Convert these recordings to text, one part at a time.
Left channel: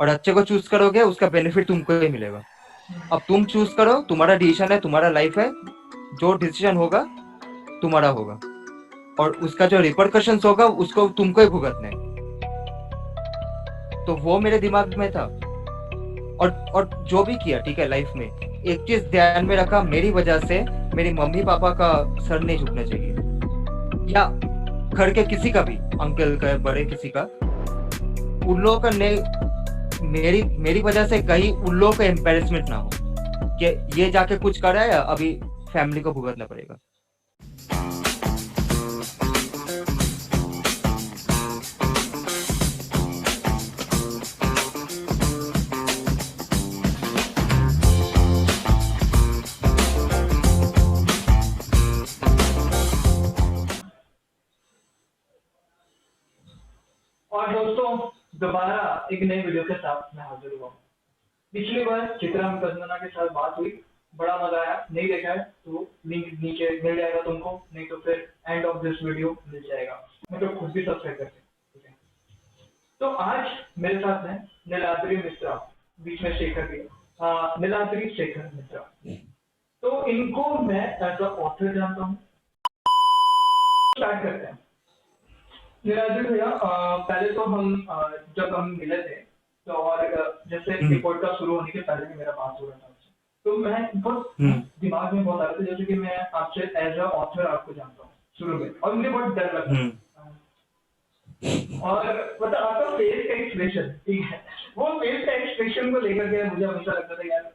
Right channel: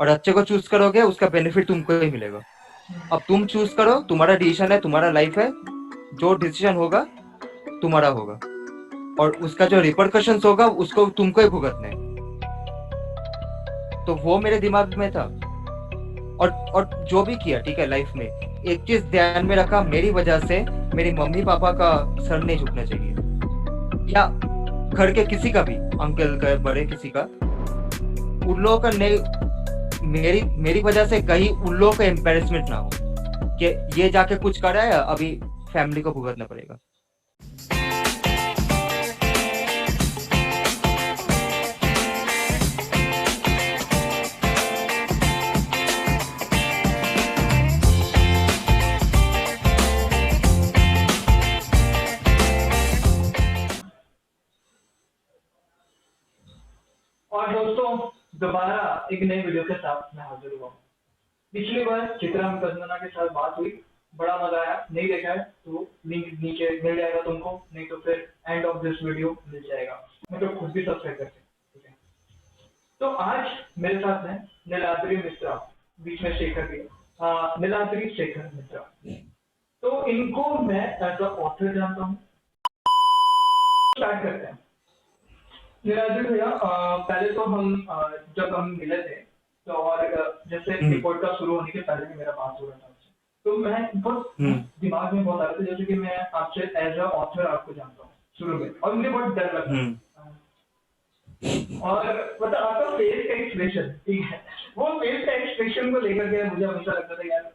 और अच्छे को चूज करोगे उसका बेनिफिट तुमको ही मिलेगा। अब तुम चूज करो, तुम्हारा डिसीजन है, तुम्हारा लाइफ है, जो डिसीजन होगा तुम्हारा होगा, और उसका जो रिपरकशंस होगा उसको तुमको ही भुगतना है। तो वो मेरे दिमाग में था। और जो भी किया ठीक है लाइफ में, एक चीज ध्यान में रखा, मेरी वजह से मेरी मम्मी पापा का सर नहीं झुकना चाहिए, या घर के किसी का भी, अंकल का बड़े किसी का, उन लोगों का नहीं, मेरी मेरी वजह से कहीं उन लोगों का एम्बेरसमेंट ना हो कि ये जाके कुछ कर रहा है, अभी फैमिली को भुगतना पड़ेगा। और दोस्तों, दोबारा एक नई वीडियो के साथ मैं हाजिर हुआ हूँ। पिछली बार चित्रा कंगना के साथ बात हुई, बड़ा मजा आया। नहीं देखा है तो लिंक नीचे मिल जाएगा तुमको, नहीं तो फिर एंड ऑफ दिस वीडियो मिल जाएगा। मैं तो खुद भी सब्सक्राइब करते हैं, ठीक है। तो आज मेरे साथ है नीलाद्री मिश्रा, बीच में शेखर भी है। नीलाद्री शेखर मिश्रा, तो इनको मैं एज अ ऑथर जानता हूँ। स्टार्ट करते हैं। निराजन भैया, पहले तो हम जब हम मिले थे, तो और जैसे ये हम्म। पॉडकास्ट शुरू होने के पहले भी मेरा बात हो रहा था आपसे, तो मैं बहुत हम्म। दिमाग में बहुत आ रहा था जैसे कि मैं आपसे एज अ ऑथर आपको जानता हूँ शुरू में, और मुझे बहुत डर लगा। हम्म। और मतलब आपका फेस का एक्सप्रेशन, ठीक है, वो फेस का एक्सप्रेशन को लेकर के मुझे हमेशा लगता था यार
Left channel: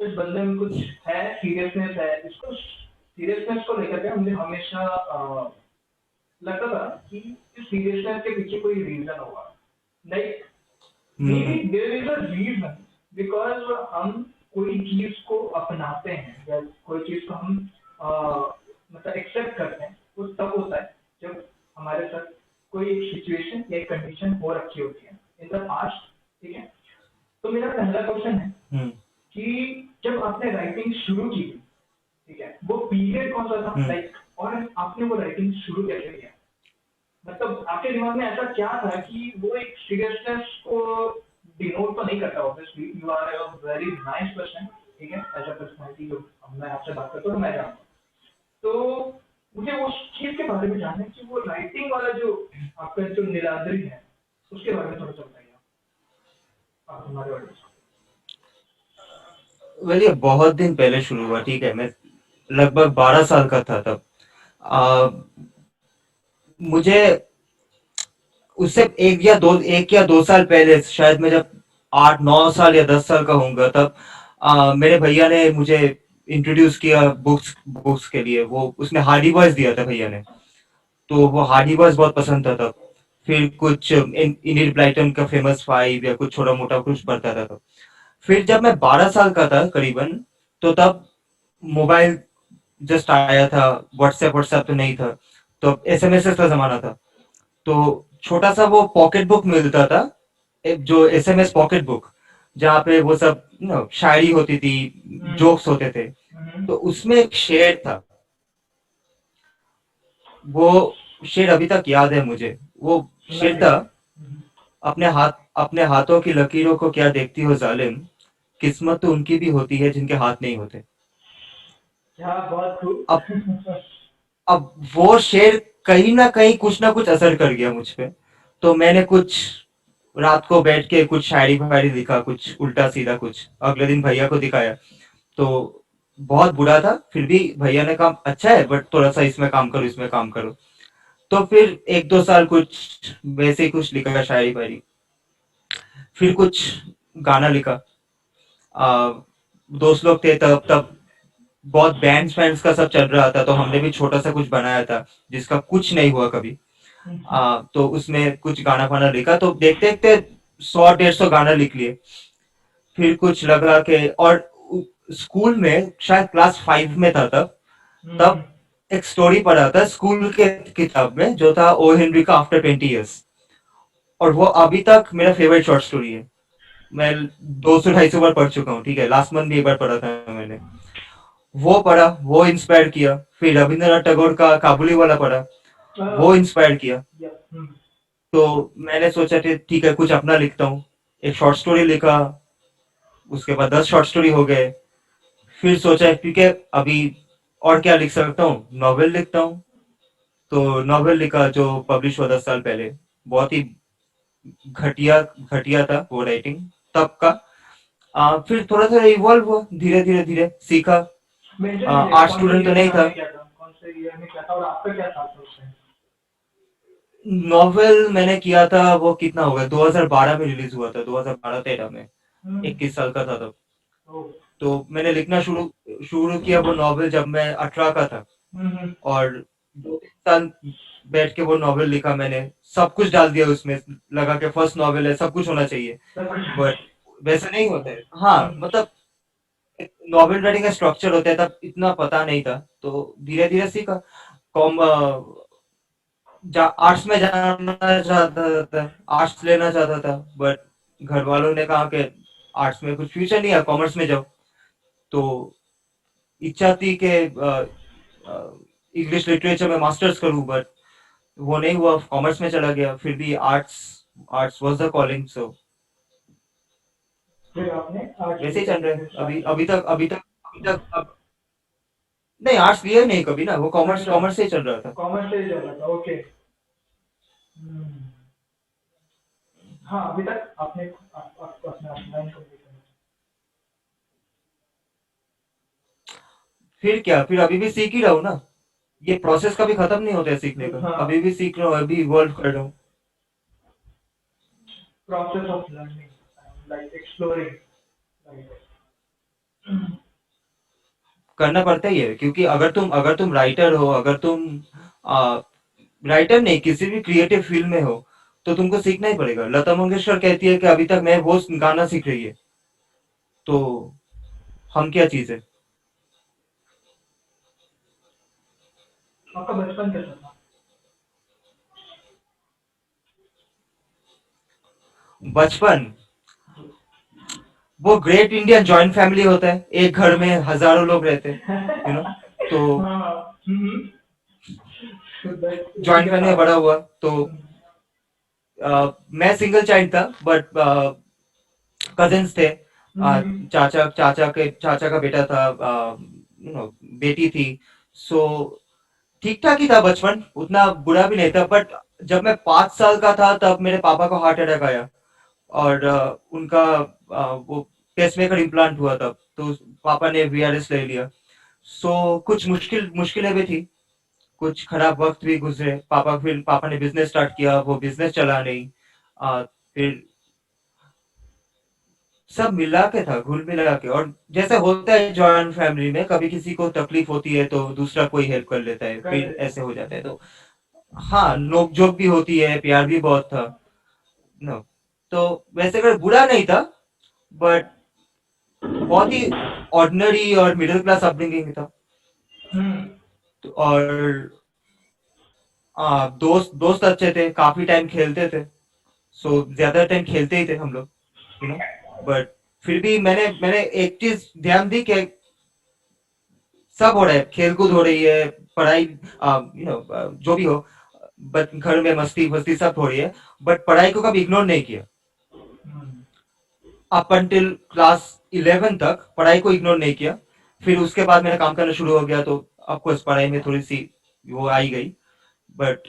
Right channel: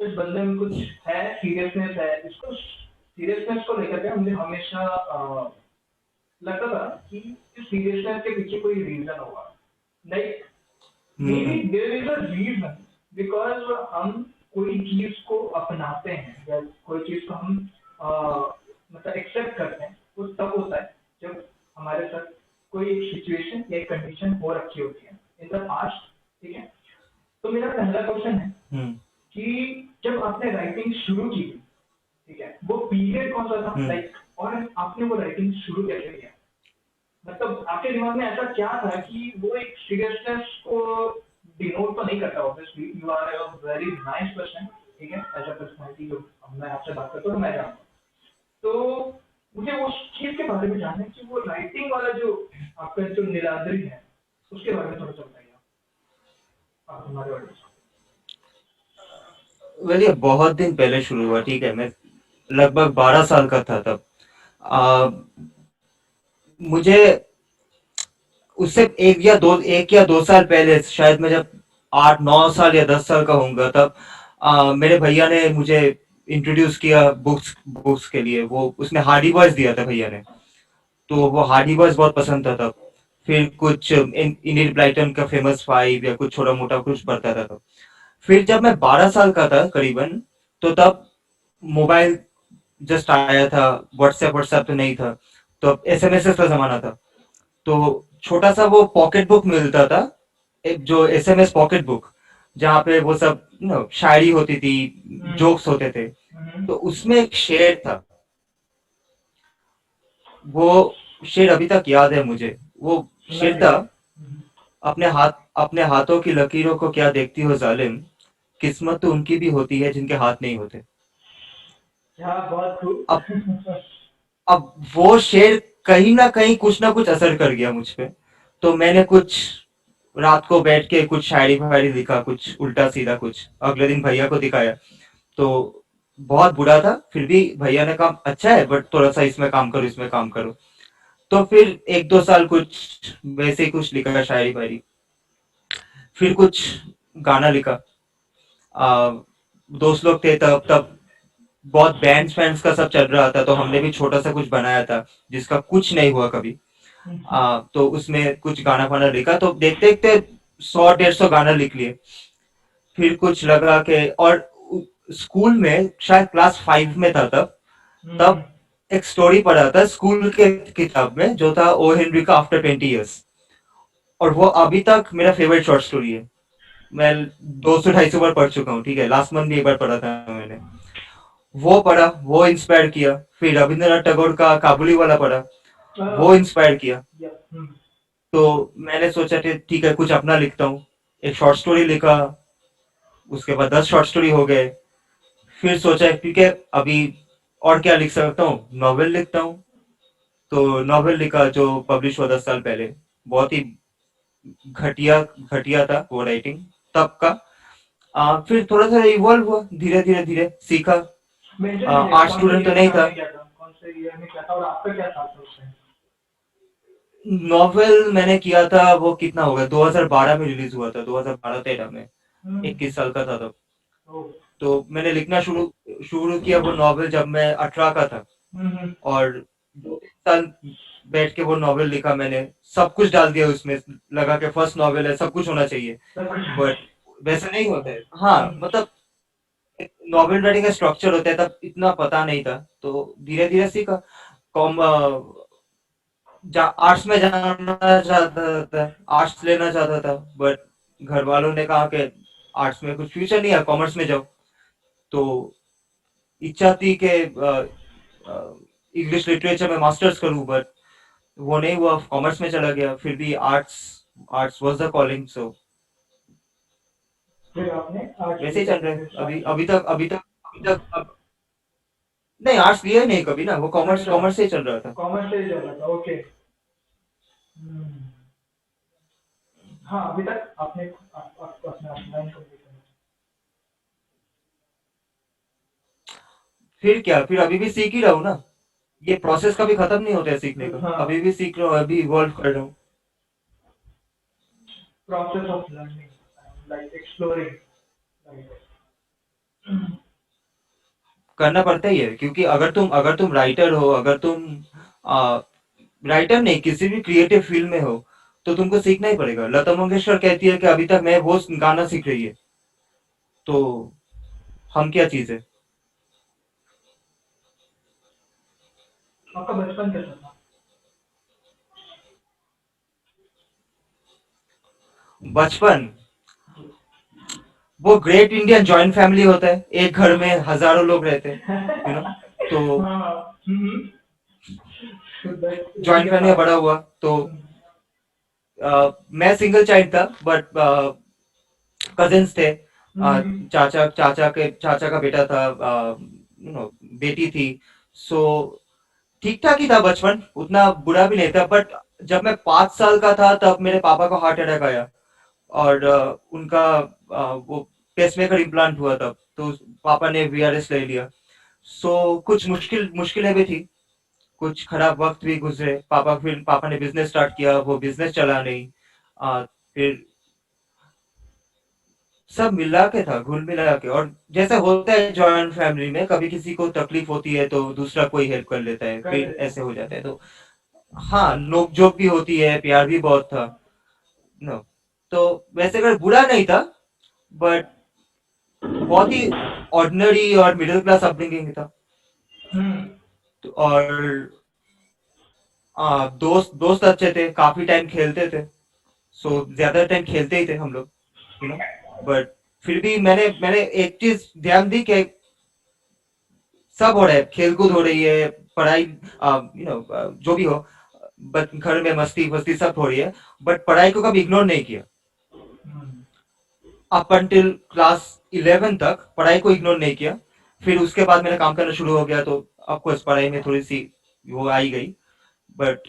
इस बंदे में कुछ है, सीरियसनेस है, इसको सीरियसनेस को लेकर के मुझे हमेशा लगता था कि इस सीरियसनेस के पीछे कोई रीजन होगा। Like maybe hmm. there is a reason, because हम कोई चीज को अपनाते हैं या कोई चीज को हम मतलब एक्सेप्ट करते हैं, वो तब होता है जब हमारे साथ कोई एक सिचुएशन या एक कंडीशन हो रखी होती है इन द पास्ट, ठीक है। तो मेरा पहला क्वेश्चन है हम्म। कि जब आपने राइटिंग शुरू की थी, ठीक है, वो पीरियड कौन सा था, हम्म। लाइक, और आपने वो राइटिंग शुरू कैसे किया? मतलब आपके दिमाग में ऐसा क्या था कि वो एक सीरियसनेस को डिनोट तो नहीं करता, obviously you are a very nice person, ठीक है, एज अ पर्सनैलिटी जो मैं आपसे बात करता हूँ तो मैं जानता हूँ। तो मुझे उस चीज के बारे में जानना है कि वो राइटिंग वाला जो आपका जो नीलाद्री है उसके बारे में थोड़ा सा बताइए आप हमारे ऑडियंस वेल ये बहुत दिन पहले शुरू हुआ, ठीक है, मैं लगभग 12 साल का था तब। आ, मुझे उससे एक या दो साल पहले, शायद मैं जब 8 9 साल या 10 साल का होऊंगा तब, मेरे भैया ने मुझे इंट्रोड्यूस किया बुक्स बुक्स के लिए। वो उसने हार्डी बॉयज दिया था भैया ने, तो वो हार्डी बॉयज बहुत पसंद था तब। फिर कुछ इनिड ब्लाइटन का फेमस फाइव या कुछ छोटा मोटा कुछ पढ़ता था तब। फिर जब मैं 12 साल का था करीबन, तो तब मोबाइल जस्ट आया था, व्हाट्सएप व्हाट्सएप तो नहीं था, तो एसएमएस का जमाना था। तो छोटा सा वो पॉकेट बुक मिलता था, एक जो एसएमएस पॉकेट बुक, जहाँ पे वो सब शायरी होती थी, जोक्स होते थे। तो उसमें एक शेर था, वो शेर अभी तक याद है मुझे। वो सुनना शेर था, चाहिए। अपने हाथों की लकीरों को क्या देखती हो जालिम, किस्मत तो उनकी भी होती है जिनके हाथ नहीं होते। क्या बहुत अब खूब। अब वो शेर कहीं ना कुछ असर कर गया मुझ पे। तो मैंने कुछ रात को बैठ के कुछ शायरी फायरी लिखा, कुछ उल्टा सीधा कुछ, अगले दिन भैया को दिखाया। तो बहुत बुरा था, फिर भी भैया ने कहा अच्छा है बट थोड़ा सा इसमें काम करो, इसमें काम करो। तो फिर एक दो साल कुछ वैसे ही कुछ लिखा शायरी फायरी। फिर कुछ गाना लिखा। आ, दोस्त लोग थे तब तब बहुत बैंड्स फैंड्स का सब चल रहा था, तो हमने भी छोटा सा कुछ बनाया था जिसका कुछ नहीं हुआ कभी। तो उसमें कुछ गाना वाना लिखा, तो देखते देखते 100 150 गाना लिख लिए। फिर कुछ लगा के, और स्कूल में शायद क्लास 5 में था तब। तब एक स्टोरी पढ़ा था स्कूल के किताब में, जो था ओ हेनरी का आफ्टर 20 ईयर्स। और वो अभी तक मेरा फेवरेट शॉर्ट स्टोरी है। मैं 200 250 बार पढ़ चुका हूँ, ठीक है, लास्ट मंथ भी एक बार पढ़ा था मैंने। वो पढ़ा, वो इंस्पायर किया। फिर रविंद्रनाथ टैगोर का काबुली वाला पढ़ा, वो इंस्पायर किया। तो मैंने सोचा कि ठीक है कुछ अपना लिखता हूँ। एक शॉर्ट स्टोरी लिखा, उसके बाद 10 शॉर्ट स्टोरी हो गए। फिर सोचा ठीक है, अभी और क्या लिख सकता हूँ, नॉवेल लिखता हूँ। तो नॉवेल लिखा जो पब्लिश हुआ 10 साल पहले। बहुत ही घटिया घटिया था वो राइटिंग तब का। फिर थोड़ा थोड़ा इवॉल्व हुआ, धीरे धीरे धीरे सीखा। मेंशन कीजिएगा आर्ट कौन से स्टूडेंट तो ईयर में नहीं था। आपने किया था, कौन से ईयर में किया था और आपका क्या था उस टाइम? नॉवेल मैंने किया था, वो कितना होगा, 2012 में रिलीज हुआ था, 2012-13 में। हम्म। 21 साल का था तब। ओ। तो मैंने लिखना शुरू शुरू किया वो नॉवेल जब मैं 18 का था। हम्म। और 2-3 साल बैठ के वो नॉवेल लिखा मैंने। सब कुछ डाल दिया उसमें, लगा के फर्स्ट नॉवेल है, सब कुछ होना चाहिए। सब कुछ। बट वैसा नहीं होता है। हाँ, हम्म। मतलब नॉवेल राइटिंग का स्ट्रक्चर होता है, तब इतना पता नहीं था। तो धीरे धीरे सीखा। कॉम आर्ट्स में जाना चाहता था, आर्ट्स लेना चाहता था, बट घर वालों ने कहा कि आर्ट्स में कुछ फ्यूचर नहीं है, कॉमर्स में जाओ। तो इच्छा थी कि इंग्लिश लिटरेचर में मास्टर्स करूं, बट वो नहीं हुआ, कॉमर्स में चला गया। फिर भी arts arts was the calling, so फिर आपने आर्ट्स वैसे ही लेकर चल के रहा है फिर स्टार्ट अभी। किया? अभी तक अब नहीं, आर्ट्स लिया ही नहीं कभी ना, वो कॉमर्स अच्छा, कॉमर्स से ही चल रहा था। कॉमर्स से ही चल रहा था, ओके। हम्म। हाँ, अभी तक आपने अपना लाइन कंप्लीट करना। फिर क्या, फिर अभी भी सीख ही रहा हूँ ना। ये प्रोसेस कभी खत्म नहीं होता है सीखने तो का। हाँ, अभी भी सीख रहा हूँ, अभी इवॉल्व कर रहा हूँ। Process of learning like exploring like. करना पड़ता ही है, क्योंकि अगर तुम राइटर हो, अगर तुम राइटर नहीं, किसी भी क्रिएटिव फील्ड में हो, तो तुमको सीखना ही पड़ेगा। लता मंगेशकर कहती है कि अभी तक मैं वो गाना सीख रही है। तो हम क्या चीज है। आपका बचपन कैसा था? बचपन, जी। वो ग्रेट इंडियन जॉइंट फैमिली होता है, एक घर में हजारों लोग रहते हैं, तो हाँ। तो उसी जॉइंट के फैमिली में साथ। बड़ा हुआ। तो हम्म। मैं सिंगल चाइल्ड था, बट कजिन्स थे। हम्म। चाचा का बेटा था, बेटी थी। सो ठीक ठाक ही था बचपन, उतना बुरा भी नहीं था। बट जब मैं 5 साल का था, तब मेरे पापा को हार्ट अटैक आया। और उनका वो पेसमेकर इम्प्लांट हुआ तब। तो पापा ने वीआरएस ले लिया। सो कुछ मुश्किलें भी थी, कुछ खराब वक्त भी गुजरे। पापा ने बिजनेस स्टार्ट किया, वो बिजनेस चला नहीं। फिर सब मिला के था, घुल मिला के। और जैसा होता है जॉइंट फैमिली में, कभी किसी को तकलीफ होती है तो दूसरा कोई हेल्प कर लेता है, कर फिर देते ऐसे हो जाता है। हैं। तो हाँ, नोक झोंक भी होती है, प्यार भी बहुत था। नो, तो वैसे अगर बुरा नहीं था, बट बहुत ही ऑर्डिनरी और मिडिल क्लास अपब्रिंगिंग था। हम्म। तो और दोस्त दोस्त अच्छे थे, काफी टाइम खेलते थे। सो ज्यादा टाइम खेलते ही थे हम लोग, यू नो बट फिर भी मैंने एक चीज ध्यान दी कि सब हो रहा है, खेलकूद हो रही है, पढ़ाई, जो भी हो, बट घर में मस्ती वस्ती सब हो रही है, बट पढ़ाई को कभी इग्नोर नहीं किया। हम्म। अप अंटिल क्लास 11 तक पढ़ाई को इग्नोर नहीं किया। फिर उसके बाद मेरा काम करना शुरू हो गया, तो ऑफकोर्स पढ़ाई में थोड़ी सी वो आई गई। बट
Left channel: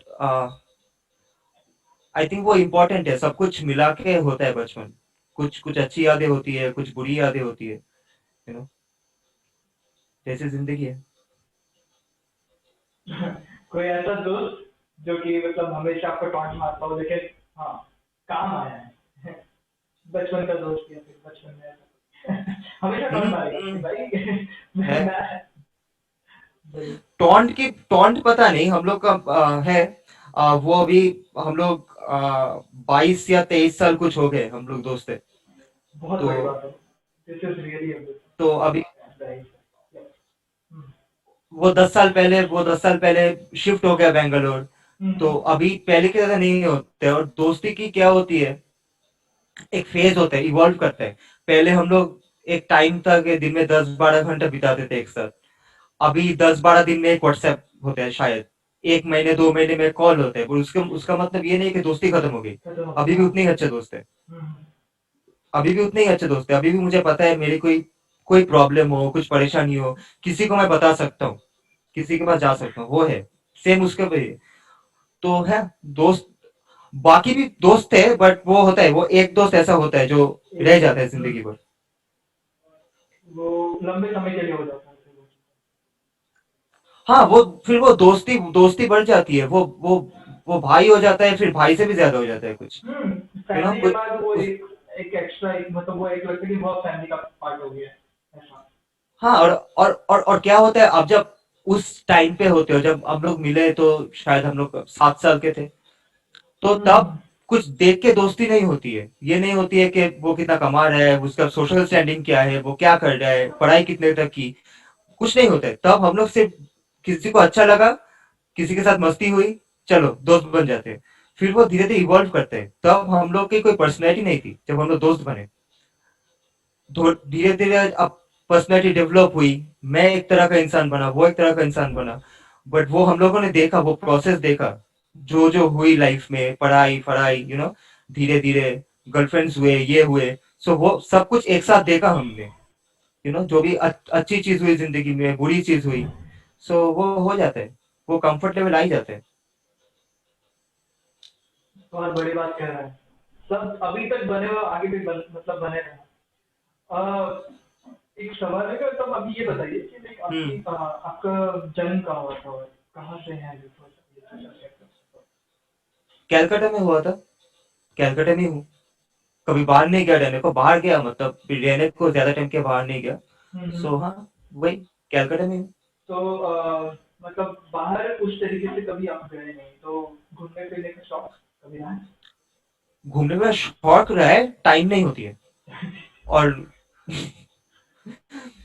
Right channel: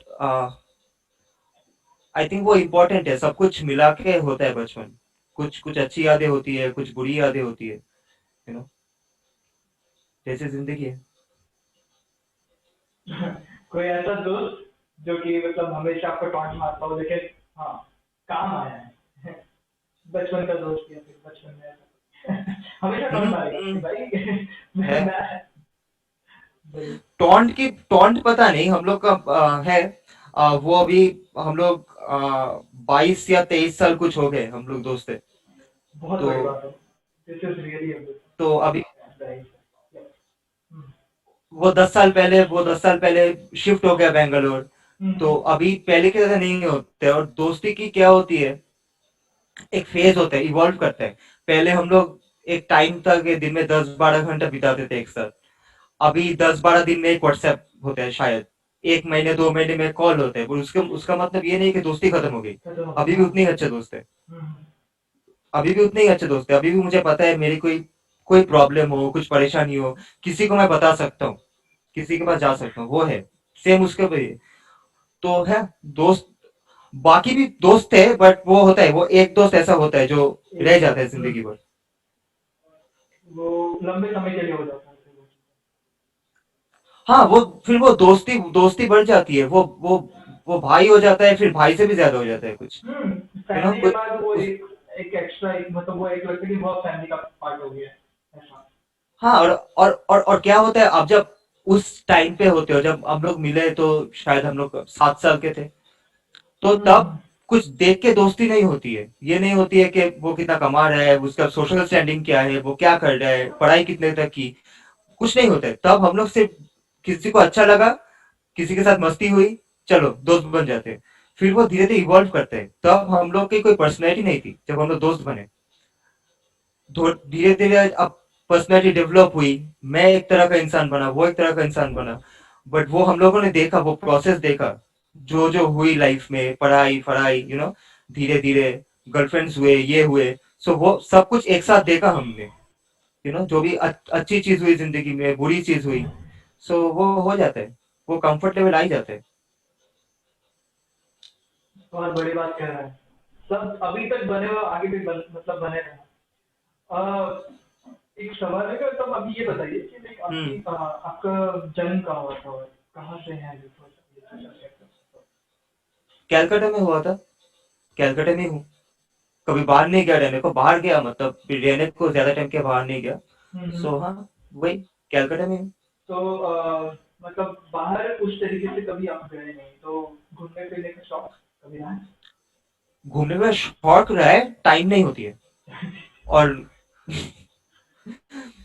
आई थिंक वो इम्पोर्टेंट है, सब कुछ मिला के होता है बचपन। कुछ कुछ अच्छी यादें होती है, कुछ बुरी यादें होती है, यू नो जैसे जिंदगी है। कोई ऐसा दोस्त जो कि मतलब हमेशा आपको टॉन्ट मारता हो, लेकिन हाँ, काम आया है। बचपन का दोस्त या फिर बचपन में ऐसा हमेशा टॉन्ट मारेगा कि हम्म, भाई है। मैं भाई। टॉन्ट पता नहीं हम लोग का है। वो अभी हम लोग 22 या 23 साल कुछ हो गए, हम लोग दोस्त है। बहुत तो बड़ी बात है। दिस इज रियली अ तो अभी गुड। वो 10 साल पहले शिफ्ट हो गया बेंगलोर। तो अभी पहले की तरह नहीं होते। और दोस्ती की क्या होती है, एक फेज होता है, इवॉल्व करता है। पहले हम लोग एक टाइम तक दिन में 10-12 घंटा बिताते थे एक साथ। अभी 10-12 दिन में एक व्हाट्सएप होता है शायद, 1 महीने 2 महीने में कॉल होता है, पर उसका उसका मतलब ये नहीं कि दोस्ती खत्म हो गई। खत्म हो अभी गया, भी हाँ। उतने ही अच्छे दोस्त है। हम्म। अभी भी उतने ही अच्छे दोस्त है, अभी भी मुझे पता है मेरी कोई कोई प्रॉब्लम हो, कुछ परेशानी हो, किसी को मैं बता सकता हूँ, किसी के पास जा सकता हूँ, वो है। सेम उसके भी तो है दोस्त। बाकी भी दोस्त थे, बट वो होता है, वो एक दोस्त ऐसा होता है जो रह एक जाता है दोस्त जिंदगी भर। वो लंबे समय के लिए हो जाता है फिर वो। हाँ, वो फिर वो दोस्ती दोस्ती बढ़ जाती है, वो भाई हो जाता है, फिर भाई से भी ज्यादा हो जाता है कुछ। यू नो फैमिली के कुछ बाद वो उस एक एक्स्ट्रा एक मतलब वो एक लगता है कि बहुत फैमिली का पार्ट हो गया है ऐसा। हाँ, और क्या होता है, अब जब उस टाइम पे होते हो, जब हम लोग मिले तो शायद हम लोग 7 साल के थे, तो तब हम्म। कुछ देख के दोस्ती नहीं होती है, ये नहीं होती है कि वो कितना कमा रहा है, उसका सोशल स्टैंडिंग क्या है, वो क्या कर रहा है, पढ़ाई कितने तक की, कुछ नहीं होता है। तब हम लोग सिर्फ किसी को अच्छा लगा, किसी के साथ मस्ती हुई, चलो दोस्त बन जाते हैं। फिर वो धीरे धीरे इवॉल्व करते हैं, तब हम लोग की कोई पर्सनैलिटी नहीं थी जब हम लोग दोस्त बने। धीरे धीरे अब पर्सनैलिटी डेवलप हुई, मैं एक तरह का इंसान बना, वो एक तरह का इंसान बना। बट वो हम लोगों ने देखा, वो प्रोसेस देखा, जो जो हुई लाइफ में, पढ़ाई फढ़ाई, धीरे धीरे गर्लफ्रेंड्स हुए, ये हुए। सो वो सब कुछ एक साथ देखा हमने। जो भी अच्छी चीज हुई जिंदगी में, बुरी चीज हुई, सो वो हो जाता है, वो कंफर्ट लेवल आ ही जाता है। बहुत बड़ी बात कह रहा है। सब अभी तक बने हो आगे भी मतलब बने रहे। एक सवाल है कि तब अभी ये बताइए कि लाइक हम्म। आपकी आपका जन्म कहाँ हुआ था और कहाँ से है ये थोड़ा सा ये पूछना चाहता हूँ। कैलकाटा में हुआ था, कैलकाटा में हूँ। कभी बाहर नहीं गया रहने को, बाहर गया मतलब फिर रहने को ज्यादा टाइम के बाहर नहीं गया। हम्म। सो हाँ, वही कैलकाटा में हूँ। तो मतलब बाहर उस तरीके से कभी आप गए नहीं तो घूमने फिरने का शौक कभी रहा है? घूमने में शौक रहा है, टाइम नहीं होती है। और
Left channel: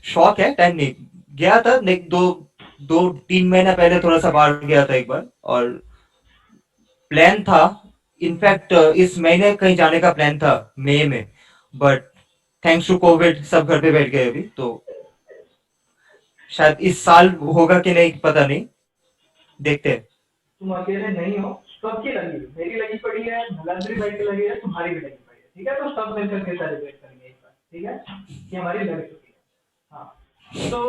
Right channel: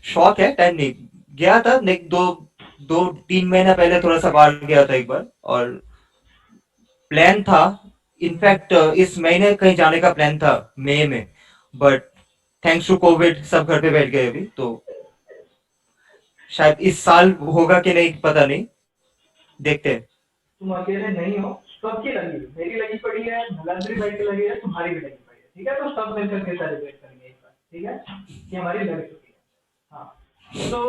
शौक है, टाइम नहीं। गया था लाइक 2 2 3 महीना पहले थोड़ा सा बाहर गया था एक बार, और प्लान था, हम्म। इनफैक्ट इस महीने कहीं जाने का प्लान था, मई में। बट थैंक्स टू कोविड सब घर पे बैठ गए अभी, तो शायद इस साल होगा कि नहीं पता नहीं, देखते हैं। तुम अकेले नहीं हो, सबकी लगी है। मेरी लगी पड़ी है, नरेंद्र भाई की लगी है, तुम्हारी भी लगी पड़ी है। ठीक है, तो सब मिलकर के सेलिब्रेट करेंगे एक बार। ठीक है, ये हमारी लग चुकी है। हाँ। तो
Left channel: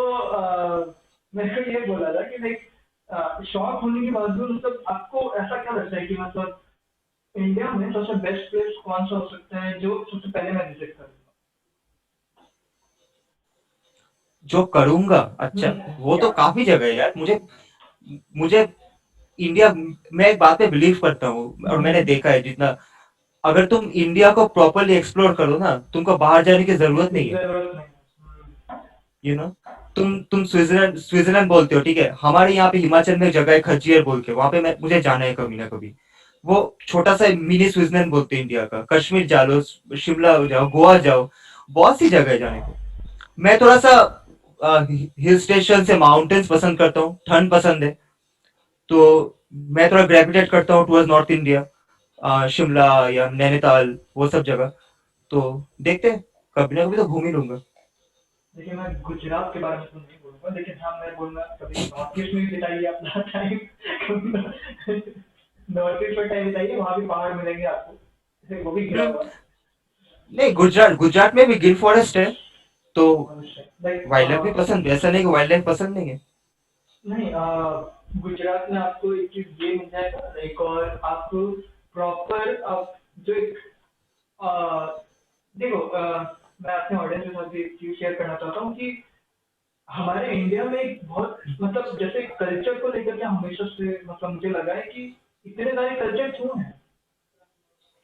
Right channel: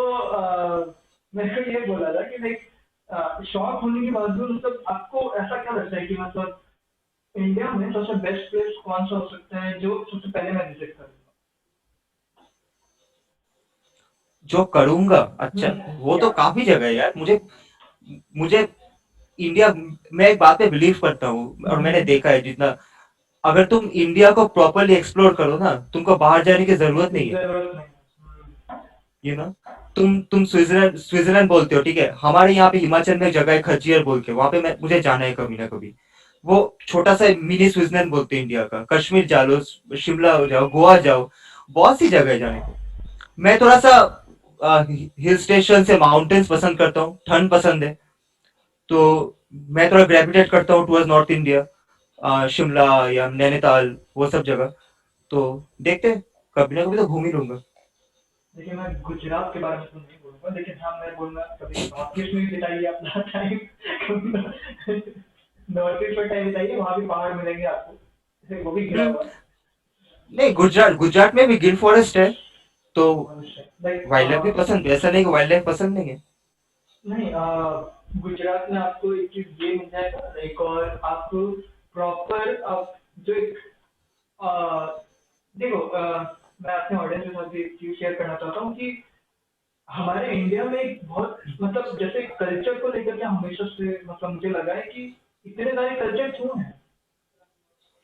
मैंने ये बोला था कि लाइक शौक होने के बावजूद मतलब आपको ऐसा क्या लगता है कि मतलब इंडिया में सबसे बेस्ट प्लेस कौन सा हो सकता है जो सबसे पहले मैं विजिट करूंगा? जो करूंगा, अच्छा, वो या तो काफी जगह है यार। मुझे मुझे इंडिया, मैं एक बात पे बिलीव करता हूँ और मैंने देखा है जितना, अगर तुम इंडिया को प्रॉपरली एक्सप्लोर करो ना, तुमको बाहर जाने की जरूरत नहीं है। जरूरत नहीं है। यू नो तुम स्विट्जरलैंड स्विट्जरलैंड बोलते हो, ठीक है, हमारे यहाँ पे हिमाचल में एक जगह है खजियर बोल के, वहां पे मुझे जाना है कभी ना कभी। वो छोटा सा मिनी स्विट्जरलैंड बोलते हैं इंडिया का। कश्मीर जा लो, शिमला हो जाओ, गोवा जाओ, बहुत सी जगह है जाने को। मैं थोड़ा सा हिल स्टेशन से माउंटेन्स पसंद करता हूँ, ठंड पसंद है, तो मैं थोड़ा ग्रेविटेट करता हूँ टुवर्ड्स नॉर्थ इंडिया, शिमला या नैनीताल, वो सब जगह। तो देखते हैं, कभी ना कभी तो घूम ही लूंगा। देखिए मैं गुजरात के बारे में तो नहीं बोलूंगा, लेकिन हाँ मैं बोलूंगा कभी नॉर्थ ईस्ट में भी बिताइए अपना टाइम। नॉर्थ ईस्ट में टाइम बिताइए, वहाँ भी पहाड़ मिलेंगे आपको, वो भी घिरा हम्म। हुआ है। नहीं, गुजरात गुजरात में भी गिर फॉरेस्ट है, तो लाइक वाइल्ड लाइफ भी पसंद है, ऐसा नहीं कि वाइल्ड लाइफ पसंद नहीं है। नहीं गुजरात में आपको एक चीज ये मिल जाएगा एक और आपको प्रॉपर आप जो एक अ, देखो मैं अपने ऑडियंस के साथ भी एक चीज शेयर करना चाहता हूँ कि हमारे इंडिया में एक बहुत मतलब जैसे कल्चर को लेकर के हमेशा से मतलब मुझे लगा है कि इतने सारे कल्चर क्यों हैं?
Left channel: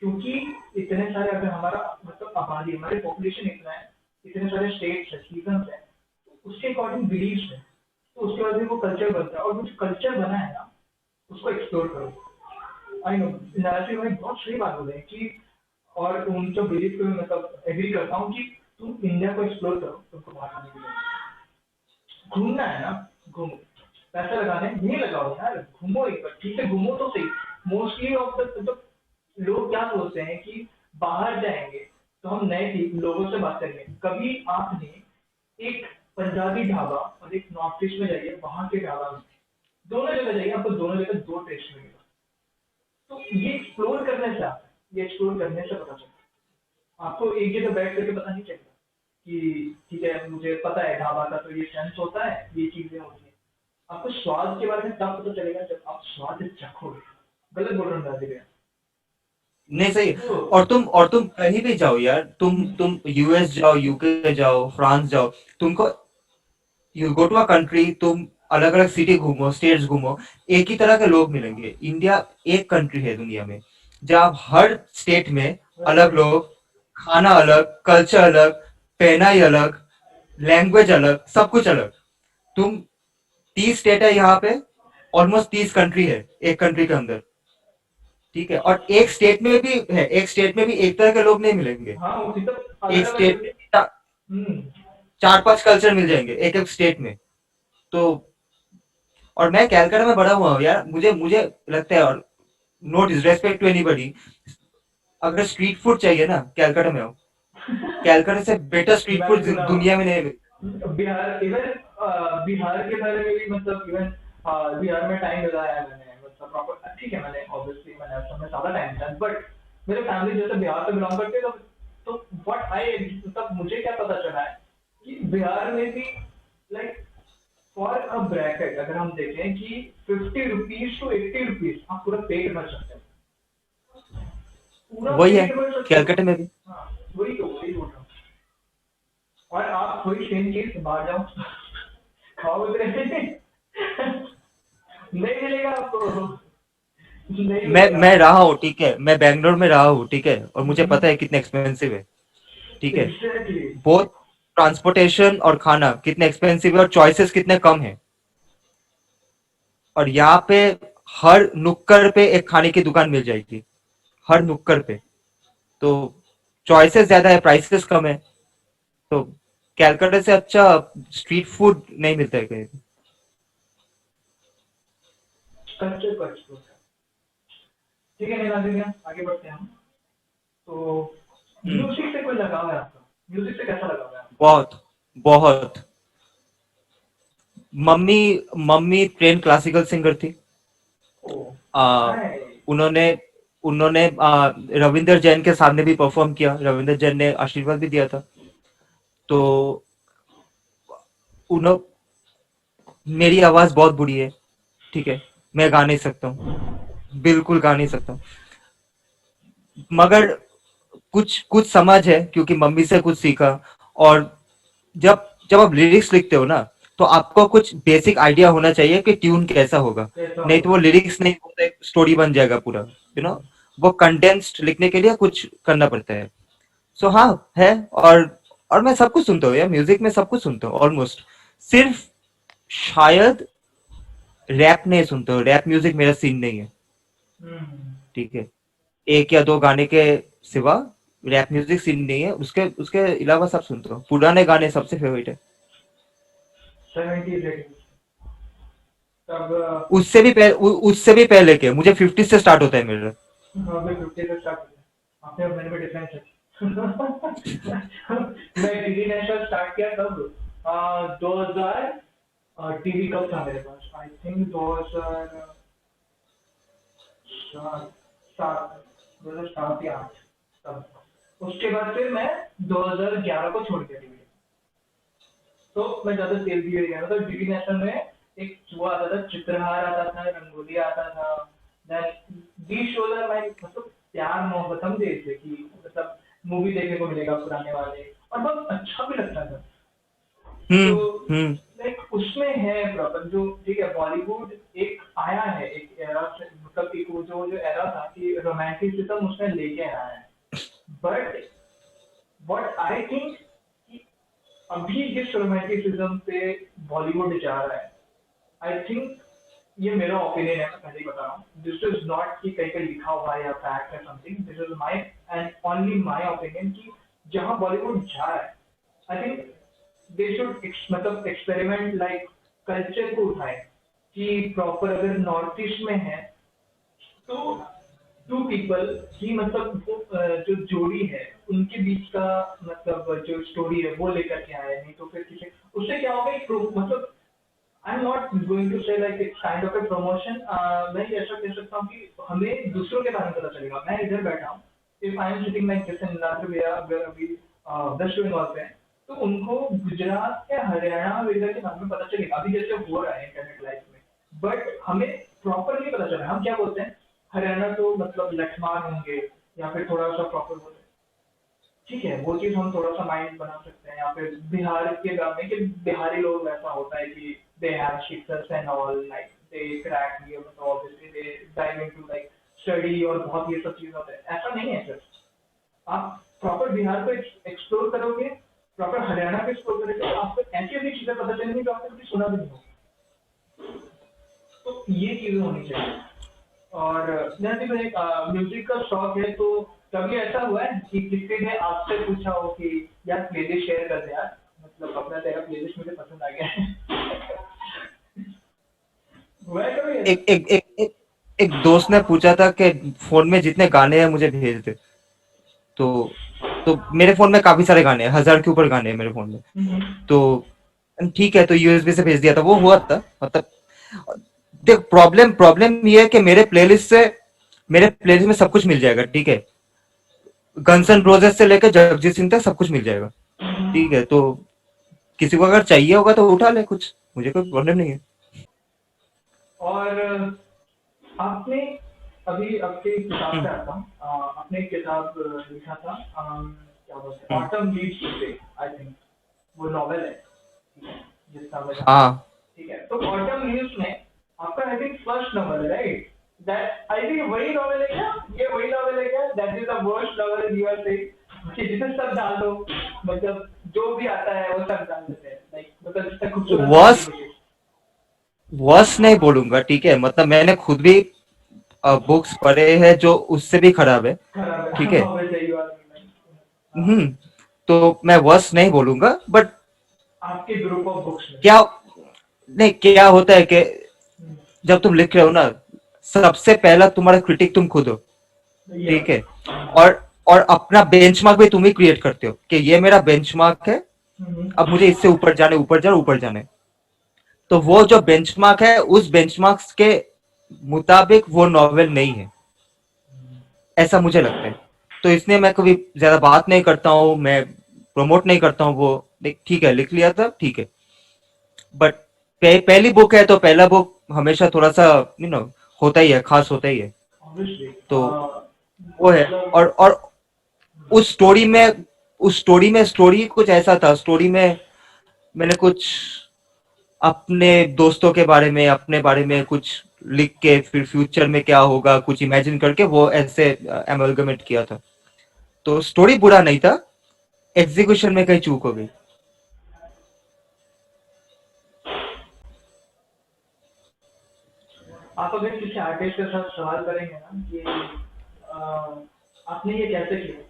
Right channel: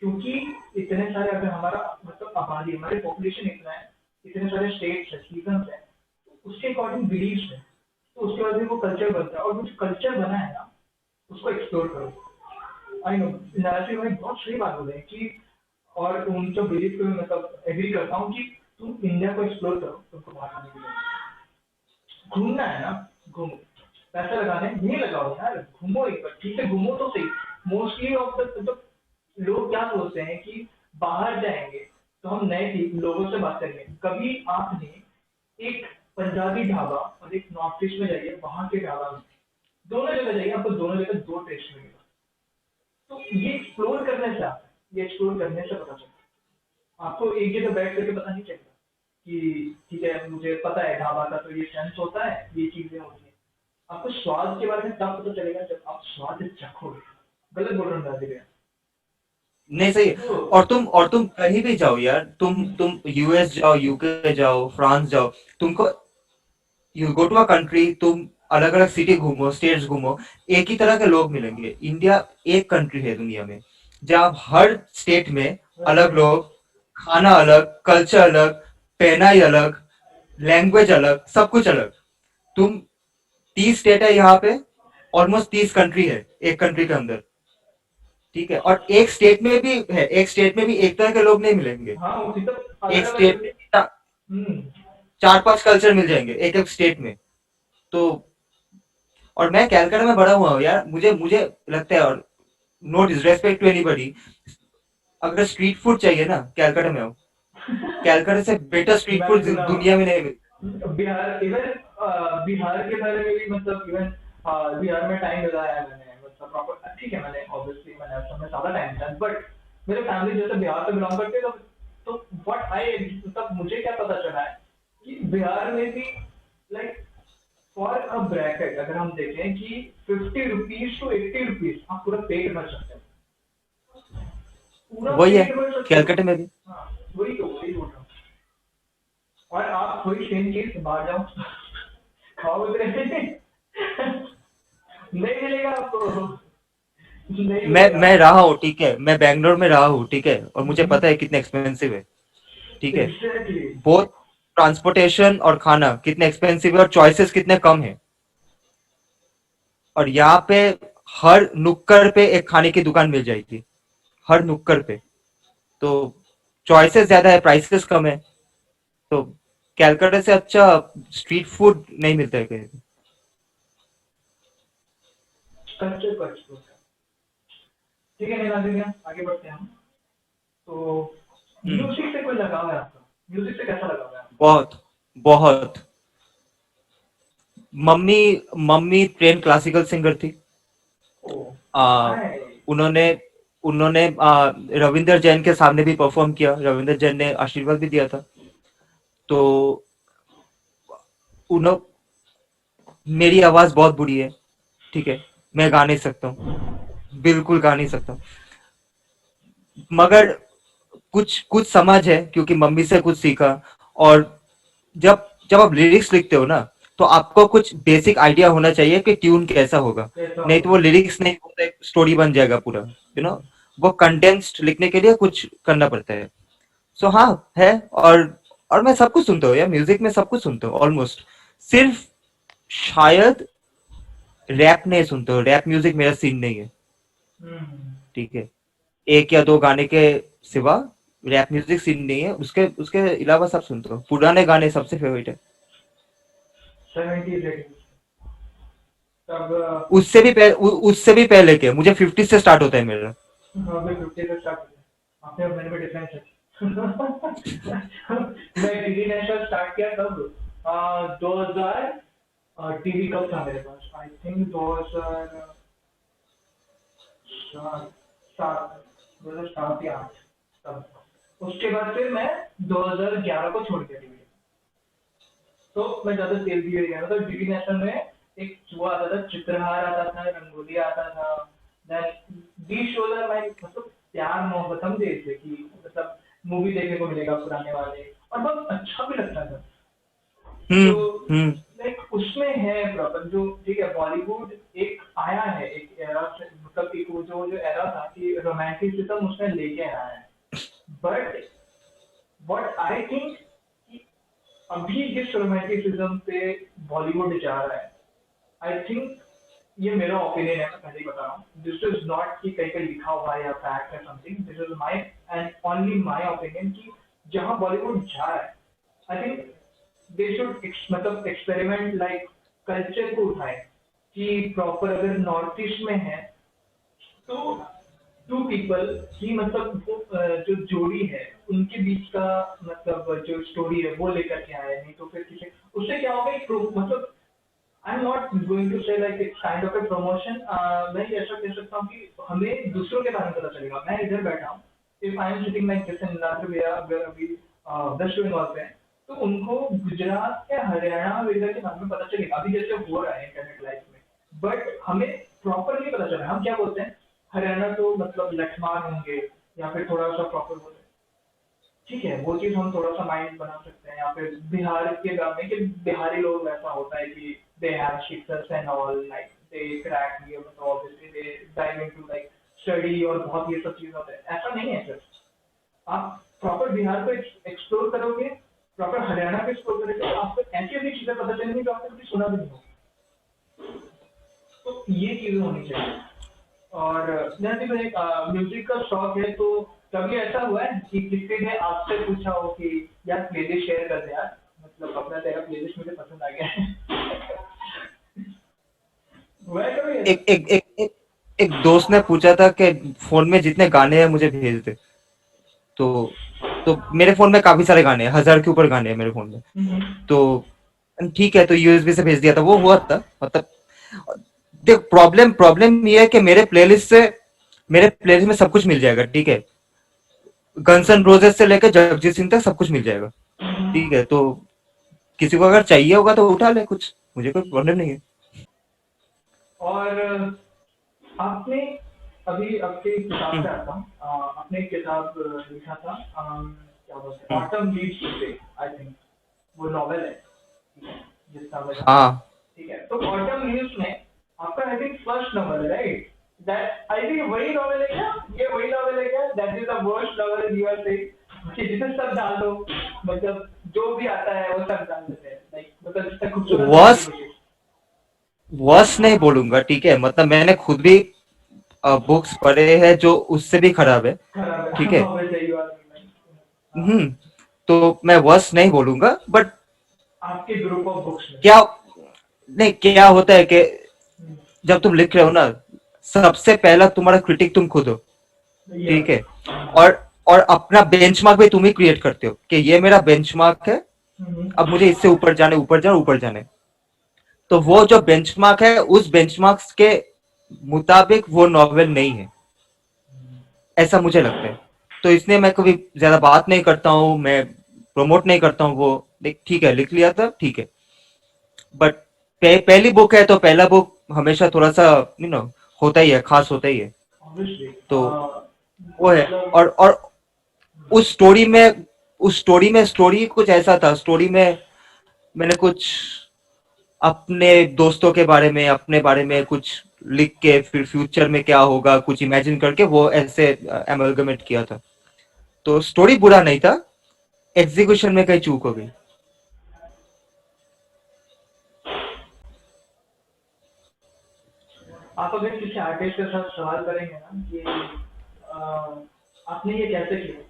क्योंकि इतने सारे अगर हमारा मतलब आबादी हमारे पॉपुलेशन इतना है, इतने सारे स्टेट्स है, सीजन्स है, तो उसके अकॉर्डिंग बिलीव्स है, तो उसके बाद भी वो कल्चर बनता है और वो जो कल्चर बना है ना उसको एक्सप्लोर करो। आई नो नाराजी भाई बहुत सही बात बोले हैं कि और उन जो बिलीव पे मैं मतलब एग्री करता हूँ कि तुम इंडिया को एक्सप्लोर करो, तुमको बाहर आने के लिए घूमना है ना, घूमो। पैसा लगाने नहीं लगाओ यार, घूमो एक बार, ठीक है घूमो तो सही। मोस्टली ऑफ द मतलब लोग क्या सोचते हैं कि बाहर जाएंगे तो हम नए लोगों से बात करेंगे। कभी आपने एक पंजाबी ढाबा और एक नॉर्थ ईस्ट में जाइए, वहां के ढाबा में दोनों जगह जाइए, आपको दोनों जगह दो टेस्ट मिलेगा। तो ये एक्सप्लोर करने से आता है, ये एक्सप्लोर करने से पता चलता है। आपको एक जगह बैठ करके पता नहीं चलेगा कि ठीक है मुझे पता है ढाबा का तो ये सेंस होता है, ये चीजें होती हैं। आपको स्वाद के बारे में तब पता चलेगा जब आप स्वाद चखोगे। गलत बोल रहा हूँ दादी भैया? नहीं सही है। तो और तुम कहीं भी जाओ यार, तुम यूएस जाओ, यूके जाओ, फ्रांस जाओ, तुमको you go to a country, तुम अलग अलग सिटी घूमो, स्टेट्स घूमो, एक ही तरह के लोग मिलेंगे। इंडिया एक कंट्री है दुनिया में जहाँ हर स्टेट में अलग लोग, खाना अलग, कल्चर अलग, पहनाई अलग, लैंग्वेज अलग, सब कुछ अलग। तुम 30 स्टेट है यहाँ पे, ऑलमोस्ट 30 कंट्री है एक कंट्री के अंदर। ठीक है, और एक स्टेट में भी है, एक स्टेट में भी एक तरह के लोग नहीं मिलेंगे। हाँ उसी तो अलग एक अलग। स्टेट में भी हम्म। 4-5 कल्चर मिल जाएंगे एक एक स्टेट में। तो और मैं कैलकाटा में बड़ा हुआ हूँ यार, मुझे मुझे लगता है, और नो डिसरेस्पेक्ट टू एनीबॉडी, अगर स्ट्रीट फूड चाहिए ना, कैलकाटा में आओ। कैलकाटा से बेटर स्ट्रीट मैंने फूड सुना दुनिया में नहीं मिलता। बिहार इवन बिहार के बारे में भी मतलब इवन बिहार में टाइम लगाया है मैंने मतलब प्रॉपर ठीक है मैंने ऑब्वियसली मैंने उस समय ज्यादा टाइम दिया बट मेरे फैमिली जैसे बिहार से बिलोंग करते हैं तो व्हाट आई मतलब मुझे क्या पता चला है कि बिहार में भी लाइक फॉर अ ब्रैकेट अगर हम देखें कि 50 रुपीज टू 80 रुपीज आप पूरा पेट भर सकते हैं। पूरा वही है पेट भर सकते हो। कैलकाटा में भी। हाँ वही बोल रहा हूँ। और आप थोड़ी सेम चीज बाहर जाओ खाओ उतरे नहीं मिलेगा आपको। नहीं मिलेगा। मैं रहा हूँ, ठीक है, मैं बैंगलोर में रहा हूँ, ठीक है, और मुझे पता है कितने एक्सपेंसिव है। ठीक है, एग्जैक्टली। बोथ ट्रांसपोर्टेशन और खाना कितने एक्सपेंसिव है, और चॉइसेस कितने कम है। और यहाँ पे हर नुक्कड़ पे एक खाने की दुकान मिल जाएगी, हर नुक्कड़ पे। तो चॉइसेस ज्यादा है, प्राइसेस कम है। तो कैलकाटा से अच्छा स्ट्रीट फूड नहीं मिलता है कहीं। कल्चर का एक्सप्लोर। ठीक है निराज भैया आगे बढ़ते हैं हम। तो हम्म। म्यूजिक से कोई लगाव है आपका? म्यूजिक से कैसा लगाव है आपको? बहुत बहुत। Mummy mummy train classical singer थी। ओ आ, नाइस। उन्होंने उन्होंने रविंदर जैन के सामने भी परफॉर्म किया, रविंदर जैन ने आशीर्वाद भी दिया था। तो उन्हों मेरी आवाज बहुत बुरी है, ठीक है, मैं गा नहीं सकता हूँ, बिल्कुल गा नहीं सकता हूँ। मगर कुछ कुछ समझ है क्योंकि मम्मी से कुछ सीखा। और जब जब आप लिरिक्स लिखते हो ना, तो आपको कुछ बेसिक आइडिया होना चाहिए कि ट्यून कैसा होगा। कैसा नहीं तो वो होगा? लिरिक्स नहीं होता, एक स्टोरी बन जाएगा पूरा, वो कंडेंस्ड लिखने के लिए कुछ करना पड़ता है। सो हाँ है। और मैं सब कुछ सुनता हूँ यार, म्यूजिक में सब कुछ सुनता हूँ ऑलमोस्ट। सिर्फ शायद रैप नहीं सुनता हूँ, रैप म्यूजिक मेरा सीन नहीं है। हम्म। ठीक है, एक या दो गाने के सिवा रैप म्यूजिक सीन नहीं है, उसके उसके अलावा सब सुनता हूँ, पुराने गाने सबसे फेवरेट है। 70s 80s तब उससे भी पहले के मुझे 50 से स्टार्ट होता है मेरा। हाँ मैं 50 से स्टार्ट किया आपने और मैंने में डिफरेंस है। मैं टीवी नेशनल स्टार्ट किया तब 2000 टीवी कब था मेरे पास आई थिंक 2000 सात 2007 या 8 तब। उसके बाद फिर मैं 2011 को छोड़ दिया टीवी। तो मैं ज्यादा तेल भी गया था तो डीडी नेशनल में एक वो आता था चित्रहार आता था रंगोली आता था। Then the shows are like मतलब प्यार मोहब्बत हम देखते कि मतलब मूवी देखने को मिलेगा पुराने वाले और बहुत अच्छा भी लगता था। तो हम्म। हम्म। लाइक उसमें है प्रॉपर जो ठीक है बॉलीवुड एक आया है एक एरा से मतलब एक वो जो जो एरा था कि रोमांटिसिज्म उसने लेके आया है। बट व्हाट आई थिंक अभी जिस रोमांटिसिज्म पे बॉलीवुड जा रहा है आई थिंक ये मेरा ओपिनियन है मैं पहले ही बता रहा हूँ दिस इज नॉट कि कहीं पे लिखा हुआ है या फैक्ट है something this is my and only my opinion कि जहाँ बॉलीवुड जा रहा है आई थिंक दे शुड मतलब एक्सपेरिमेंट लाइक कल्चर को उठाए कि प्रॉपर अगर नॉर्थ ईस्ट में है तो टू पीपल की मतलब वो जो जोड़ी है उनके बीच का मतलब जो स्टोरी है वो लेकर के आए नहीं तो फिर किसी उससे क्या होगा एक मतलब I am not going to say like it's kind of a promotion. मैं ये ऐसा कह सकता हूँ कि हमें दूसरों के बारे में पता चलेगा मैं इधर बैठा हूँ if I am sitting like जैसे नीलाद्री भैया अगर अभी वेस्ट बंगाल पे हैं, तो उनको गुजरात या हरियाणा वगैरह के बारे में पता चलेगा, अभी जैसे हो रहा है इंटरनेट लाइफ में। बट हमें प्रॉपर नहीं पता चला, हम क्या बोलते हैं हरियाणा तो मतलब लठमार होंगे, या फिर थोड़ा सा प्रॉपर बोलते हैं, ठीक है वो चीज हम थोड़ा सा माइंड बना सकते हैं। या फिर बिहार के गाँव में कि बिहारी लोग वैसा होता है कि दे हैव शिक्षक and all like they crack ये मतलब obviously they dive into like study और बहुत ये सब चीज होता है, ऐसा नहीं है सर। आप प्रॉपर बिहार को एक्सप्लोर करोगे, प्रॉपर हरियाणा को एक्सप्लोर करोगे, तो आपको ऐसी ऐसी चीजें पता चलेंगी जो आपने कभी सुना भी नहीं हो। तो ये चीजें होनी चाहिए। और जैसे तो एक म्यूजिक का शौक है, तो कभी ऐसा हुआ है कि किसी ने आपसे पूछा हो कि यार प्लेलिस्ट शेयर कर दे यार, मतलब अपना तेरा प्लेलिस्ट मुझे पसंद आ गया है। हुआ है कभी ऐसा? एक एक एक एक, एक दोस्त ने पूछा था कि फोन में जितने गाने हैं मुझे भेज दे। तो मेरे फोन में काफी सारे गाने हैं, 1000 के ऊपर गाने हैं मेरे फोन में। तो ठीक है, तो यूएसबी से भेज दिया था, वो हुआ था। मतलब देख, प्रॉब्लम प्रॉब्लम ये है कि मेरे प्लेलिस्ट में सब कुछ मिल जाएगा, ठीक है। गन्स एंड रोजेस से लेकर जगजीत सिंह तक सब कुछ मिल जाएगा, ठीक है। तो किसी को अगर चाहिए होगा तो उठा ले कुछ, मुझे कोई प्रॉब्लम नहीं है। और आपने अभी आपके किताब हम्म, पे आता हूँ, आपने एक किताब लिखा था, क्या बोलते हैं, हम्म, autumn leaves too, I think वो नॉवेल है, ठीक है, जितना मैं जानता हूँ। हाँ ठीक है, तो ऑटम लीव्स में आपका आई थिंक फर्स्ट नॉवेल है राइट? दैट आई थिंक वही नॉवेल है क्या? ये वही नॉवेल है क्या? That is the worst novel you are saying कि जिसे सब डाल दो, मतलब जो भी आता है वो सब डाल देते हैं, लाइक मतलब जितना खूबसूरत बनाने की वर्स कोशिश। वर्स नहीं बोलूंगा, ठीक है। मतलब मैंने खुद भी बुक्स पढ़े हैं जो उससे भी खराब है, खराब है। ठीक है। हाँ, वैसे ही बात है। हाँ, हम्म, तो मैं वर्स नहीं बोलूंगा, बट आपके ग्रुप ऑफ बुक्स में। क्या नहीं, क्या होता है कि हम्म, जब तुम लिख रहे हो ना, सबसे पहला तुम्हारा क्रिटिक तुम खुद हो, ठीक यस। है। और अपना बेंचमार्क भी तुम ही क्रिएट करते हो कि ये मेरा बेंचमार्क है, हम्म, अब मुझे इससे ऊपर जाने। तो वो जो बेंचमार्क है, उस बेंचमार्क के मुताबिक वो नॉवेल नहीं है, ऐसा मुझे लगता है। तो इसलिए मैं कभी ज्यादा बात नहीं करता हूँ, मैं प्रमोट नहीं करता हूँ वो। देख, ठीक है, लिख लिया था, ठीक है। बट पहली बुक है तो पहला बुक हमेशा थोड़ा सा होता ही है, खास होता ही है। ऑब्वियसली। तो वो है। मतलब और उस स्टोरी में स्टोरी कुछ ऐसा था, स्टोरी में मैंने कुछ अपने दोस्तों के बारे में, अपने बारे में कुछ लिख के, फिर फ्यूचर में क्या होगा कुछ इमेजिन करके वो ऐसे एमलगमेट किया था। तो स्टोरी बुरा नहीं था, एग्जीक्यूशन में कहीं चूक हो गई। आप अगर किसी आर्टिस्ट के साथ सवाल करेंगे ना कि आपने ये कैसे किया,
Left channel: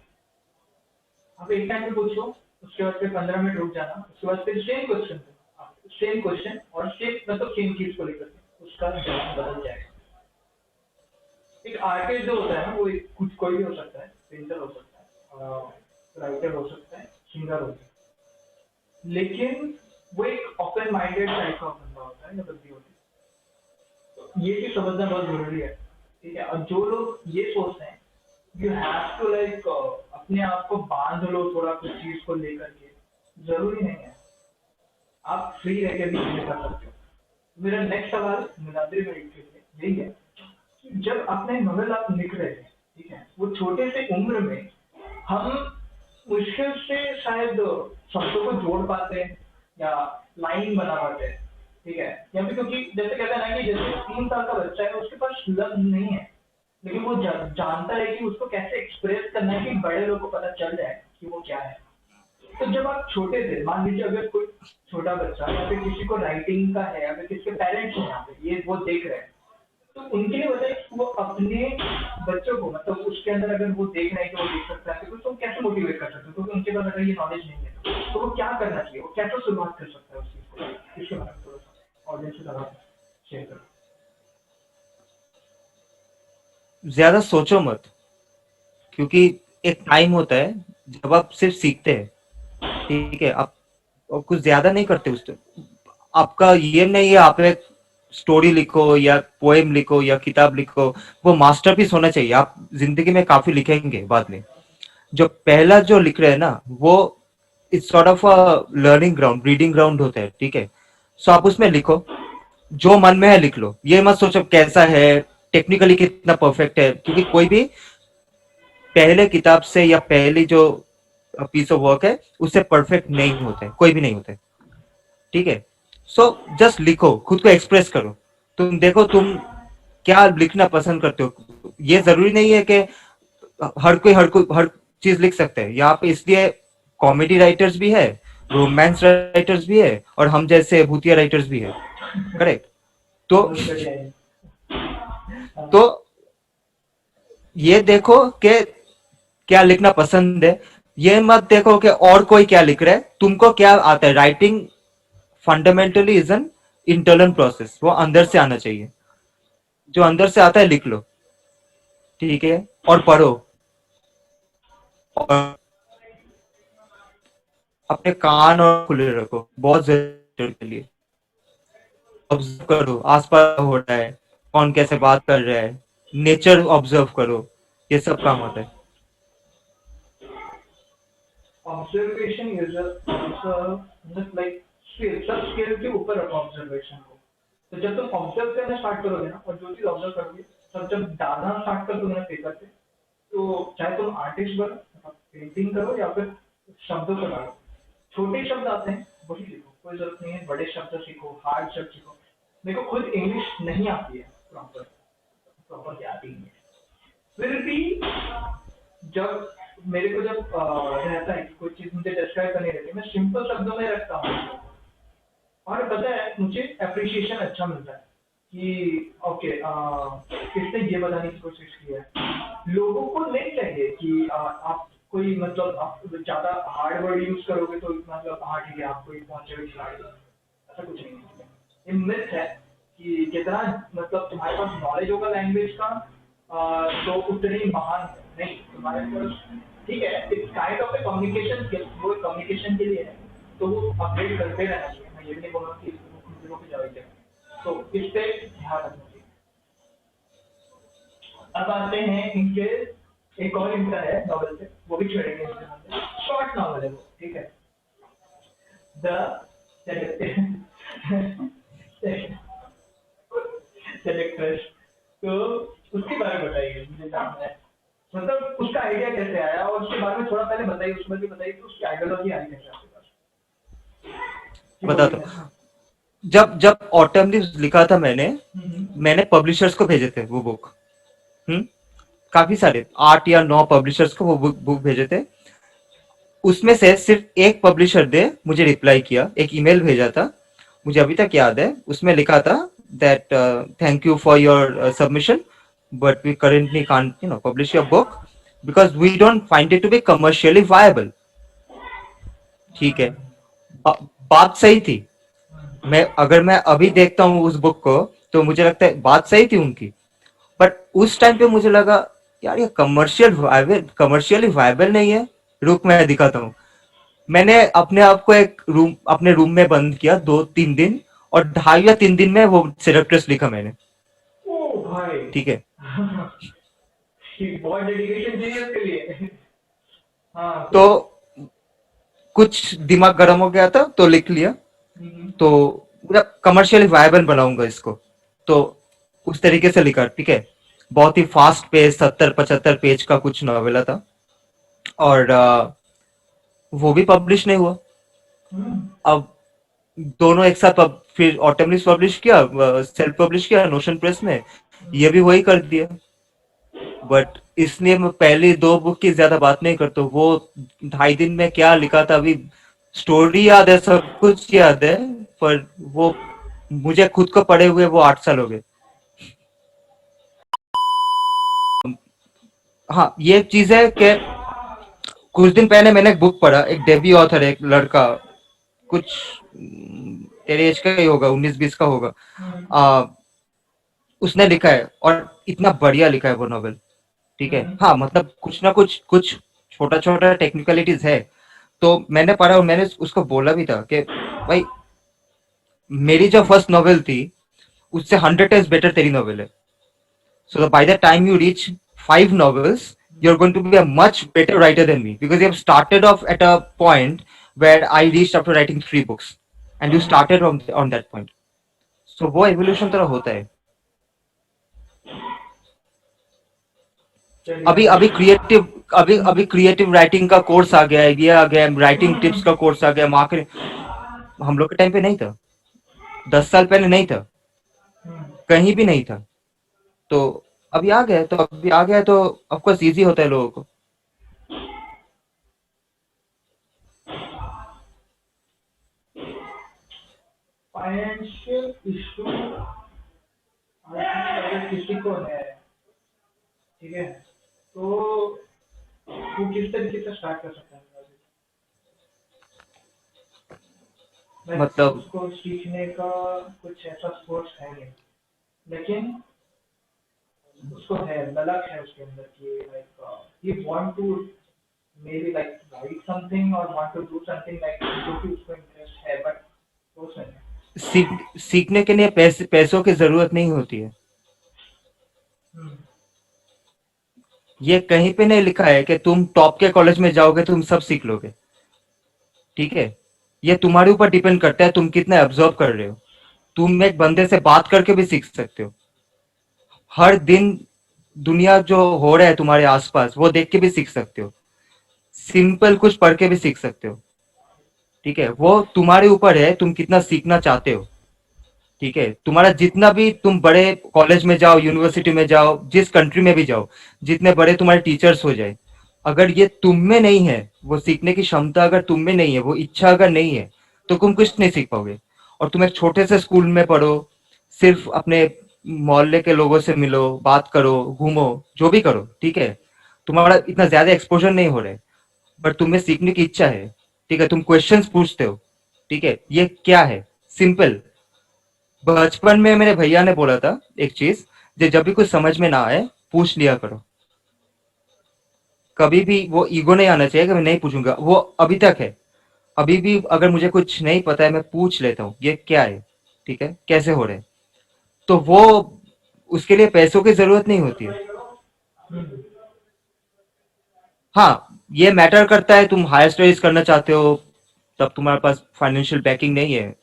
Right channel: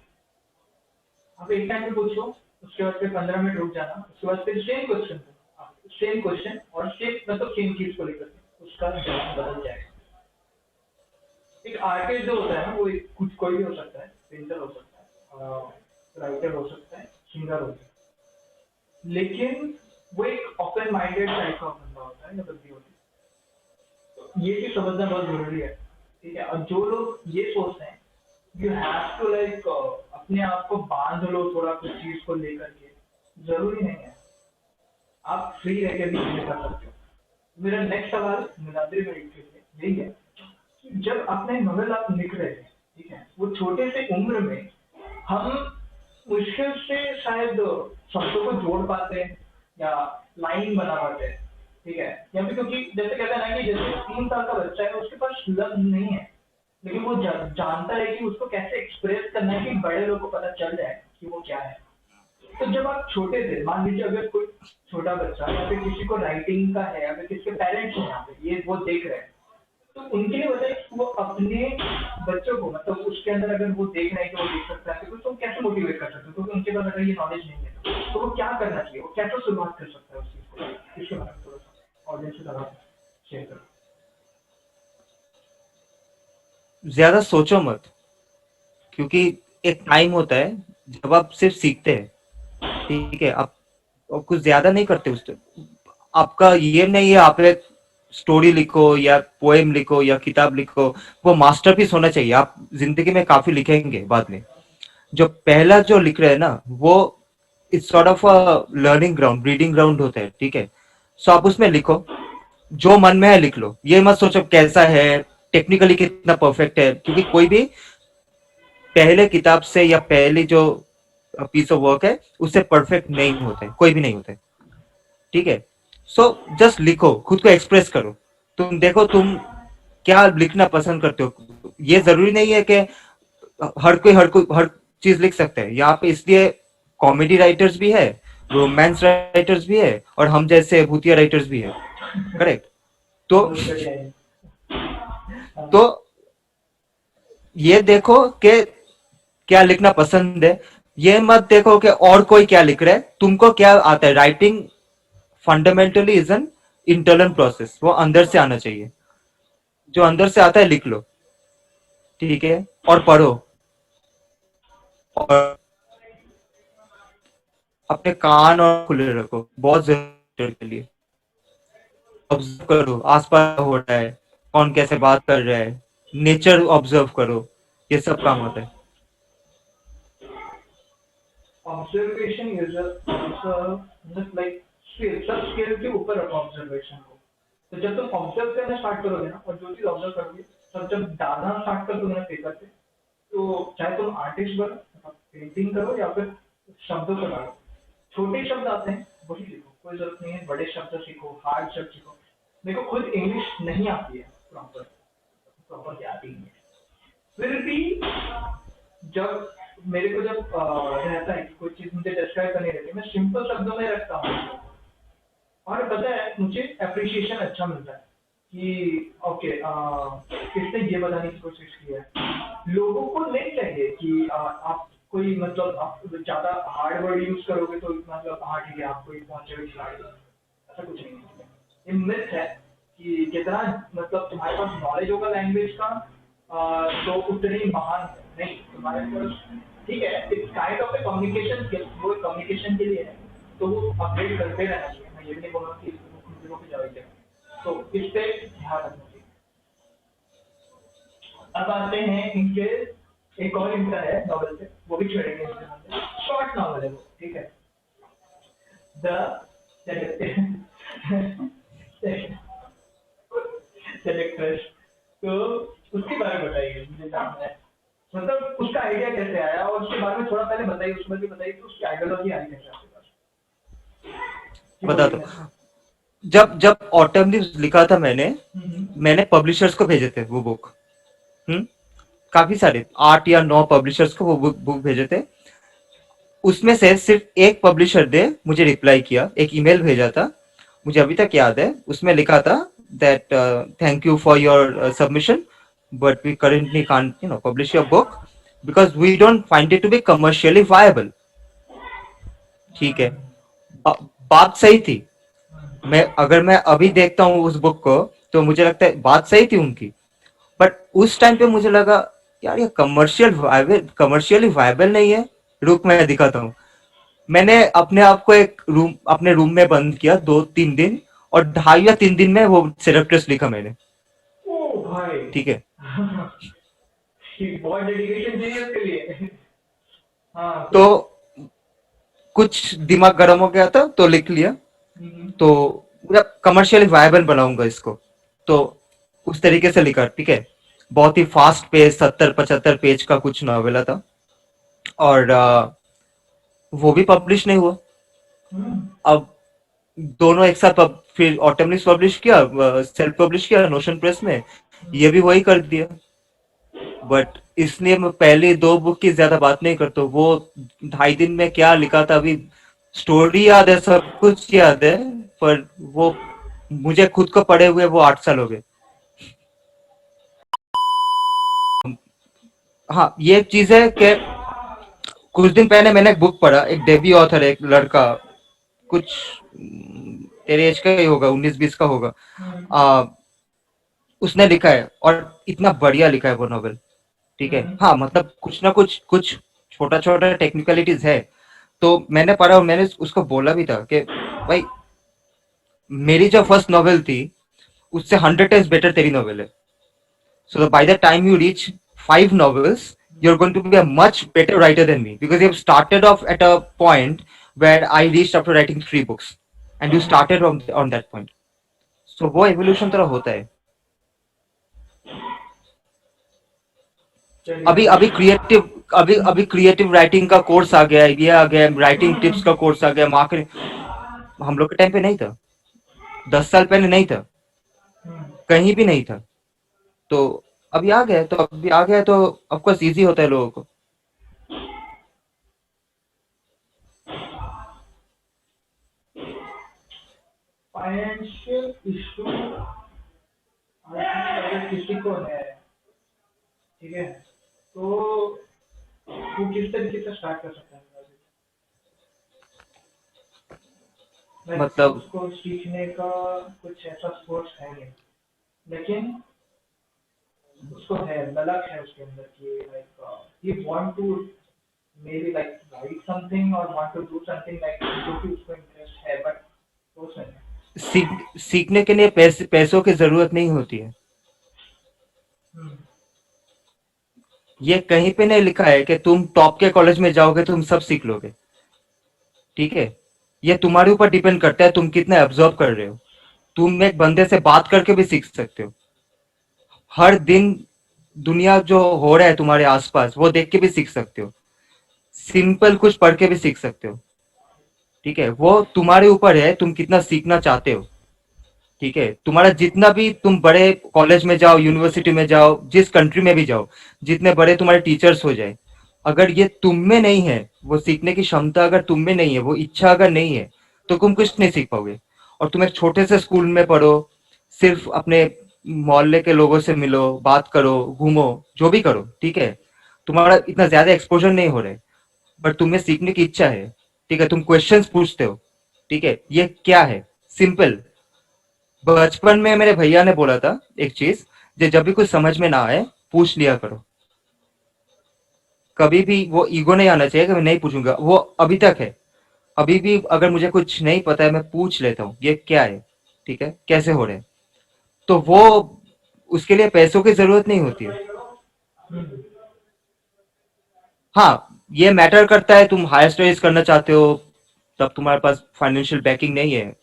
आप एक टाइम पे पूछो, उसके बाद फिर 15 मिनट रुक जाना, उसके बाद फिर सेम क्वेश्चन और सेम मतलब सेम चीज को लेकर के उसका जवाब बदल जाएगा। एक आर्टिस्ट जो होता है ना वो कुछ कोई भी हो सकता है, पेंटर हो सकता है, राइटर हो सकता है, सिंगर हो सकता है, लेकिन वो एक ओपन माइंडेड टाइप का बंदा होता है या बंदी होती है। ये चीज समझना बहुत जरूरी है, ठीक है। और जो लोग ये सोचते हैं यू हैव टू लाइक अपने आप को बांध लो थोड़ा कुछ चीज को लेकर के, जरूरी नहीं है। आप फ्री रह के भी चीजें कर सकते हो। मेरा नेक्स्ट सवाल नीलाद्री भाई के लिए यही है कि जब अपने नॉवेल आप लिख रहे थे, ठीक है, वो छोटे से उम्र में हम मुश्किल से शायद शब्दों को जोड़ पाते हैं या लाइन बना पाते हैं, ठीक है। या फिर क्योंकि जैसे कहते हैं ना कि जैसे 3 साल का बच्चा है उसके पास लफ्ज नहीं है, लेकिन वो जानता है कि उसको कैसे एक्सप्रेस करना है कि बड़े लोग को पता चल जाए कि वो क्या है। तो जब आप छोटे थे, मान लीजिए अगर कोई छोटा बच्चा या फिर किसी को राइटिंग का है, अगर किसके पेरेंट्स हैं यहाँ पे ये वो देख रहे हैं, तो उनके लिए बताइए कि वो अपने बच्चों को मतलब उसके अंदर अगर वो देख रहे हैं कि वो देख सकता है तो उसको कैसे मोटिवेट कर सकते हैं, क्योंकि उनके पास अगर ये नॉलेज नहीं है तो वो क्या करना चाहिए, वो कैसे शुरुआत कर सकता है उस चीज को, इसके बारे में थोड़ा सा ऑडियंस के साथ शेयर करो। ज्यादा सोचो मत, क्योंकि एक टाइम होता है जब आप सिर्फ सीखते हैं, ठीक है। आप कुछ ज्यादा नहीं करते उस आपका ये नहीं है, आप एक स्टोरी लिखो या पोएम लिखो या किताब लिखो, वो मास्टरपीस होना चाहिए। आप जिंदगी में काफी लिखेंगे बाद में। जो पहला जो लिख रहे हैं ना, वो it's sort of a learning ground, reading ground होता है, ठीक है। सो आप उसमें लिखो, जो मन में है लिख लो। ये मत सोचो कैसा है, टेक्निकली कितना परफेक्ट है, क्योंकि कोई भी पहले किताब से या पहली जो पीस ऑफ वर्क है उससे परफेक्ट नहीं होते, कोई भी नहीं होते, ठीक है। सो जस्ट लिखो, खुद को एक्सप्रेस करो। तुम देखो तुम क्या लिखना पसंद करते हो। ये जरूरी नहीं है कि हर कोई हर चीज लिख सकते हैं। यहाँ पे इसलिए कॉमेडी राइटर्स भी है, रोमांस राइटर्स भी है, और हम जैसे भूतिया राइटर्स भी है, करेक्ट। तो समझ कर जाएंगे। तो ये देखो कि क्या लिखना पसंद है। ये मत देखो कि और कोई क्या लिख रहा है, तुमको क्या आता है। Writing fundamentally is an internal process, वो अंदर से आना चाहिए। जो अंदर से आता है लिख लो, ठीक है। और पढ़ो, और अपने कान और खुले रखो, बहुत जरूरी के लिए। ऑब्जर्व करो आसपास हो रहा है, कौन कैसे बात कर रहा है, नेचर ऑब्जर्व करो, ये सब काम होता है। ऑब्जर्वेशन इज लाइक स्किल, सब स्किल के ऊपर रखो ऑब्जर्वेशन को। तो जब तुम ऑब्जर्व करना स्टार्ट करोगे ना, और जो चीज ऑब्जर्व करोगे, तब जब डालना स्टार्ट कर दोगे ना पेपर पे, तो चाहे तुम आर्टिस्ट बनो, मतलब पेंटिंग करो, या फिर शब्दों को डालो। छोटे शब्द आते हैं वही लिखो, कोई जरूरत नहीं है बड़े शब्द सीखो, हार्ड शब्द सीखो। मेरे को खुद इंग्लिश नहीं आती है प्रॉपर, प्रॉपर क्या आती है। फिर भी जब मेरे को जब रहता है कि कोई चीज मुझे डिस्क्राइब करनी रहती है, मैं सिंपल शब्दों में रखता हूँ। और पता है मुझे अप्रिशिएशन अच्छा मिलता है कि ओके, किसने ये बताने की कोशिश की है। लोगों को नहीं चाहिए कि आप कोई, मतलब आप ज्यादा हार्ड वर्ड यूज करोगे तो मतलब हाँ ठीक है, आप कोई पहुंचे हुए खिलाड़ी हो। ऐसा कुछ नहीं है। ये मिथ है कि जितना मतलब तुम्हारे पास नॉलेज होगा लैंग्वेज का, तो उतने ही महान है। नहीं, तुम्हारे पास ठीक है, it's kind of A communication skill, वो कम्युनिकेशन के लिए है। तो वो अपडेट करते रहना चाहिए। मैं ये भी नहीं बोल रहा कि इसको पे जाओगे। तो इस पे ध्यान रखना चाहिए। अब आते हैं इनके, एक और इनका है नॉवल पे, वो भी छेड़ेंगे। शॉर्ट नॉवल है वो, ठीक है। द सेलेक्ट्रेस। तो उसके बारे में बताइए, मुझे जानना है। मतलब उसका आइडिया कैसे आया, और उसके बारे में थोड़ा पहले बताइए, उसमें भी बताइए कि उसकी आइडियोलॉजी आई कैसे आपके पास। जी बता बोलिए दो। मैं। जब जब ऑटम लीव्स लिखा था मैंने हम्म। मैंने पब्लिशर्स को भेजे थे वो बुक। हम्म काफी सारे 8 या 9 पब्लिशर्स को वो बुक भेजे थे। उसमें से सिर्फ एक पब्लिशर ने मुझे रिप्लाई किया, एक ईमेल भेजा था, मुझे अभी तक याद है। उसमें लिखा था that thank you for your submission, but we currently can't publish your book because we don't find it to be commercially viable. ठीक है, बात सही थी। अगर मैं अभी देखता हूँ उस बुक को, तो मुझे लगता है बात सही थी उनकी। बट उस टाइम पे मुझे लगा यार ये कमर्शियली वायबल नहीं है। रुक, मैं दिखाता हूँ। मैंने अपने आप को अपने रूम में बंद किया 2-3 दिन, और 2.5 या 3 दिन में वो सिलेक्टर्स लिखा मैंने। ओ भाई। ठीक है। बहुत डेडिकेशन चाहिए उसके लिए। हाँ तो फिर। कुछ दिमाग गर्म हो गया था तो लिख लिया। हम्म। तो कमर्शियली वायबल बनाऊंगा इसको, तो उस तरीके से लिखा, ठीक है। बहुत ही फास्ट पेज, 70-75 पेज का कुछ नॉवेला था। और वो भी पब्लिश नहीं हुआ। हम्म। अब दोनों एक साथ फिर ऑटमलिस पब्लिश किया, सेल्फ पब्लिश किया नोशन प्रेस में, ये भी वही कर दिया। बट इसलिए मैं पहले 2 बुक की ज्यादा बात नहीं करता। वो 2.5 दिन में क्या लिखा था, अभी स्टोरी याद है, सब कुछ याद है, पर वो मुझे खुद को पढ़े हुए वो 8 साल हो गए। हाँ, ये एक चीज है कि कुछ दिन पहले मैंने एक बुक पढ़ा, एक डेब्यू ऑथर है, एक लड़का, कुछ तेरे एज का ही होगा, 19-20 का होगा। हम्म। आ, उसने लिखा है, और इतना बढ़िया लिखा है वो नॉवेल। ठीक है, हम्म। हाँ मतलब कुछ छोटा छोटा टेक्निकलिटीज है। तो मैंने पढ़ा, और मैंने उसको बोला भी था कि भाई, मेरी जो फर्स्ट नॉवेल थी उससे 100 times बेटर तेरी नॉवेल है. So by the time you reach 5 novels, you're going to be a much better writer than me because you have started off at a point where I reached after writing 3 books, and you started on that point. So वो evolution तरह होता है. चलिए अभी अभी अभी creative अभी अभी क्रिएटिव राइटिंग का कोर्स आ गया है, ये आ गया है, राइटिंग टिप्स का कोर्स आ गया, मार्केटिंग. हम लोग के टाइम पे नहीं था, 10 साल पहले नहीं था, कहीं भी नहीं था. तो अभी आ गया है, तो अभी आ गया है, तो ऑफकोर्स इजी होता है लोगों को. फाइनेंशियल इशू अगर किसी को है, ठीक है, तो वो किस तरीके से स्टार्ट कर सकता है? लाइक मतलब उसको सीखने का कुछ ऐसा सोर्स है नहीं, लेकिन उसको है, ललक है उसके अंदर कि like he want to maybe like write something or want to do something like जो कि उसको इंटरेस्ट है, बट वो नहीं है। सीखने के लिए पैसों की जरूरत नहीं होती है. हम्म, ये कहीं पे नहीं लिखा है कि तुम टॉप के कॉलेज में जाओगे तुम सब सीख लोगे. ठीक है, ये तुम्हारे ऊपर डिपेंड करता है तुम कितना ऑब्जर्व कर रहे हो. तुम एक बंदे से बात करके भी सीख सकते हो. हर दिन दुनिया जो हो रहा है तुम्हारे आसपास वो देख के भी सीख सकते हो. सिंपल कुछ पढ़ के भी सीख सकते हो. ठीक है, वो तुम्हारे ऊपर है तुम कितना सीखना चाहते हो. ठीक है, तुम्हारा जितना भी तुम बड़े कॉलेज में जाओ, यूनिवर्सिटी में जाओ, जिस कंट्री में भी जाओ, जितने बड़े तुम्हारे टीचर्स हो जाए, अगर ये तुम में नहीं है, वो सीखने की क्षमता अगर तुम में नहीं है, वो इच्छा अगर नहीं है, तो तुम कुछ नहीं सीख पाओगे. और तुम एक छोटे से स्कूल में पढ़ो, सिर्फ अपने मोहल्ले के लोगों से मिलो, बात करो, घूमो, जो भी करो, ठीक है, तुम्हारा इतना ज्यादा एक्सपोजर नहीं हो रहा है, बट तुम्हें सीखने की इच्छा है. ठीक है, तुम क्वेश्चंस पूछते हो. ठीक है, ये क्या है, सिंपल. बचपन में मेरे भैया ने बोला था एक चीज, जो जब भी कुछ समझ में ना आए पूछ लिया करो. कभी भी वो ईगो नहीं आना चाहिए कि मैं नहीं पूछूंगा. वो अभी तक है. अभी भी अगर मुझे कुछ नहीं पता है मैं पूछ लेता हूँ ये क्या है, ठीक है, कैसे हो रहे हैं. तो वो उसके लिए पैसों की जरूरत नहीं होती है. हम्म, हाँ, ये मैटर करता है तुम हायर स्टडीज करना चाहते हो, तब तुम्हारे पास फाइनेंशियल बैकिंग नहीं है.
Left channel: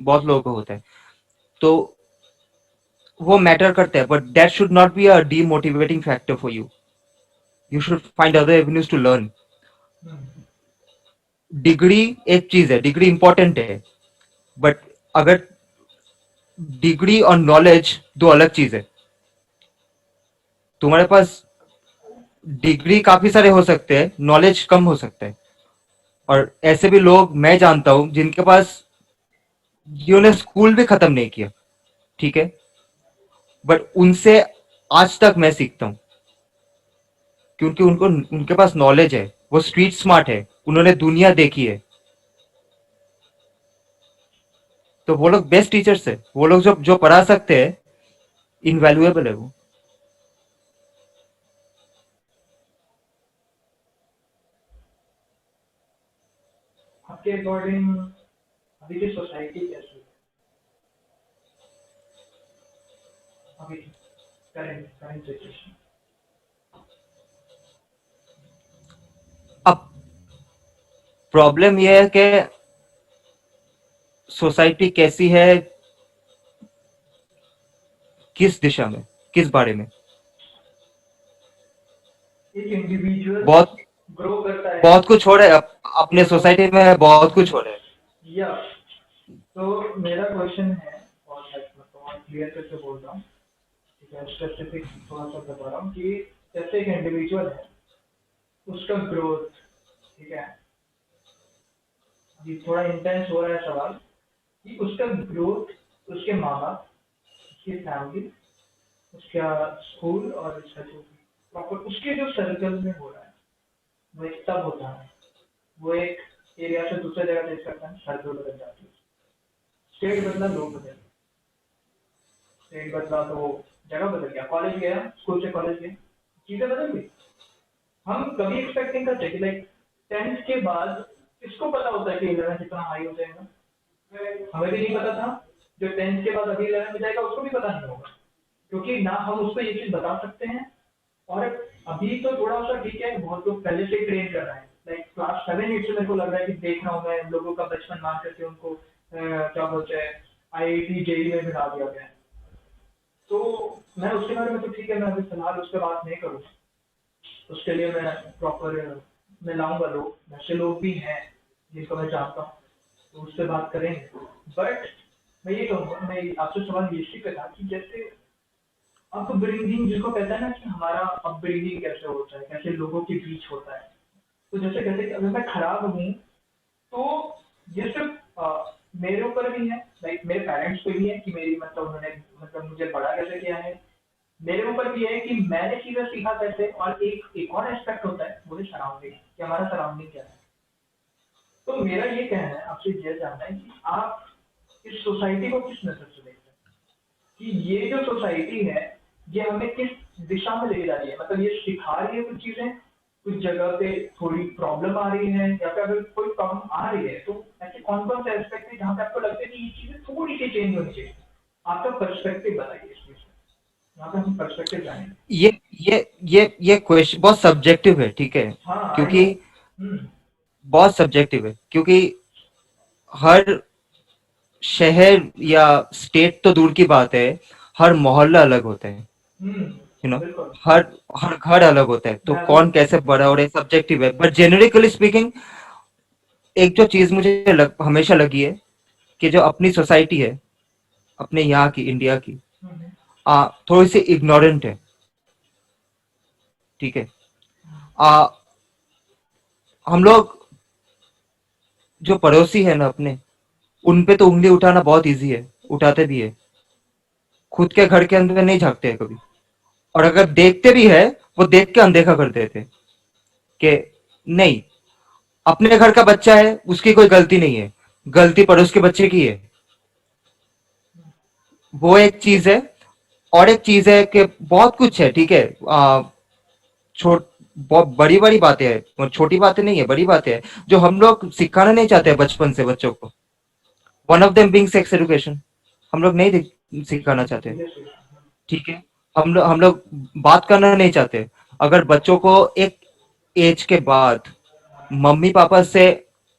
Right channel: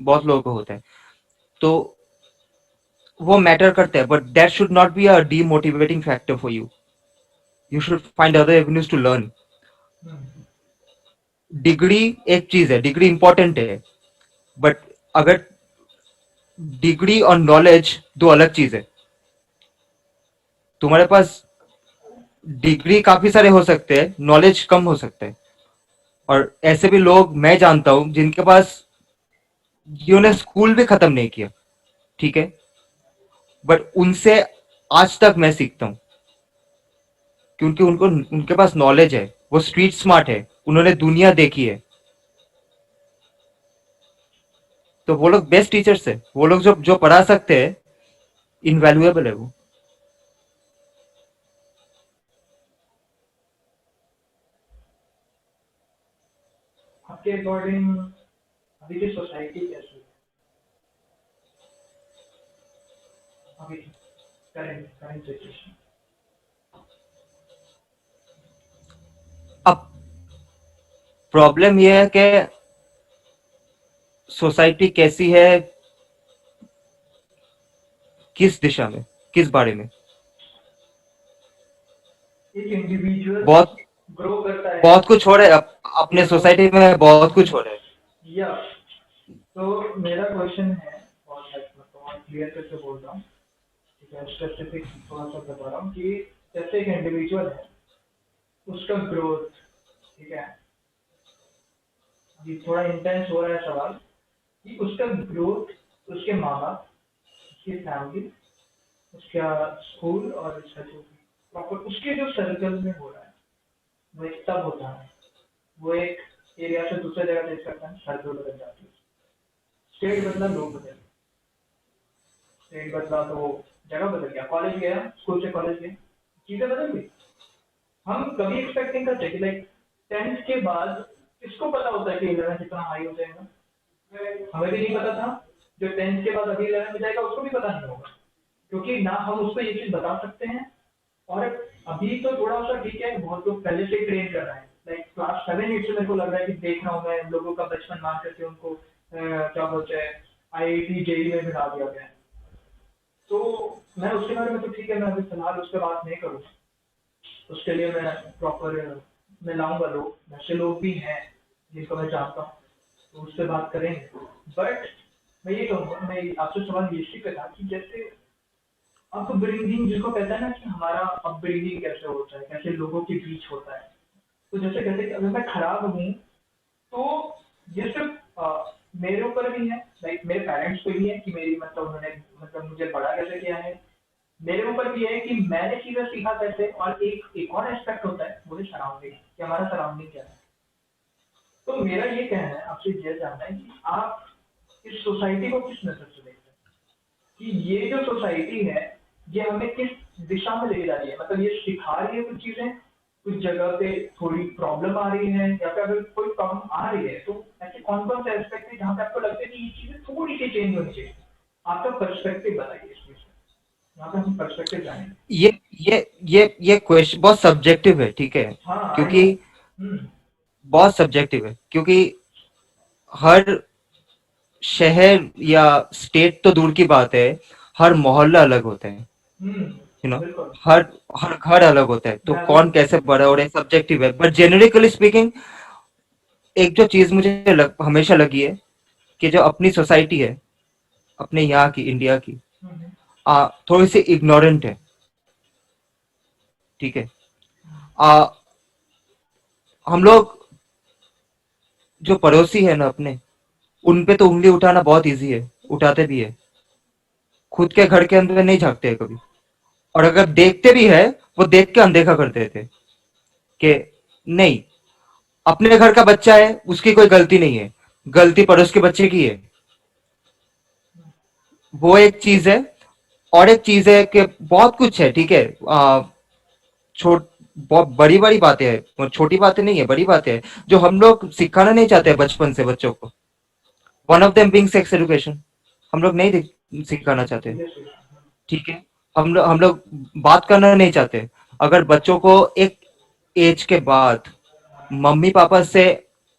बहुत लोगों को होता है. तो वो मैटर करता है, but that should not be a demotivating factor for you. You should find other avenues to learn. Hmm, degree एक चीज है, डिग्री इंपॉर्टेंट है, बट अगर डिग्री और नॉलेज दो अलग चीज है. तुम्हारे पास डिग्री काफी सारे हो सकते हैं, नॉलेज कम हो सकता है. और ऐसे भी लोग मैं जानता हूं जिनके पास, जिन्होंने स्कूल भी खत्म नहीं किया, ठीक है, बट उनसे आज तक मैं सीखता हूं, क्योंकि उनको उनके पास नॉलेज है, वो स्ट्रीट स्मार्ट है, उन्होंने दुनिया देखी है. तो वो लोग बेस्ट टीचर्स है, वो लोग जो जो पढ़ा सकते हैं, इनवैल्यूएबल है वो. आपके अकॉर्डिंग अभी की सोसाइटी कैसी है? अभी करंट करंट सिचुएशन। अब प्रॉब्लम यह है कि सोसाइटी कैसी है, किस दिशा में, किस बारे में. एक इंडिविजुअल बहुत ग्रो करता है बहुत कुछ हो रहा है अपने या तो सोसाइटी में, बहुत कुछ हो रहा है. या तो मेरा क्वेश्चन है, और बहुत क्लियर करके बोल रहा हूँ, ठीक है, स्पेसिफिक थोड़ा सा बता रहा हूँ कि जैसे एक इंडिविजुअल है, उसका ग्रोथ, ठीक है, अभी थोड़ा इंटेंस हो रहा है सवाल, कि उसका ग्रोथ उसके माँ बाप, उसकी फैमिली, उसका स्कूल और उसका जो प्रॉपर उसके जो सर्कल में हो रहा है, वो एक तब होता है, वो एक एरिया से दूसरे जगह देख सकता है, सर्कल बदल जाती है, स्टेट बदला, लोग बदल, स्टेट बदला तो जगह बदल गया, कॉलेज गया, स्कूल से कॉलेज गया, चीजें बदल गई. हम कभी एक्सपेक्ट नहीं करते कि लाइक 10th के बाद किसको पता होता है कि 11th इतना हाई हो जाएगा. हमें भी नहीं पता था, जो 10th के बाद अभी 11 में जाएगा उसको भी पता नहीं होगा, क्योंकि ना हम उसको ये चीज बता सकते हैं। और अभी तो थोड़ा सा ठीक है, बहुत लोग पहले से ट्रेन कर रहे हैं, लाइक क्लास 7 8 से मेरे को लग रहा है कि देख रहा हूँ मैं लोगों का बचपन मान करके उनको क्या बोलते हैं IIT जेई में बिठा दिया गया है। तो मैं उसके बारे में तो ठीक है, मैं अभी फिलहाल उस पर बात नहीं करूँगा। उसके लिए मैं प्रॉपर मैं लाऊंगा लोग, वैसे लोग भी हैं जिनको मैं जानता हूँ, तो उससे बात करेंगे। बट मैं ये कहूँगा, मैं आपसे सवाल ये इसी पे था कि जैसे अपब्रिंगिंग जिसको कहते हैं ना, कि हमारा अपब्रिंगिंग कैसे होता है, कैसे लोगों के बीच होता है। तो जैसे कहते हैं कि अगर मैं खराब हूँ तो ये सिर्फ मेरे ऊपर भी है, लाइक मेरे पेरेंट्स पे भी है कि मेरी मतलब उन्होंने मतलब मुझे बड़ा कैसे किया है। मेरे ऊपर भी है कि मैंने चीजें सीखा कैसे, और एक एक और एस्पेक्ट होता है वो है सराउंडिंग, कि हमारा सराउंडिंग क्या है। तो मेरा ये कहना है, आपसे ये जानना है कि आप इस सोसाइटी को किस नजर से देखते हैं, कि ये जो सोसाइटी है ये हमें किस दिशा में लेके जा रही है, मतलब ये सिखा रही है कुछ चीजें, कुछ जगह पे थोड़ी प्रॉब्लम आ रही है, या फिर अगर कोई प्रॉब्लम आ रही है तो ऐसे कौन कौन से एस्पेक्ट है जहाँ पे आपको लगता है कि ये चीजें थोड़ी सी चेंज होनी चाहिए। आपका पर्सपेक्टिव बताइए इस चीज पे, यहाँ पे हम पर्सपेक्टिव जानेंगे। ये ये क्वेश्चन बहुत सब्जेक्टिव है, ठीक है, हाँ आई नो। क्योंकि बहुत सब्जेक्टिव है, क्योंकि हर शहर या स्टेट तो दूर की बात है, हर मोहल्ला अलग होता है, हम्म यू नो, बिल्कुल। हर हर घर अलग होता है, तो मैं अभी कौन कैसे बड़ा हो रहा है सब्जेक्टिव है, बट जेनरिकली स्पीकिंग एक जो चीज मुझे हमेशा लगी है कि जो अपनी सोसाइटी है, अपने यहाँ की इंडिया की, हम्म, थोड़ी सी इग्नोरेंट है, ठीक है। आ, हम लोग जो पड़ोसी है ना अपने, उन पे तो उंगली उठाना बहुत इजी है, उठाते भी है, खुद के घर के अंदर नहीं झांकते हैं कभी, और अगर देखते भी है वो देख के अनदेखा कर देते हैं कि नहीं, अपने घर का बच्चा है उसकी कोई गलती नहीं है, गलती पड़ोस के बच्चे की है। वो एक चीज है। और एक चीज है कि बहुत कुछ है, ठीक है, छोट बहुत बड़ी बड़ी बातें हैं, वो छोटी बातें नहीं है, बड़ी बातें हैं जो हम लोग सिखाना नहीं चाहते हैं बचपन से बच्चों को। One of them being sex education, हम लोग नहीं सिखाना चाहते, yes, yes, ठीक है। हम लोग बात करना नहीं चाहते। अगर बच्चों को एक एज के बाद मम्मी पापा से,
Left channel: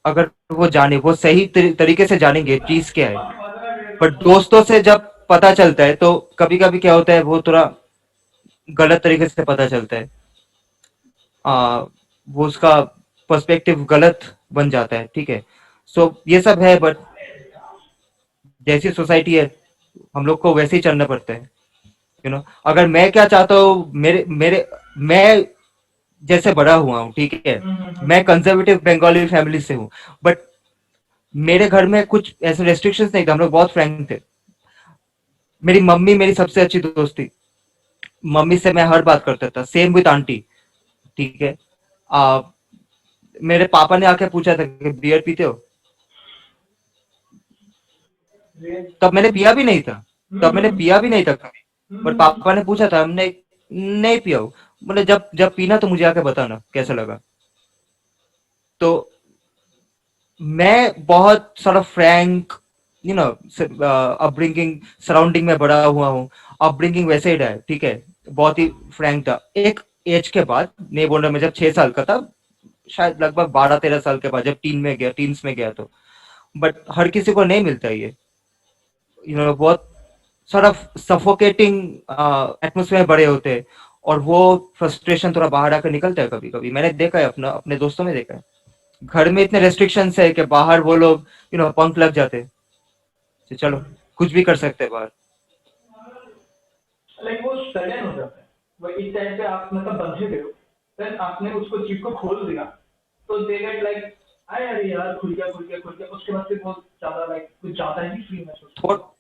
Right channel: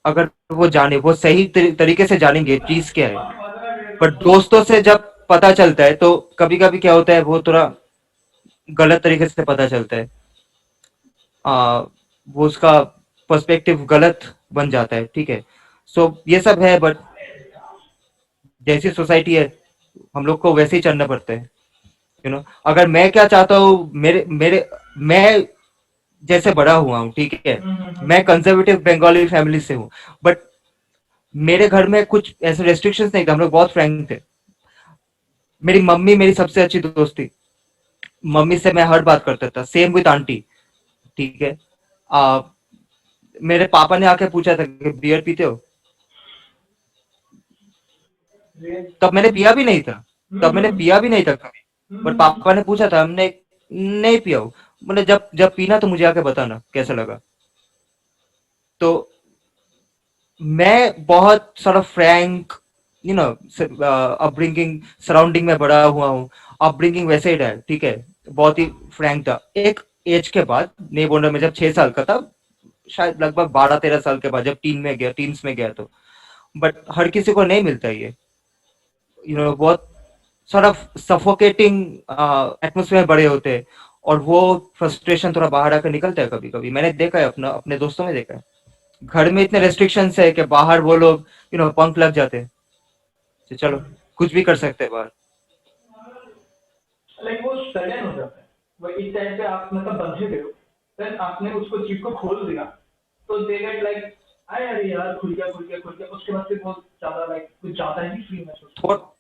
अगर वो जाने, वो सही तरीके से जानेंगे चीज क्या है, बट दोस्तों से जब पता चलता है तो कभी कभी क्या होता है, वो थोड़ा गलत तरीके से पता चलता है, वो उसका पर्सपेक्टिव गलत बन जाता है, ठीक है। सो ये सब है, बट जैसी सोसाइटी है हम लोग को वैसे ही चलना पड़ता है, यू नो। अगर मैं क्या चाहता हूँ, मेरे मेरे मैं जैसे बड़ा हुआ हूँ, ठीक है, मैं कंजर्वेटिव बंगाली फैमिली से हूँ, बट मेरे घर में कुछ ऐसे रेस्ट्रिक्शंस नहीं थे, हम लोग बहुत फ्रैंक थे। मेरी मम्मी मेरी सबसे अच्छी दोस्त थी, मम्मी से मैं हर बात करता था, सेम विद आंटी, ठीक है। आ, मेरे पापा ने आके पूछा था कि बियर पीते हो, yes. तब मैंने पिया भी नहीं था, तब मैंने पिया भी नहीं था कभी, बट हम्म, पापा ने पूछा था, हमने नहीं पिया हूँ, बोले जब जब पीना तो मुझे आके बताना कैसा लगा। तो मैं बहुत सारा Frank, you know, upbringing, surrounding में बड़ा हुआ हूँ, अपब्रिंगिंग वैसे ही रहा है, ठीक है, बहुत ही फ्रैंक था। एक एज के बाद, नहीं बोल रहा, मैं जब 6 साल का था, शायद लगभग 12 13 साल के बाद, जब टीन्स में गया तो, बट हर किसी को नहीं मिलता ये, यू नो, बहुत सारा सफोकेटिंग एटमोसफेयर बड़े होते हैं, और वो फ्रस्ट्रेशन थोड़ा बाहर आकर निकलता है कभी कभी, मैंने देखा है, अपने दोस्तों में देखा है। घर में इतने रेस्ट्रिक्शंस है कि बाहर वो लोग, यू नो, पंख लग जाते हैं, तो चलो कुछ भी कर सकते हैं बाहर। लाइक वो सडन हो जाता है, वो इस टाइम पे आप मतलब बंधे हुए हो, देन आपने उसको चीज को खोल दिया, तो दे गेट लाइक अरे अरे यार खुल गया खुल गया खुल गया, उसके बाद फिर बहुत ज्यादा लाइक कुछ ज्यादा ही फ्री महसूस थो, करते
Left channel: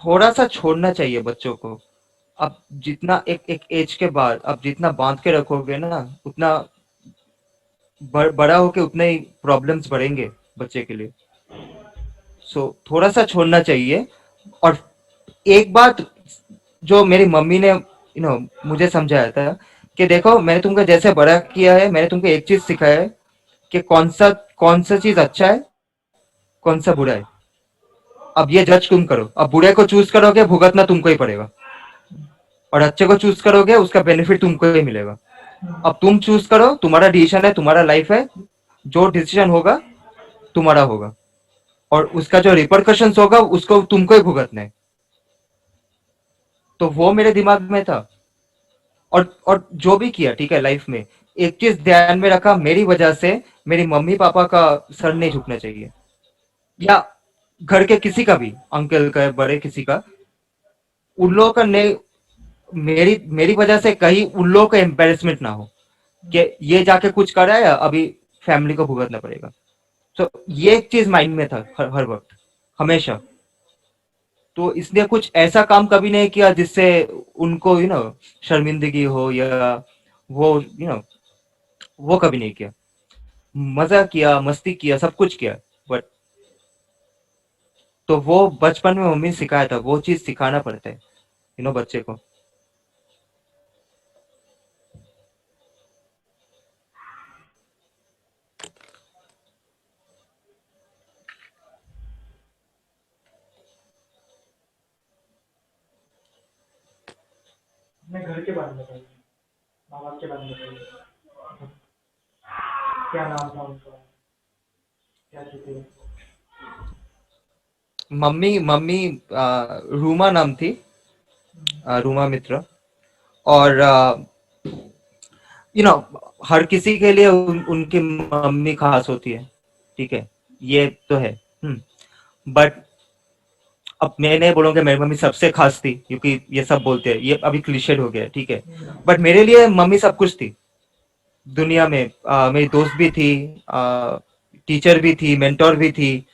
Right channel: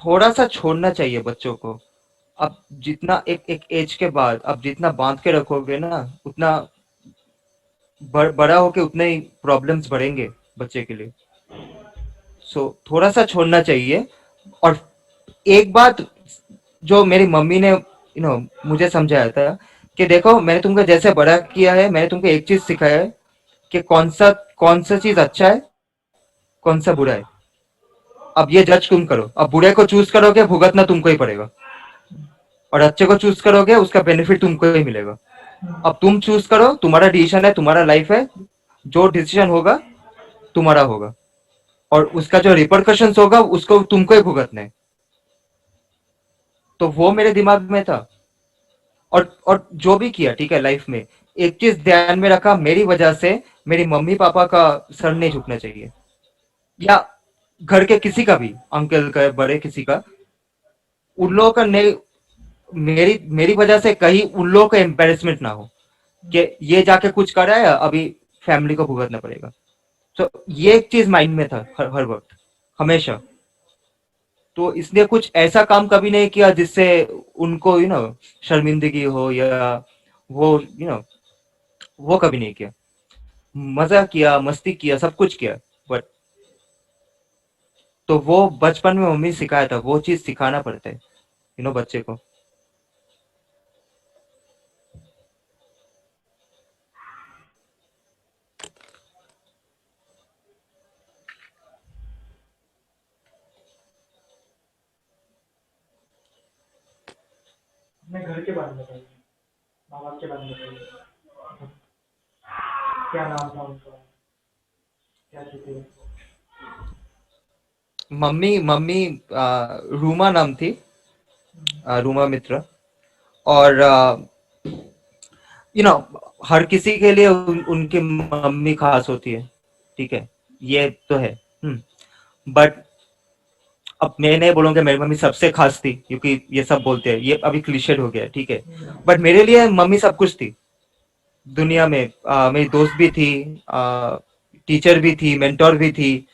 थोड़ा सा छोड़ना चाहिए बच्चों को। अब जितना एक एक एज के बाद अब जितना बांध के रखोगे ना, उतना बड़ा होके उतने ही प्रॉब्लम्स बढ़ेंगे बच्चे के लिए। सो थोड़ा सा छोड़ना चाहिए। और एक बात जो मेरी मम्मी ने, यू नो, मुझे समझाया था कि देखो, मैंने तुमको जैसे बड़ा किया है, मैंने तुमको एक चीज सिखाया है कि कौन सा चीज अच्छा है, कौन सा बुरा है, अब ये जज तुम करो, अब बुरे को चूज करोगे भुगतना तुमको ही पड़ेगा, और अच्छे को चूज करोगे उसका बेनिफिट तुमको ही मिलेगा। अब तुम चूज करो, तुम्हारा डिसीजन है, तुम्हारा लाइफ है, जो डिसीजन होगा तुम्हारा होगा, और उसका जो रिपरकशंस होगा उसको तुमको ही भुगतना है। तो वो मेरे दिमाग में था। और जो भी किया ठीक है लाइफ में, एक चीज ध्यान में रखा, मेरी वजह से मेरी मम्मी पापा का सर नहीं झुकना चाहिए, या घर के किसी का भी, अंकल का बड़े किसी का, उन लोगों का नहीं, मेरी मेरी वजह से कहीं उन लोगों का एम्बेरसमेंट ना हो कि ये जाके कुछ कर रहा है अभी फैमिली को भुगतना पड़ेगा। तो ये एक चीज माइंड में था हर वक्त, हमेशा। तो इसलिए कुछ ऐसा काम कभी नहीं किया जिससे उनको शर्मिंदगी हो, या वो वो कभी नहीं किया। मजा किया, मस्ती किया, सब कुछ किया, बट तो वो बचपन में मम्मी ने सिखाया था, वो चीज सिखाना पड़ता है बच्चे को। अपने घर के बारे में बताइए, माँ बाप के बारे में बताइए। मतलब क्या नाम था उनका, क्या थे? मम्मी मम्मी रूमा नाम थी, रूमा मित्र। और यू नो हर किसी के लिए उनकी मम्मी खास होती है, ठीक है, ये तो है। बट अब मैं नहीं बोलूंगा मेरी मम्मी सबसे खास थी, क्योंकि ये सब बोलते हैं, ये अभी क्लीशेड हो गया है, ठीक है। बट मेरे लिए मम्मी सब कुछ थी दुनिया में। मेरी दोस्त भी थी, टीचर भी थी, मेंटोर भी थी,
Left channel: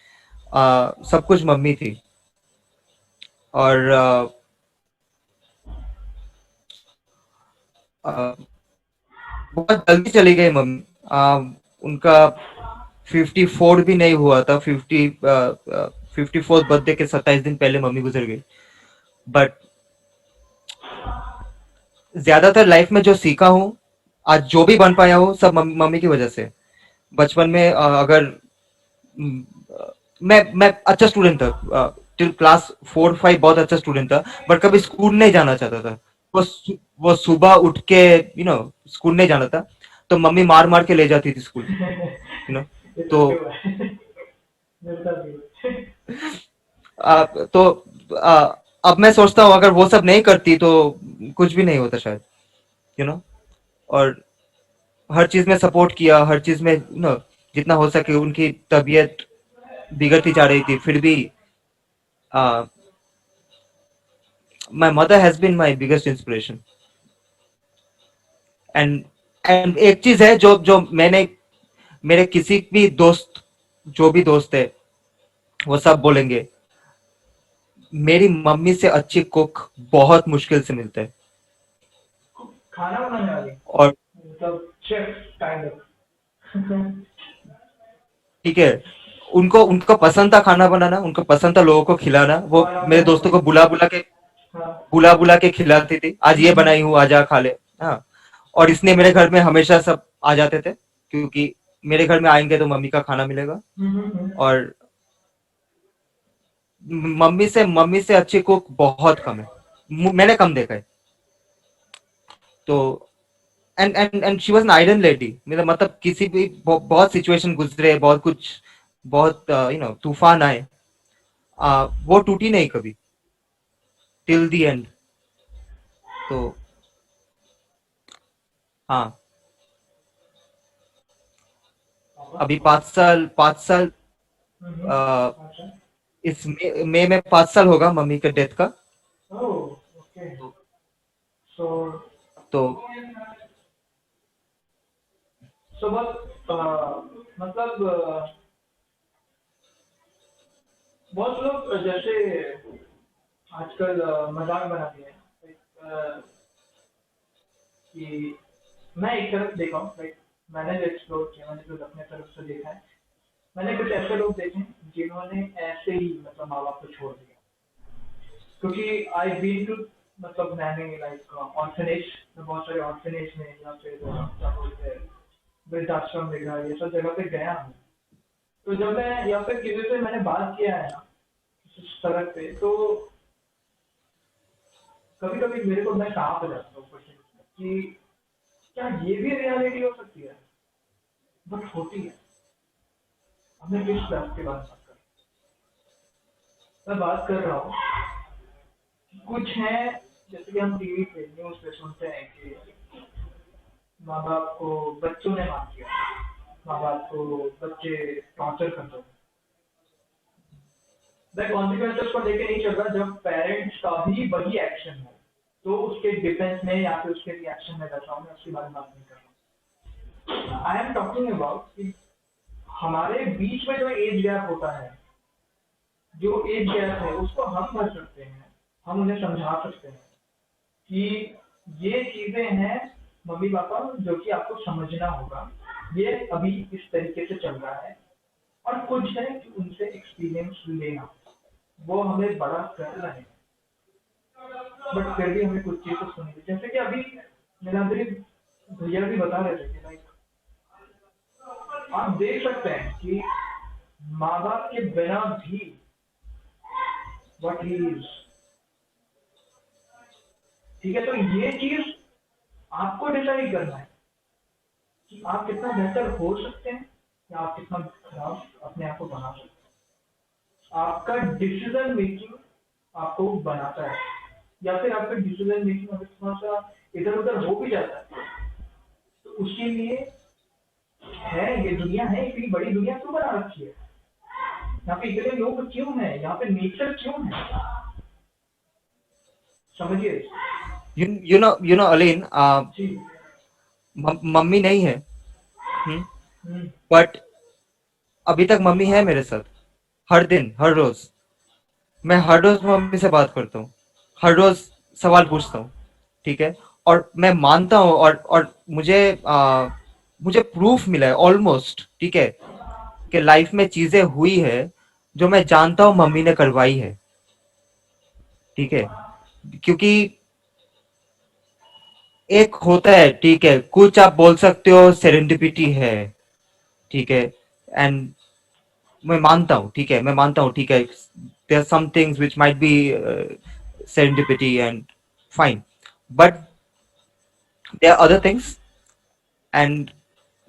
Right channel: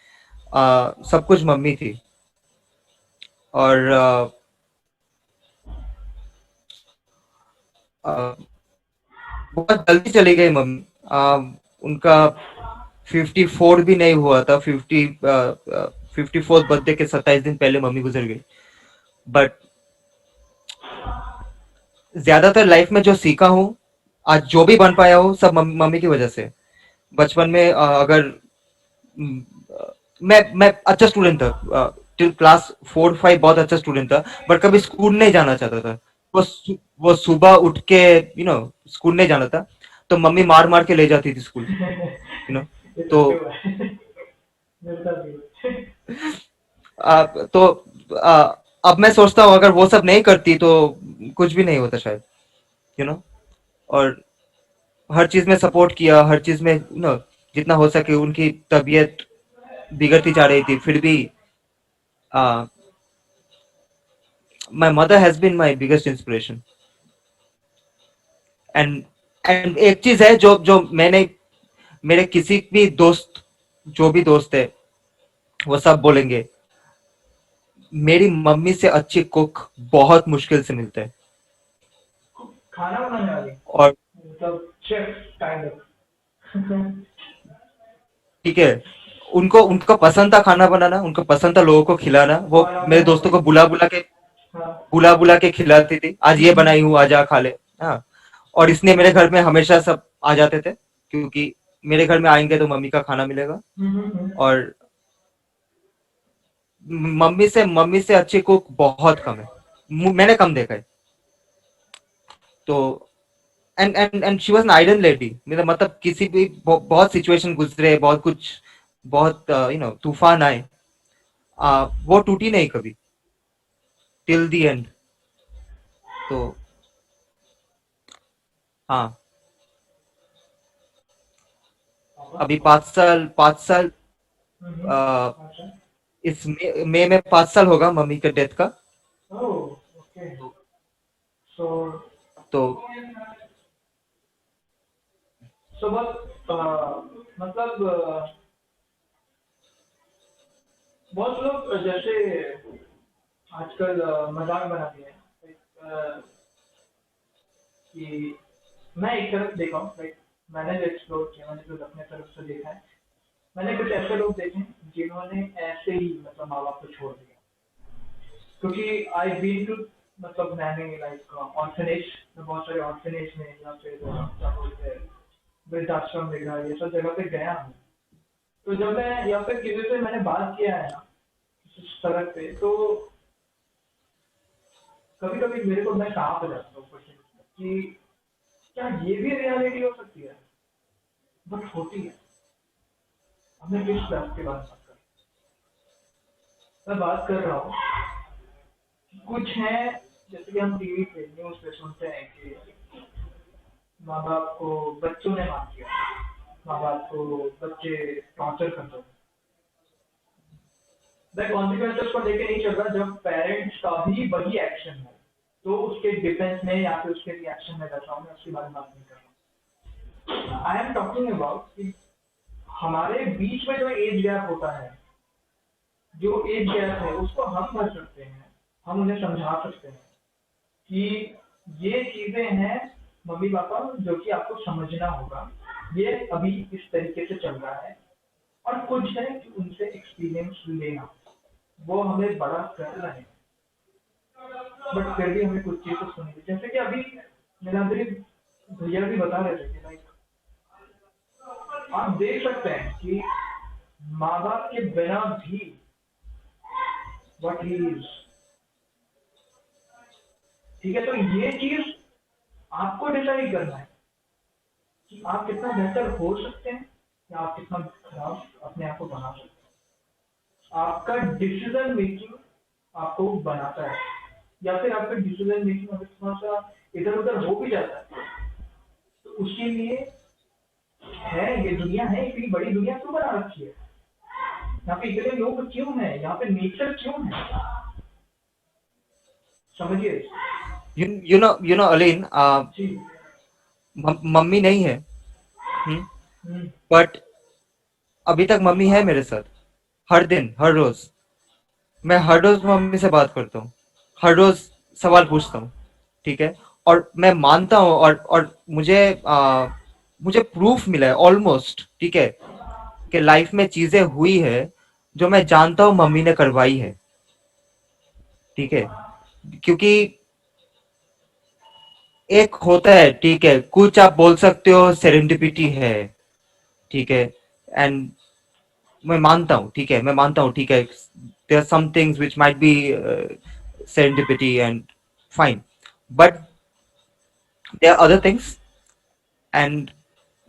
सब कुछ मम्मी थी। और बहुत जल्दी चली गई मम्मी। उनका 54 भी नहीं हुआ था, 54th बर्थडे के 27 दिन पहले मम्मी गुजर गई। बट ज्यादातर लाइफ में जो सीखा हूँ, आज जो भी बन पाया हूँ, सब मम्मी की वजह से। बचपन में अगर मैं अच्छा स्टूडेंट था, टिल क्लास 4 5 बहुत अच्छा स्टूडेंट था, बट कभी स्कूल नहीं जाना चाहता था। वो सुबह उठ के स्कूल नहीं जाना था, तो मम्मी मार मार के ले जाती थी स्कूल, ये तो सबके हुआ है। मेरे साथ भी हुआ है। तो अब मैं सोचता हूँ अगर वो सब नहीं करती तो कुछ भी नहीं होता शायद, यू नो और हर चीज में सपोर्ट किया, हर चीज में जितना हो सके। उनकी तबीयत बिगड़ती जा रही थी, फिर भी my mother has been my biggest inspiration. And and एक चीज है जो जो मैंने, मेरे किसी भी दोस्त, जो भी दोस्त है, वो सब बोलेंगे, मेरी मम्मी से अच्छी कुक बहुत मुश्किल से मिलते हैं। खाना बनाने वाली, और मतलब शेफ काइंड ऑफ। ठीक है, उनको उनको पसंद था खाना बनाना, उनको पसंद था लोगों को खिलाना। वो और मेरे आपने दोस्तों को हाँ। बुला बुला के खिलाती थी, आज ये बनाई हूँ, आजा खा ले। हाँ, और इसलिए मेरे घर में हमेशा सब आ जाते थे, क्योंकि मेरे घर में आएंगे तो मम्मी का खाना मिलेगा। और मम्मी से अच्छी कुक बहुत कम है, मैंने कम देखा है। तो and she was an iron lady, मेरा मतलब किसी भी बहुत सिचुएशन गुजरे, बहुत कुछ, बहुत तूफान आए, वो टूटी नहीं कभी, टिल दी एंड। तो हाँ, अभी 5 साल, आ, अच्छा। इस मई में 5 साल होगा मम्मी के डेथ का। ओह, ओके। सो तो सो बस मतलब बहुत लोग जैसे आजकल मजाक बनाते हैं, like, कि मैं एक तरफ देखा हूँ, लाइक मैंने जो एक्सप्लोर किया, मैंने जो अपने तरफ से देखा है, मैंने कुछ ऐसे लोग देखे हैं जिन्होंने ऐसे ही मतलब माँ बाप को छोड़ दिया। क्योंकि आई बीन टू, मतलब मैंने लाइक ऑर्फनेज में, बहुत सारे ऑर्फनेज में, या फिर क्या बोलते हैं, वृद्धाश्रम देखा, ये सब जगह पे गया हूँ। तो जब मैं या फिर किसी से मैंने बात किया है ना, सड़क पे, तो कभी कभी मेरे को, मैं कहाँ पे जाता हूँ क्वेश्चन कि क्या ये भी रियलिटी हो सकती है, बट होती है। अब मैं किस बात की बात कर, मैं बात कर रहा हूँ कुछ है, जैसे कि हम टीवी पे न्यूज पे सुनते हैं कि माँ बाप को बच्चों ने मार दिया, माँ बाप को बच्चे टॉर्चर करते हैं। मैं कॉन्सिक्वेंसेस को लेके नहीं चल रहा, जब पेरेंट्स का भी वही एक्शन हो तो उसके डिफेंस में या फिर उसके रिएक्शन में बैठा हूँ, मैं उसके बारे में बात नहीं कर रहा। आई एम टॉकिंग अबाउट कि हमारे बीच में जो एज गैप होता है, जो एज गैप है उसको हम भर सकते हैं, हम उन्हें समझा सकते हैं कि ये चीजें हैं मम्मी पापा जो कि आपको समझना होगा, ये अभी इस तरीके से चल रहा है। और कुछ है कि उनसे एक्सपीरियंस लेना, वो हमें बड़ा कर रहे हैं, बट फिर भी हमें कुछ चीजें सुननी, जैसे कि अभी नीलाद्री भैया भी बता रहे थे कि लाइक आप देख सकते हैं कि माँ बाप के बिना भी व्हाट ही इज, ठीक है। तो ये चीज आपको डिसाइड करना है कि आप कितना बेहतर हो सकते हैं या आप कितना खराब अपने आप को बना सकते हैं। आपका डिसीजन मेकिंग आपको बनाता है, या फिर आपका डिसीजन मेकिंग अगर थोड़ा सा इधर उधर हो भी जाता है, तो उसके लिए है, ये दुनिया है, इतनी बड़ी दुनिया क्यों बना रखी है, यहाँ पे इतने लोग क्यों हैं, यहाँ पे नेचर क्यों है, समझिए। अलीन, जी। मम्मी नहीं है, हम्म। बट अभी तक मम्मी है मेरे साथ। हर दिन, हर रोज मैं हर रोज मम्मी से बात करता हूँ, हर रोज सवाल पूछता हूँ, ठीक है। और मैं मानता हूँ, और मुझे प्रूफ मिला है ऑलमोस्ट, ठीक है, कि लाइफ में चीजें हुई है जो मैं जानता हूँ मम्मी ने करवाई है, ठीक है। क्योंकि एक होता है, ठीक है, कुछ आप बोल सकते हो सेरेंडिपिटी है, ठीक है, एंड मैं मानता हूँ, ठीक है, मैं मानता हूँ, ठीक है, there are some things which might be serendipity and fine, but there are other things, and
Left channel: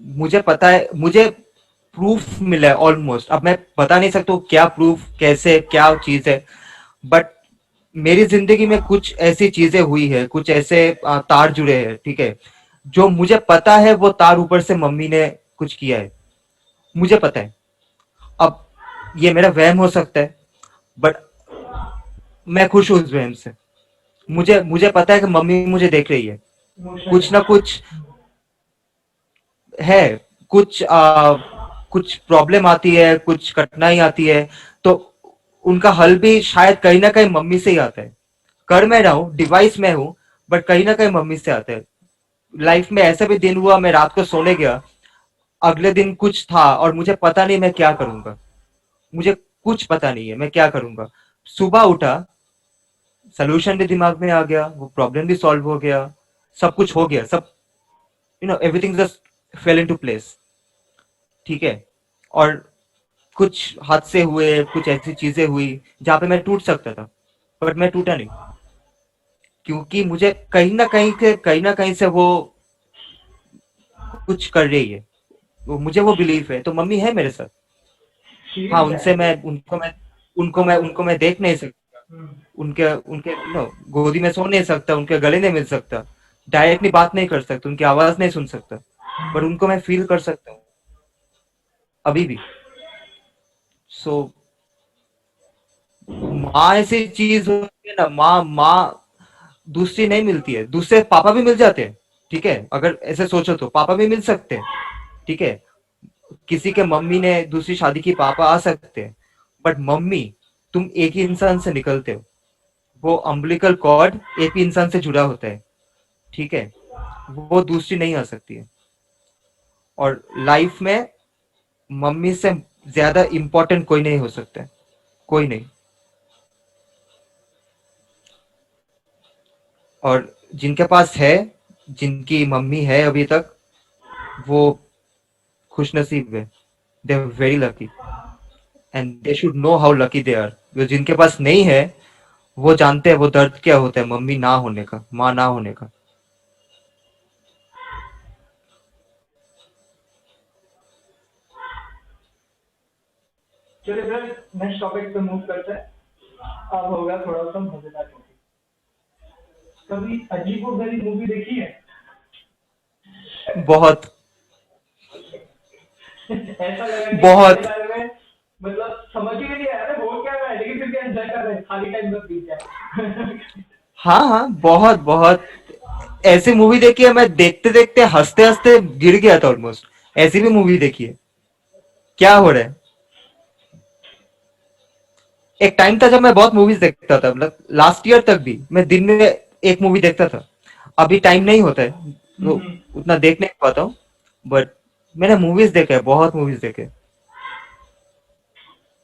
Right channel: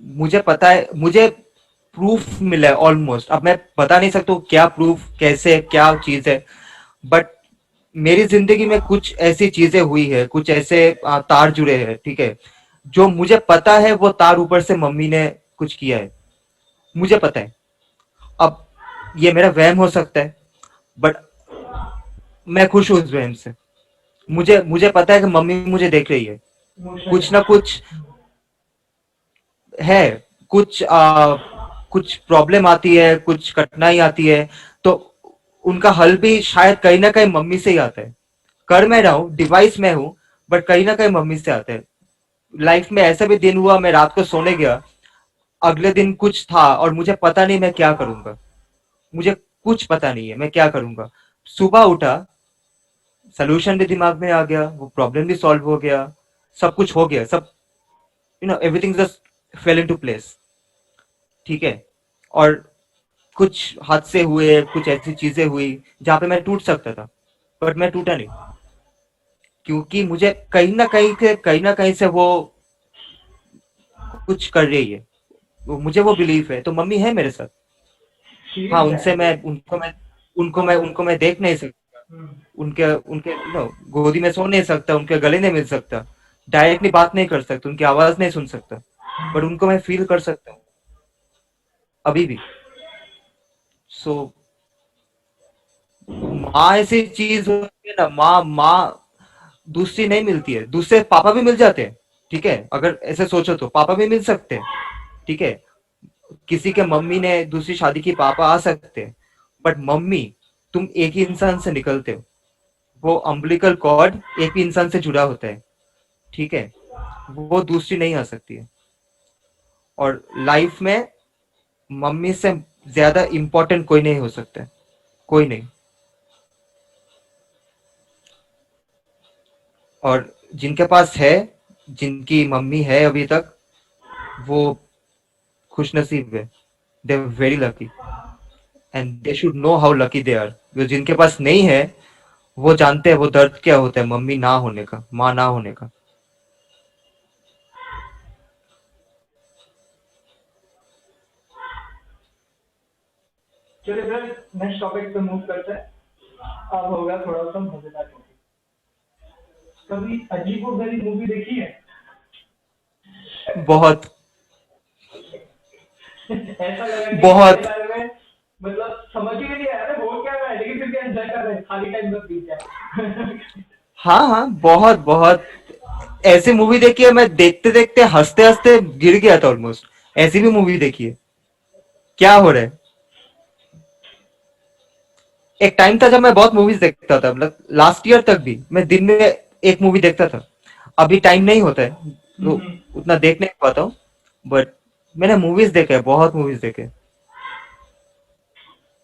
मुझे पता है, मुझे प्रूफ मिला है ऑलमोस्ट। अब मैं बता नहीं सकता हूँ क्या प्रूफ, कैसे, क्या चीज है, बट मेरी जिंदगी में कुछ ऐसी चीजें हुई है, कुछ ऐसे तार जुड़े हैं, ठीक है, जो मुझे पता है वो तार ऊपर से मम्मी ने कुछ किया है, मुझे पता है। अब ये मेरा वहम हो सकता है, बट मैं खुश हूँ उस वहम से। मुझे मुझे पता है कि मम्मी मुझे देख रही है, इमोशन कुछ ना कनेक्शन। कुछ है, कुछ कुछ प्रॉब्लम आती है, कुछ कठिनाई आती है, तो उनका हल भी शायद कहीं ना कहीं मम्मी से ही आता है। कर मैं रहा हूँ, डिवाइस में हूँ, बट कहीं ना कहीं मम्मी से आता है। लाइफ में ऐसा भी दिन हुआ, मैं रात को सोने गया, अगले दिन कुछ था और मुझे पता नहीं मैं क्या करूंगा, मुझे कुछ पता नहीं है मैं क्या करूंगा। सुबह उठा, सोल्यूशन भी दिमाग में आ गया, वो प्रॉब्लम भी सॉल्व हो गया, सब कुछ हो गया, सब everything just fail into place, ठीक है। और कुछ हादसे हुए, कुछ ऐसी चीजें हुई जहां पे मैं टूट सकता था, बट मैं टूटा नहीं, क्योंकि मुझे कहीं ना कहीं से वो कुछ कर रही है, मुझे वो बिलीफ है, तो मम्मी है मेरे साथ। हाँ, शील्ड है उनसे वो। मैं आपको। उनको मैं देख नहीं सकता, हम्म। उनके उनके गोदी में सो नहीं सकता, उनके गले नहीं मिल सकता, डायरेक्टली बात नहीं कर सकता, उनकी आवाज नहीं सुन सकता, बट उनको मैं फील कर सकता हूँ अभी भी। सो माँ ऐसी चीज होती है ना, माँ माँ दूसरी नहीं मिलती है। दूसरे पापा भी मिल जाते हैं, ठीक है, अगर ऐसे सोचो तो पापा भी मिल सकते हैं, ठीक है, किसी के मम्मी ने दूसरी शादी की, पापा आ सकते हैं, बट मम्मी, तुम एक ही इंसान से निकलते हो, वो अम्बिलिकल कॉर्ड एक ही इंसान से जुड़ा होता है, ठीक है, वो दूसरी नहीं आ सकती है। और लाइफ में मम्मी से ज्यादा इंपॉर्टेंट कोई नहीं हो सकता है, कोई नहीं। और जिनके पास है, जिनकी मम्मी है अभी तक, वो खुश नसीब है, they very lucky. And they should know how lucky they are. जो जिनके पास नहीं है वो जानते हैं वो दर्द क्या होता है मम्मी ना होने का, माँ ना होने का। चलिए फिर नेक्स्ट टॉपिक पे मूव करते हैं। अब होगा थोड़ा सा मजेदार टॉपिक। कभी अजीबोगरीब मूवी देखी है? बहुत ऐसा लगा कि पहले बहुत। बार में मतलब समझ ही नहीं आया ना बोल क्या रहा है, लेकिन फिर भी एंजॉय कर रहे हैं, खाली टाइम में बीत जाए। हाँ हाँ, बहुत बहुत। ऐसी मूवी देखी है मैं, देखते देखते हंसते हंसते गिर गया था ऑलमोस्ट। ऐसी भी मूवी देखी है। क्या हो रहा है। एक टाइम था जब मैं बहुत मूवीज देखता था, मतलब लास्ट ईयर तक भी मैं दिन में एक मूवी देखता था। अभी टाइम नहीं होता है तो हम्म। उतना देख नहीं पाता हूँ। बट मैंने मूवीज देखे हैं, बहुत मूवीज देखे हैं।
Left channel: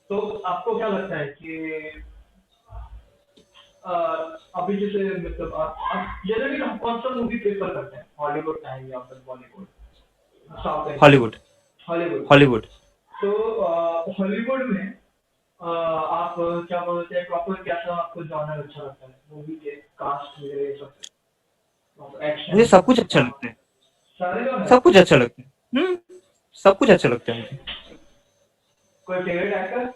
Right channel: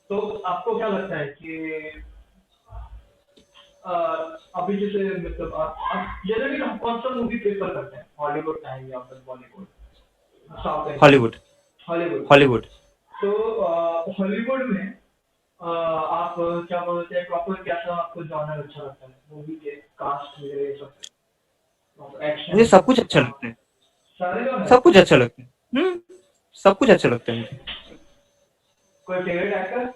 तो आपको क्या लगता है कि अ, अभी जैसे मतलब आप जनरली हम कौन सा मूवी प्रेफर करते हैं, हॉलीवुड का है या फिर Bollywood, south Indian, Hollywood. Hollywood? Hollywood. तो हॉलीवुड में आप क्या बोलते हैं प्रॉपर, कैसा आपको जॉनर अच्छा लगता है मूवी के, कास्ट वगैरह ये सब, मुझे एक्शन, सब कुछ अच्छा लगता है। सारे जॉनर? सब कुछ अच्छा लगता है। सब कुछ अच्छा लगता है मुझे। कोई फेवरेट एक्टर?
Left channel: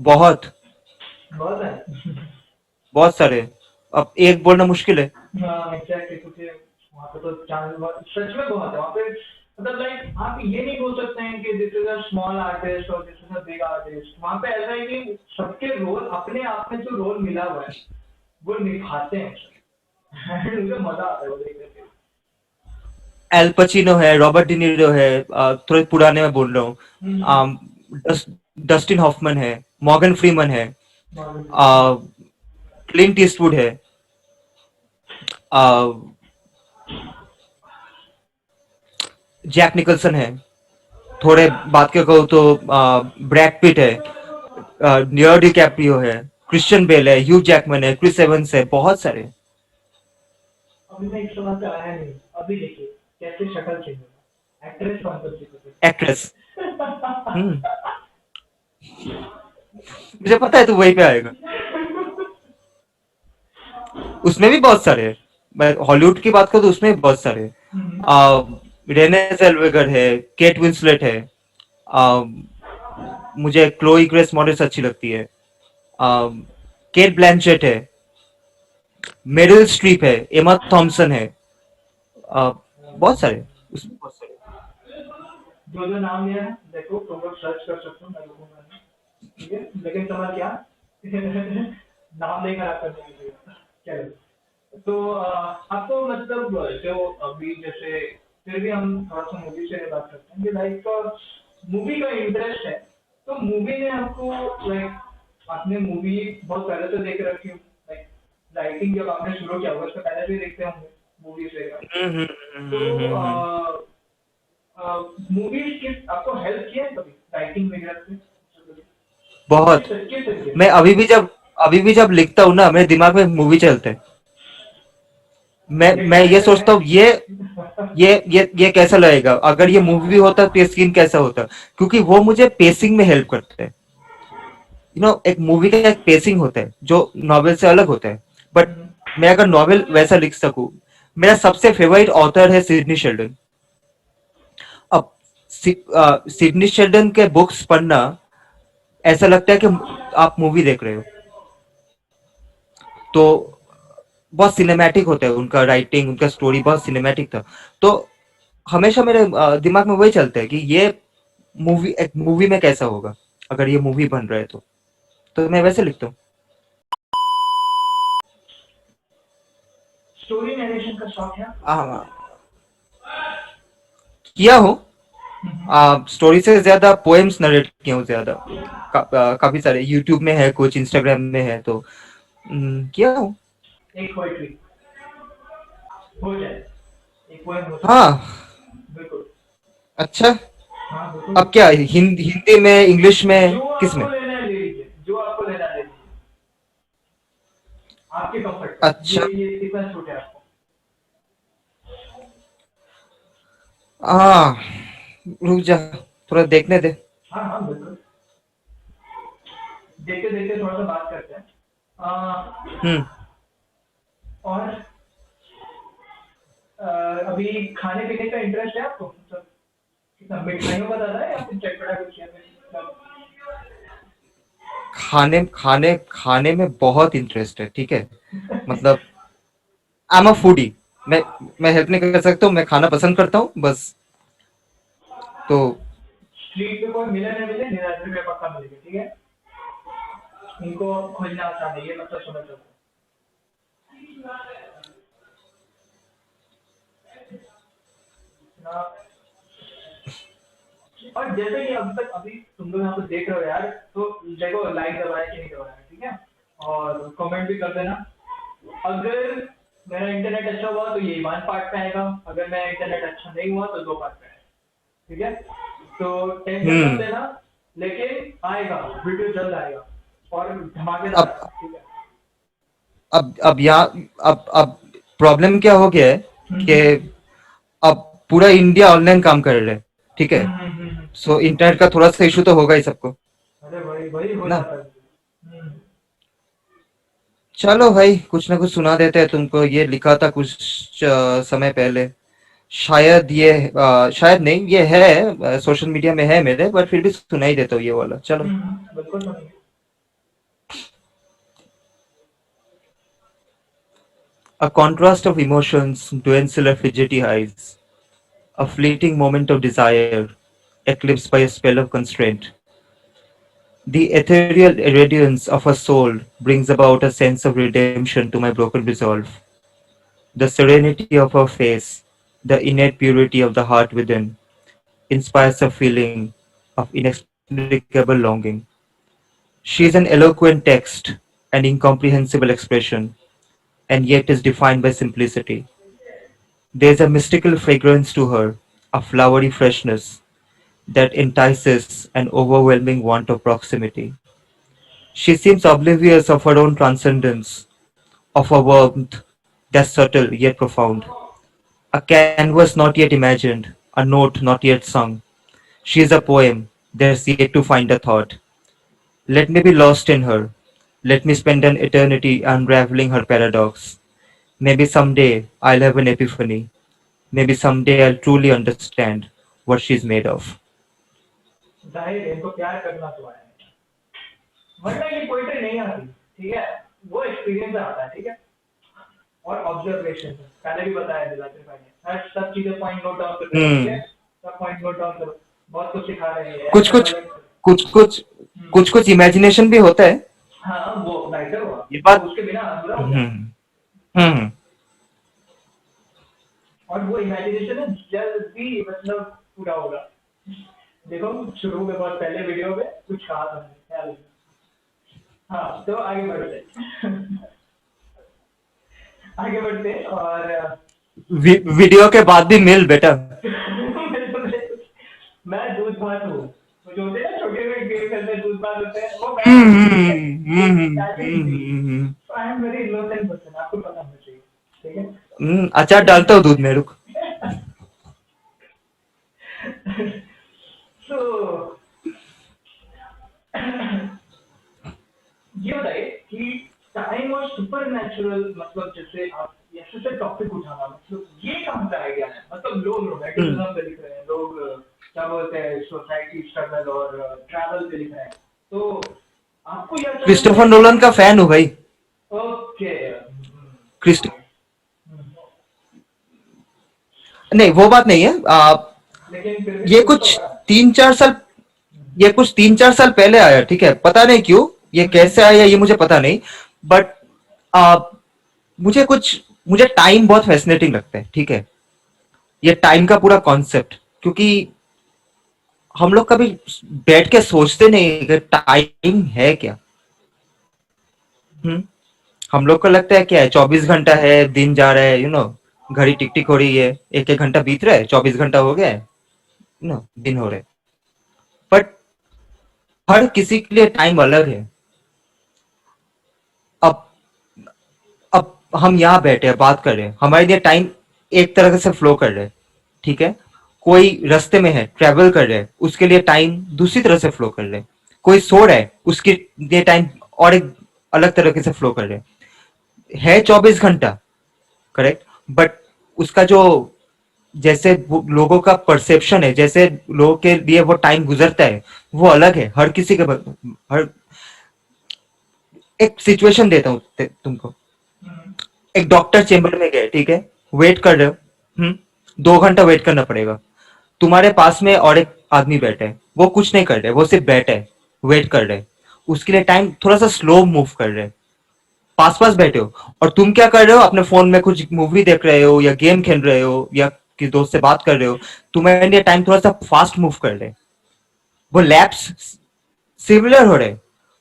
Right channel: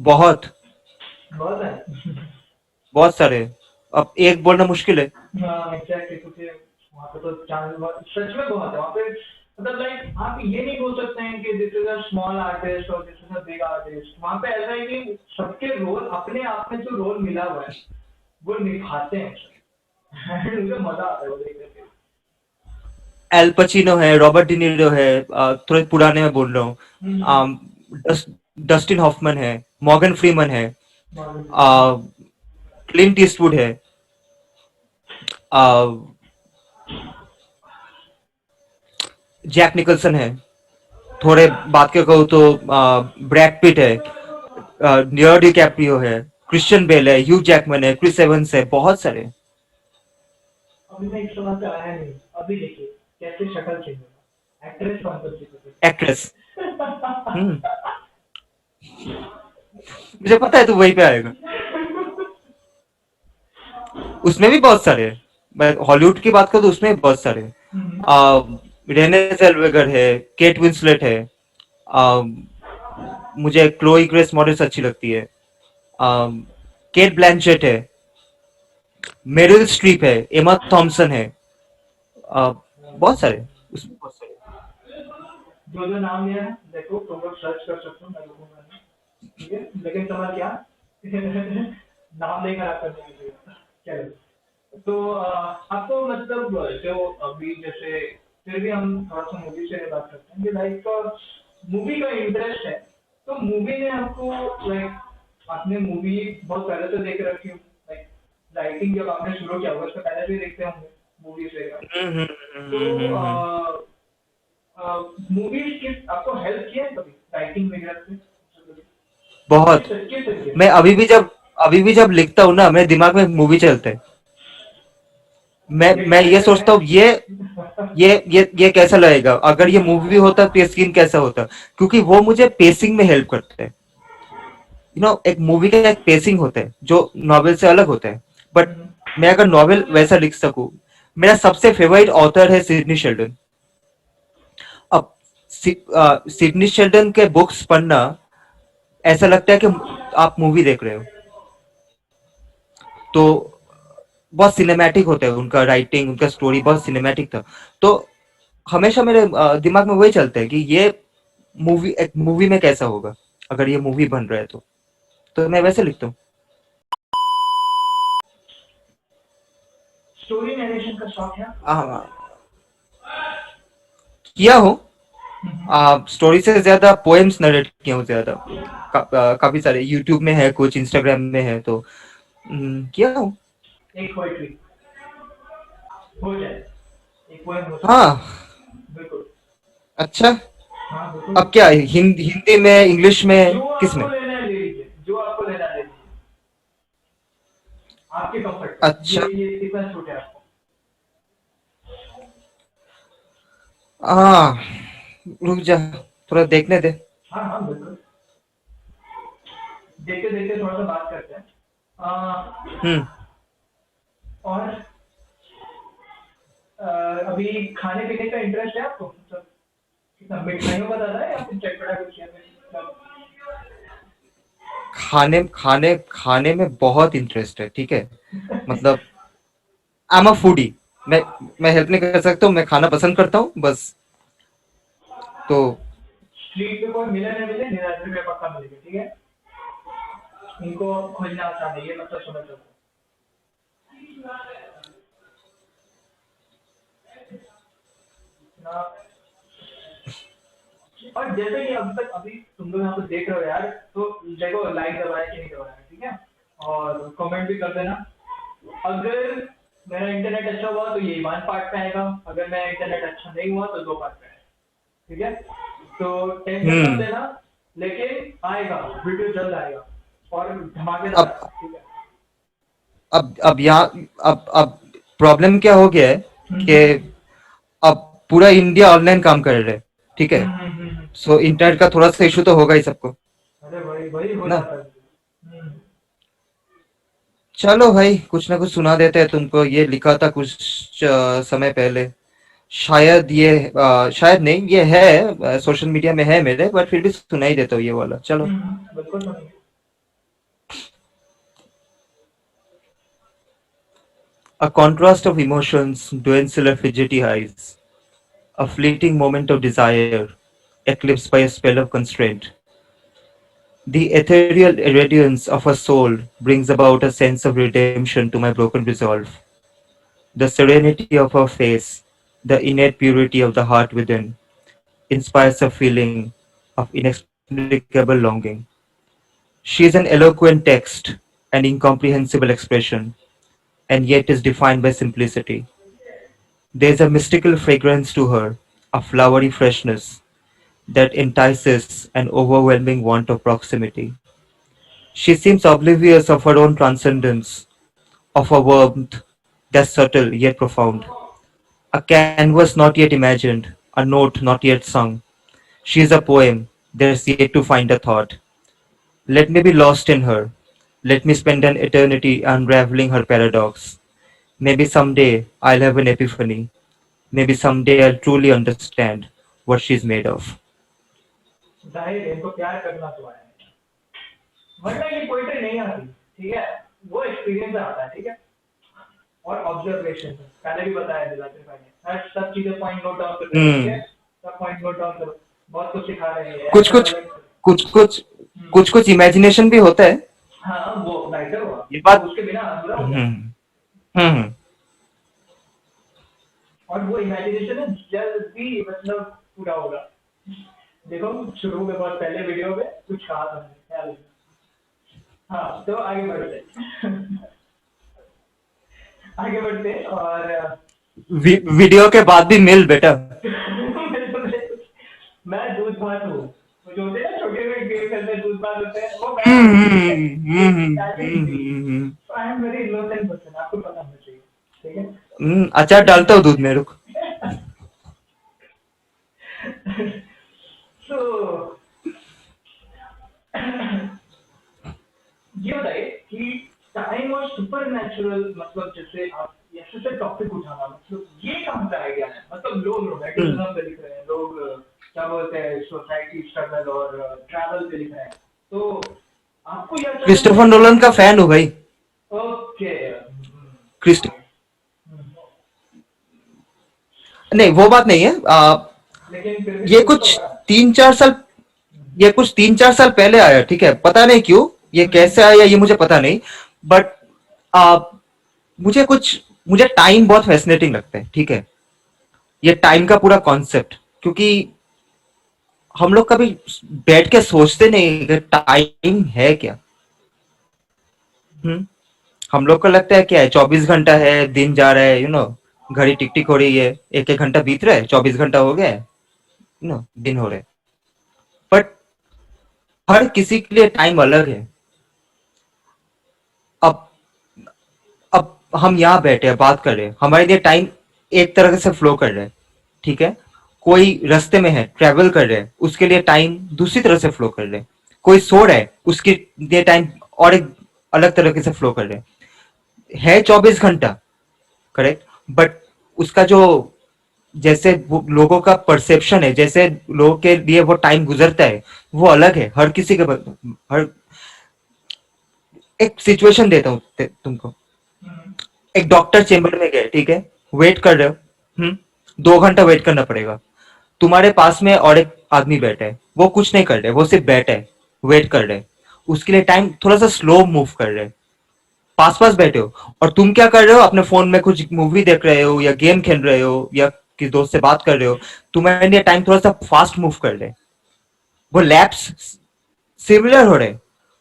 बहुत। बहुत है। बहुत सारे। अब एक बोलना मुश्किल है। हाँ एग्जैक्टली, क्योंकि वहाँ पे तो चांस सच में बहुत है वहाँ पे। मतलब लाइक आप ये नहीं बोल सकते हैं कि this is a small artist और this is a big artist. वहाँ पे ऐसा है कि सबके रोल अपने आप में जो रोल मिला हुआ है वो निभाते हैं सब। मुझे मजा आता है वो देख करके। एल पचिनो है, रॉबर्ट डिनीरो है, थोड़े पुराने में बोल रहा हूँ। हम्म। अम, डस्टिन हॉफमैन है, मॉर्गन फ्रीमन है, हम्म। क्लिंट ईस्टवुड है, जैक निकलसन है। थोड़े बात के कहूँ तो ब्रैड पिट है, लियोनार्डो डिकैप्रियो है, क्रिश्चियन बेल है, ह्यू जैकमैन है, क्रिस एवंस है, बहुत सारे। अभी मैं इस समय पे आया नहीं, अभी देखिए कैसे शक्ल चेंज होगा, एक्ट्रेस कौन सी एक्ट्रेस। पसंद हम्म। मुझे पता है तू वहीं पे आएगा। उसमें भी बहुत सारे हैं। मैं हॉलीवुड की बात करूँ तो उसमें भी बहुत सारे हैं। है? रेने जेल्वेगर है, केट विंसलेट है, आ, मुझे क्लोई ग्रेस मॉरेस अच्छी लगती है, आ, केट ब्लैंचेट है, मेरिल स्ट्रीप है, एमा थॉम्सन है, बहुत सारे। उसमें बहुत सारे। जो जो नाम लिया है देखो तुम लोग सर्च कर सकते हो, मैं लिखूंगा नहीं, ठीक है, लेकिन समझ क्या। नाम लेकर आप करने की चलो। तो आपको मतलब जो अभी जैसे, फिर भी हम थोड़ा सा मूवी से बात करते हैं कि लाइक मूवी का इंटरेस्ट है, तो मूवी ने आपको लाइक, आपने मूवी बहुत पहले से देख रखी हो, लाइक राइटिंग जब आपने शुरू किया होगा उससे पहले भी देखते होंगे मूवीज वगैरह। हम्म। तो मूवीज किस आपको हेल्प किया है कभी राइटिंग वगैरह से? बहुत। किस तरीके मैं से? अभी भी जब लिखता हूँ ना मेरे दिमाग में मूवी चलते हैं। ये मैं ये कैरेक्टर है। सोचता हूँ ये कैसा लगेगा अगर ये मूवी होता तो ये सीन कैसा होता। क्योंकि वो मुझे पेसिंग में हेल्प करते हैं। एक मूवी का एक पेसिंग होता है जो नॉवेल से अलग होता है। बट हम्म। मैं अगर नॉवेल वैसा लिख सकूं। मेरा सबसे फेवरेट ऑथर है सिडनी शेल्डन। अब सिडनी शेल्डन के बुक्स पढ़ना ऐसा लगता है कि आप मूवी देख रहे हो। तो बहुत सिनेमैटिक होता है उनका राइटिंग, उनका स्टोरी बहुत सिनेमैटिक था। तो हमेशा मेरे दिमाग में वही चलता है कि ये एक मूवी में कैसा होगा अगर ये मूवी बन रहा है तो मैं वैसे लिखता हूँ। स्टोरी नरेशन का शौक है आपको? हाँ, किया हूँ। हम्म। स्टोरी से ज्यादा पोएम्स नरेट किया हूँ ज्यादा। काफी सारे यूट्यूब में है, कुछ इंस्टाग्राम में है तो किया हूँ। एक पोएट्री हो जाए, एक पोएम हो सकता हाँ। है, बिल्कुल। अच्छा। हाँ बिल्कुल। अब क्या हिंदी में, इंग्लिश जो में, किस आपको में? लेना है ले लीजिए, जो आपको लेना है ले लीजिए, आपके कंफर्ट पे, अच्छा। ये कितना छूट है आपको? हाँ, रुक जा। थोड़ा देखने दे। हाँ हाँ बिल्कुल, देखते देखते थोड़ा सा बात करते हैं। हम्म। और अभी खाने पीने का इंटरेस्ट है आपको, मतलब कितना मिठाइयों का ज़्यादा है या फिर चटपटा कुछ या फिर मतलब? खाने खाने खाने में बहुत इंटरेस्ट है, ठीक है। मतलब आई एम अ फूडी। मैं मैं हेल्प नहीं कर सकता हूँ, मैं खाना पसंद करता हूँ बस। तो स्ट्रीट पे कोई मिले ना मिले, निराश में पक्का मिलेगा, ठीक है। इनको खोजना आसान है, ये मतलब समझ सकते हो ना। और जैसे कि अब तक अभी तुम लोग यहाँ पे देख रहे हो यार, तो देखो लाइक दबाया कि नहीं दबाया, ठीक है। और कमेंट भी कर देना। अगर मेरा इंटरनेट अच्छा हुआ तो ये वन पार्ट पे आएगा, अगर मेरा इंटरनेट अच्छा नहीं हुआ तो दो पार्ट पे आएगा, ठीक है। तो टेंशन मत हम्म। लेना, लेकिन आएगा, वीडियो जल्द आएगा और धमाकेदार अब आएगा, ठीक है। अब यहाँ अब प्रॉब्लम क्या हो गया है कि हम्म अब पूरा इंडिया ऑनलाइन काम कर रहा है, ठीक है। हम्म। सो इंटरनेट का थोड़ा सा इशू तो होगा ही सबको, अरे वही वही हो ना। जाता है। चलो भाई, कुछ ना कुछ सुना देते हैं तुमको। ये लिखा था कुछ समय पहले। शायद ये शायद नहीं, ये है सोशल मीडिया में है मेरे, बट फिर भी सुना ही देता हूँ ये वाला। चलो। बिल्कुल सुनिए। A contrast of emotions, duensel fidgety eyes, a fleeting moment of desire, eclipsed by a spell of constraint. The ethereal radiance of her soul brings about a sense of redemption to my broken resolve. The serenity of her face, the innate purity of the heart within, inspires a feeling of inexplicable longing. She is an eloquent text, an incomprehensible expression, and yet is defined by simplicity. There is a mystical fragrance to her, a flowery freshness that entices an overwhelming want of proximity. She seems oblivious of her own transcendence, of a warmth that's subtle yet profound, a canvas not yet imagined, a note not yet sung. She is a poem that's yet to find a thought. Let me be lost in her. Let me spend an eternity unraveling her paradox. Maybe someday I'll have an epiphany. Maybe someday I'll truly understand what she's made of. जाहिर है इनको प्यार करना तो आया है, वरना ये पोइट्री नहीं आती, ठीक है। वो एक्सपीरियंस से आता है, ठीक है। और ऑब्जर्वेशन से पहले भी बताया दिलाते भाई ने, हर सब चीजें पॉइंट नोट डाउन करते रहो, ठीक है। Hmm. सब पॉइंट नोट डाउन करो, बहुत कुछ सिखा रहे हैं ये, कुछ ऐसा कुछ वाला। कुछ कुछ हम्म, कुछ कुछ इमेजिनेशन भी होता है। हाँ वो राइटर हुआ, ये वो बात। उसके बिना अधूरा हो जाता। हम्म। हम्म। और वो इमेजिनेशन है जल्द भी मतलब पूरा होगा। देखो शुरू में बहुत पहले वीडियो में कुछ कहा था मैंने, ख्याल है। हाँ तो आगे बढ़ते हैं। आगे बढ़ते हैं और वीडियो के बाद भी मिल बेटा। मैं दूध भात हूँ, वो जो होते हैं ना छोटे छोटे गेम खेलते हैं, दूध भात होते हैं, वो मैं हम्म। हूँ, ठीक है। हम्म। I am very innocent person, आपको पता होना चाहिए, ठीक है। अचार डालता हूँ दूध में, रुक। तो ये बताइए कि टाइम और सुपर नेचुरल, मतलब जैसे आप ऐसे से टॉपिक उठाना, मतलब ये कहाँ का आइडिया है, मतलब लोग हम्म। रोमांटिसिज्म पे लिख रहे हैं, लोग क्या बोलते हैं सोसाइटी स्ट्रगल और ट्रैवल पे लिख रहे हैं, तो आपको ये अचानक क्रिस्टोफर से नोलन टाइम। का फैन हूँ भाई। ओके। क्रिस्ट नहीं, वो बात नहीं है। लेकिन फिर भी ये कुछ तो कुछ होगा। 3-4 साल ये कुछ 3-4 साल पहले आया, ठीक है। पता नहीं क्यों, ये कैसे आया ये मुझे पता नहीं। बट आ, मुझे कुछ मुझे टाइम बहुत फैसिनेटिंग लगता है, ठीक है। ये टाइम का पूरा कॉन्सेप्ट, क्योंकि हम लोग कभी बैठ के सोचते नहीं कि टाइम है क्या। हम्म। हम लोग को लगता है क्या है, 24 घंटा है, दिन जा रहा है, घड़ी टिक टिक हो रही है, एक एक घंटा बीत रहा है, 24 घंटा हो गया है, दिन हो रहे हैं। बट हर किसी के लिए टाइम अलग है। अब अब हम यहाँ बैठे हैं, बात कर रहे हैं, हमारे लिए टाइम एक तरह से फ्लो कर रहा है, ठीक है। कोई रास्ते में है, ट्रेवल कर रहे हैं, उसके लिए टाइम दूसरी तरह से फ्लो कर रहे हैं। कोई सो रहा है, उसके लिए टाइम और एक अलग तरीके से फ्लो कर रहे हैं। है 24 घंटा, करेक्ट, बट उसका जो जैसे लोगों का परसेप्शन है, जैसे लोगों के लिए वो टाइम गुजरता है, वो अलग है हर किसी के। हर एक सिचुएशन देता हूँ तुमको। हम्म, एक डॉक्टर चेम्बर में गए, ठीक है, वेट कर रहे हो, 2 घंटा वेट करना पड़ेगा। तुम्हारे पास में और एक आदमी बैठा है, वो कुछ नहीं कर रहे, वो सिर्फ बैठे है, वेट कर रहे, उसके लिए टाइम थोड़ा सा स्लो मूव कर रहे, पास पास बैठे हो। और तुम क्या कर रहे हो, अपने फोन में कुछ मूवी देख रहे हो या गेम खेल रहे हो या किसी दोस्त से बात कर रहे हो। तुम्हारे लिए टाइम थोड़ा सा फास्ट मूव कर रहे, वो लैप्स सिमिलर हो रहे,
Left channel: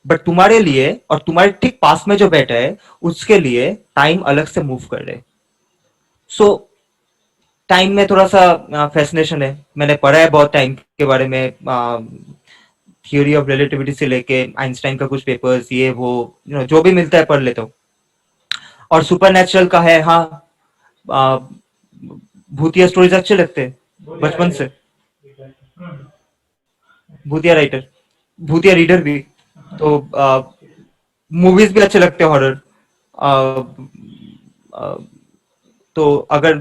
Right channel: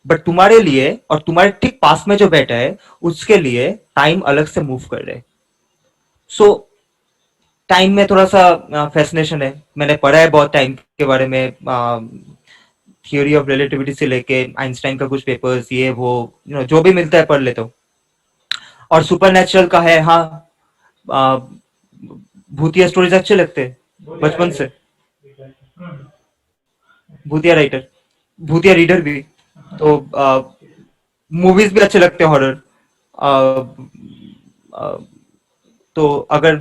बट तुम्हारे लिए और तुम्हारे ठीक पास में जो बैठा है, उसके लिए टाइम अलग से मूव कर रहे। सो टाइम में थोड़ा सा फैसिनेशन है, मैंने पढ़ा है बहुत टाइम के बारे में, थियोरी ऑफ रिलेटिविटी से लेके आइंस्टाइन का कुछ पेपर्स, ये वो, जो भी मिलता है पढ़ लेता हूँ। और सुपर नेचुरल का है, हाँ, आ, भूतिया स्टोरीज अच्छे लगते हैं भूतिया बचपन राइटर। से। हम्म, भूतिया राइटर, भूतिया रीडर भी। तो मूवीज भी अच्छे लगते हैं हॉरर। तो अगर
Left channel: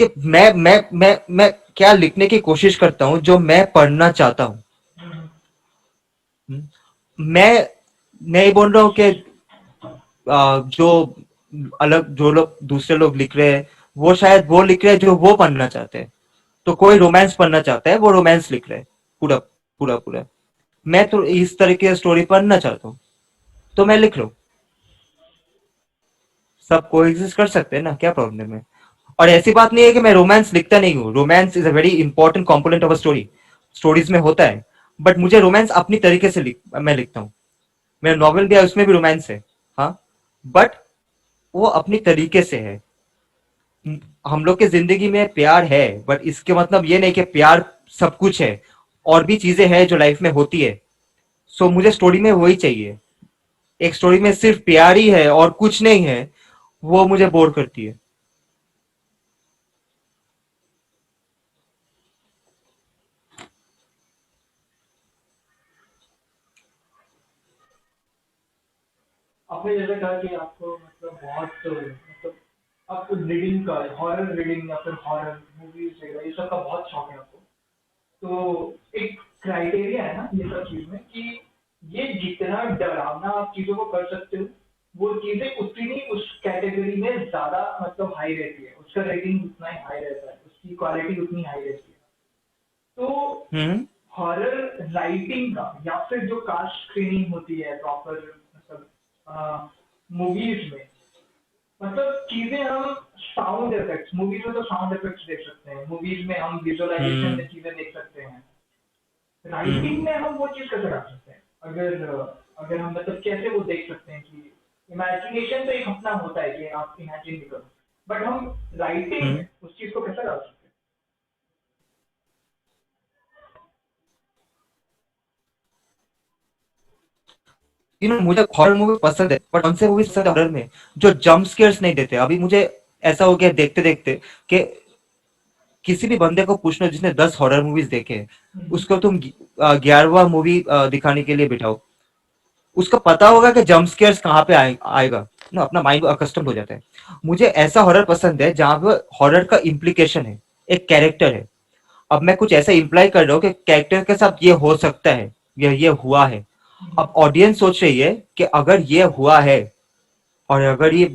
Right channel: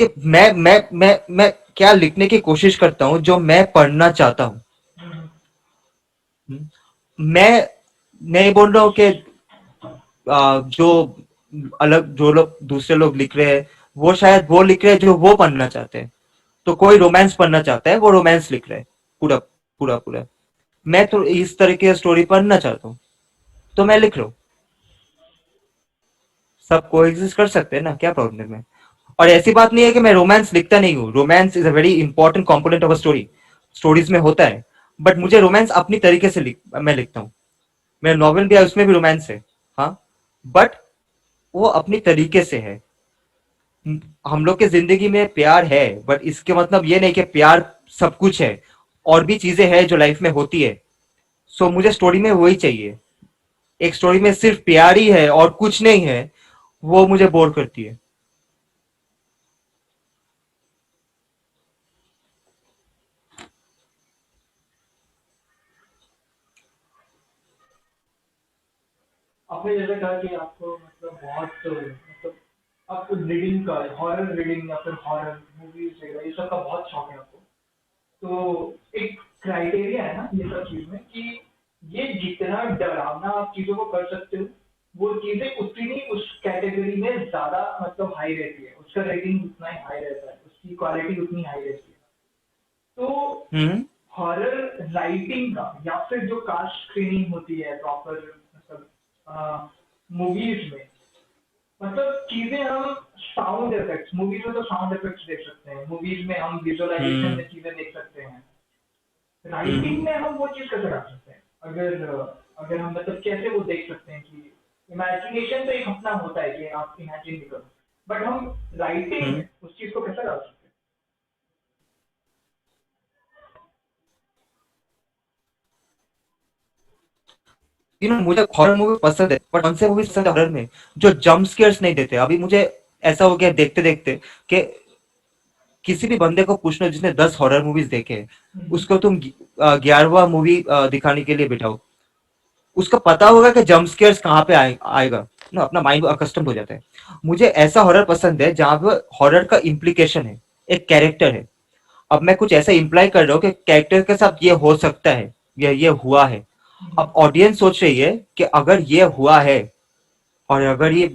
कि मैं क्या लिखने की कोशिश करता हूँ जो मैं पढ़ना चाहता हूँ। हम्म, मैं नहीं बोल रहा हूँ कि जो अलग जो लोग दूसरे लोग लिख रहे हैं, वो शायद वो लिख रहे हैं जो वो पढ़ना चाहते हैं। तो कोई रोमांस पढ़ना चाहता है, वो रोमांस लिख रहा है पूरा पूरा पूरा। मैं तो इस तरह की स्टोरी पढ़ना चाहता हूँ, तो मैं लिख रहा हूँ। सब को एग्जिस्ट कर सकते हैं ना, क्या प्रॉब्लम है। और ऐसी बात नहीं है कि मैं रोमांस लिखता नहीं हूँ, romance is a very important component of a story, stories में होता है। बट मुझे रोमांस अपनी तरीके से मैं लिखता हूँ। मेरा नॉवेल भी है, उसमें भी रोमांस है, हाँ, बट वो अपनी तरीके से है। हम लोग की जिंदगी में प्यार है, बट इसके मतलब ये नहीं कि प्यार सब कुछ है, और भी चीजें हैं जो लाइफ में होती है। सो मुझे स्टोरी में वही चाहिए। एक स्टोरी में सिर्फ प्यार ही है और कुछ नहीं है, वो मुझे बोर करती है। आपने जैसे कहा कि आपको मतलब बहुत मतलब आपको रीडिंग का, हॉरर रीडिंग या फिर हॉरर मूवीज वगैरह ये सब का बहुत शौक है आपको। तो एक क्राइटेरिया है ना ये सब चीज में कि ये जितना डरावना आप चीजों को कर सकते हो, वो चीजें उतनी ही उस कैटेगरी में ज्यादा मतलब हाई रहती है, उसका रेटिंग उतना ही हाई रहता है, उसकी क्वालिटी उतनी हाई रहती है। तो हम्म हॉरर राइटिंग का या फिर जो कास्ट स्क्रीनिंग होती है प्रॉपर मतलब मूवीज में, मतलब चीजें हम साउंड इफेक्ट्स, मूवीज में तो साउंड इफेक्ट्स देख सकते हैं, मूवीज में हम विजुअलाइजेशन हम्म में चीजें देख सकते हैं। हम्म राइटिंग में हम वो चीज कैसे कर सकते हैं, अगर अगर हम मतलब कैसे वो देख सकते हैं कि इमेजिनेशन तो एक अपना होता है कि आप इमेजिन भी करो, बट हम राइटिंग हम्म में उस चीज को कैसे कर सकते मुझे हॉरर मूवी पसंद है, बट कौन से मूवी पसंद है हॉरर में जो जंप स्केयर्स नहीं देते। अभी मुझे ऐसा हो गया देखते देखते कि किसी भी बंदे को पूछ लो जिसने 10 हॉरर मूवीज देखे हैं, हैं? उसको तुम 11वां मूवी दिखाने के लिए बिठाओ, उसको पता होगा कि जंप स्केयर्स कहाँ पे आएगा ना, अपना माइंड अकस्टम हो जाता है। मुझे ऐसा हॉरर पसंद है जहां पे हॉरर का इम्प्लीकेशन है, एक कैरेक्टर है। अब मैं कुछ ऐसा इंप्लाई कर रहा हूँ कि कैरेक्टर के साथ ये हो सकता है, ये हुआ है। अब ऑडियंस सोच रही है कि अगर ये हुआ है, और अगर ये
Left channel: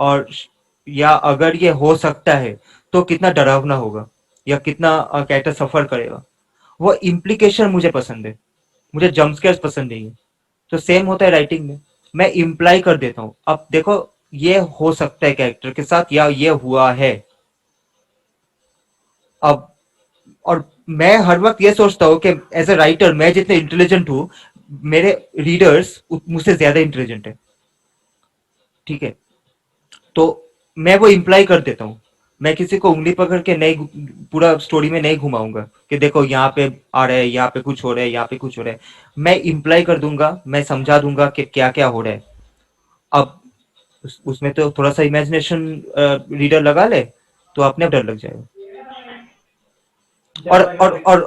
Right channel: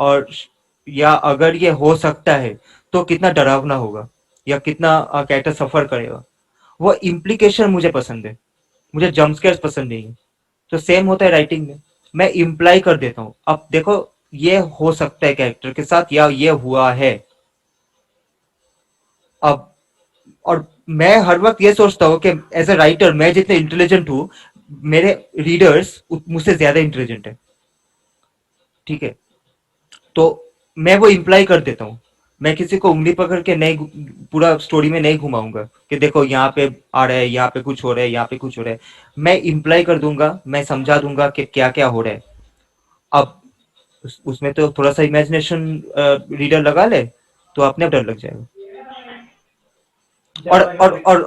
और या अगर ये हो सकता है, तो कितना डरावना होगा या कितना कैरेक्टर सफर करेगा। वो इम्प्लीकेशन मुझे पसंद है, मुझे जम्प पसंद नहीं है। तो सेम होता है राइटिंग में, मैं इम्प्लाई कर देता हूँ, अब देखो ये हो सकता है कैरेक्टर के साथ या ये हुआ है। अब और मैं हर वक्त ये सोचता हूँ कि एज ए राइटर मैं जितने इंटेलिजेंट हूँ, मेरे रीडर्स मुझसे ज्यादा इंटेलिजेंट है, ठीक है। तो मैं वो इम्प्लाई कर देता हूँ। मैं किसी को उंगली पकड़ के नहीं, पूरा स्टोरी में नहीं घुमाऊंगा कि देखो यहाँ पे आ रहा है, यहाँ पे कुछ हो रहा है, यहाँ पे कुछ हो रहा है। मैं इम्प्लाई कर दूंगा, मैं समझा दूंगा कि क्या क्या हो रहा है। अब उसमें तो थोड़ा सा इमेजिनेशन रीडर लगा ले, तो अपने आप डर लग जाएगा। और दैट्स व्हाई और मैं और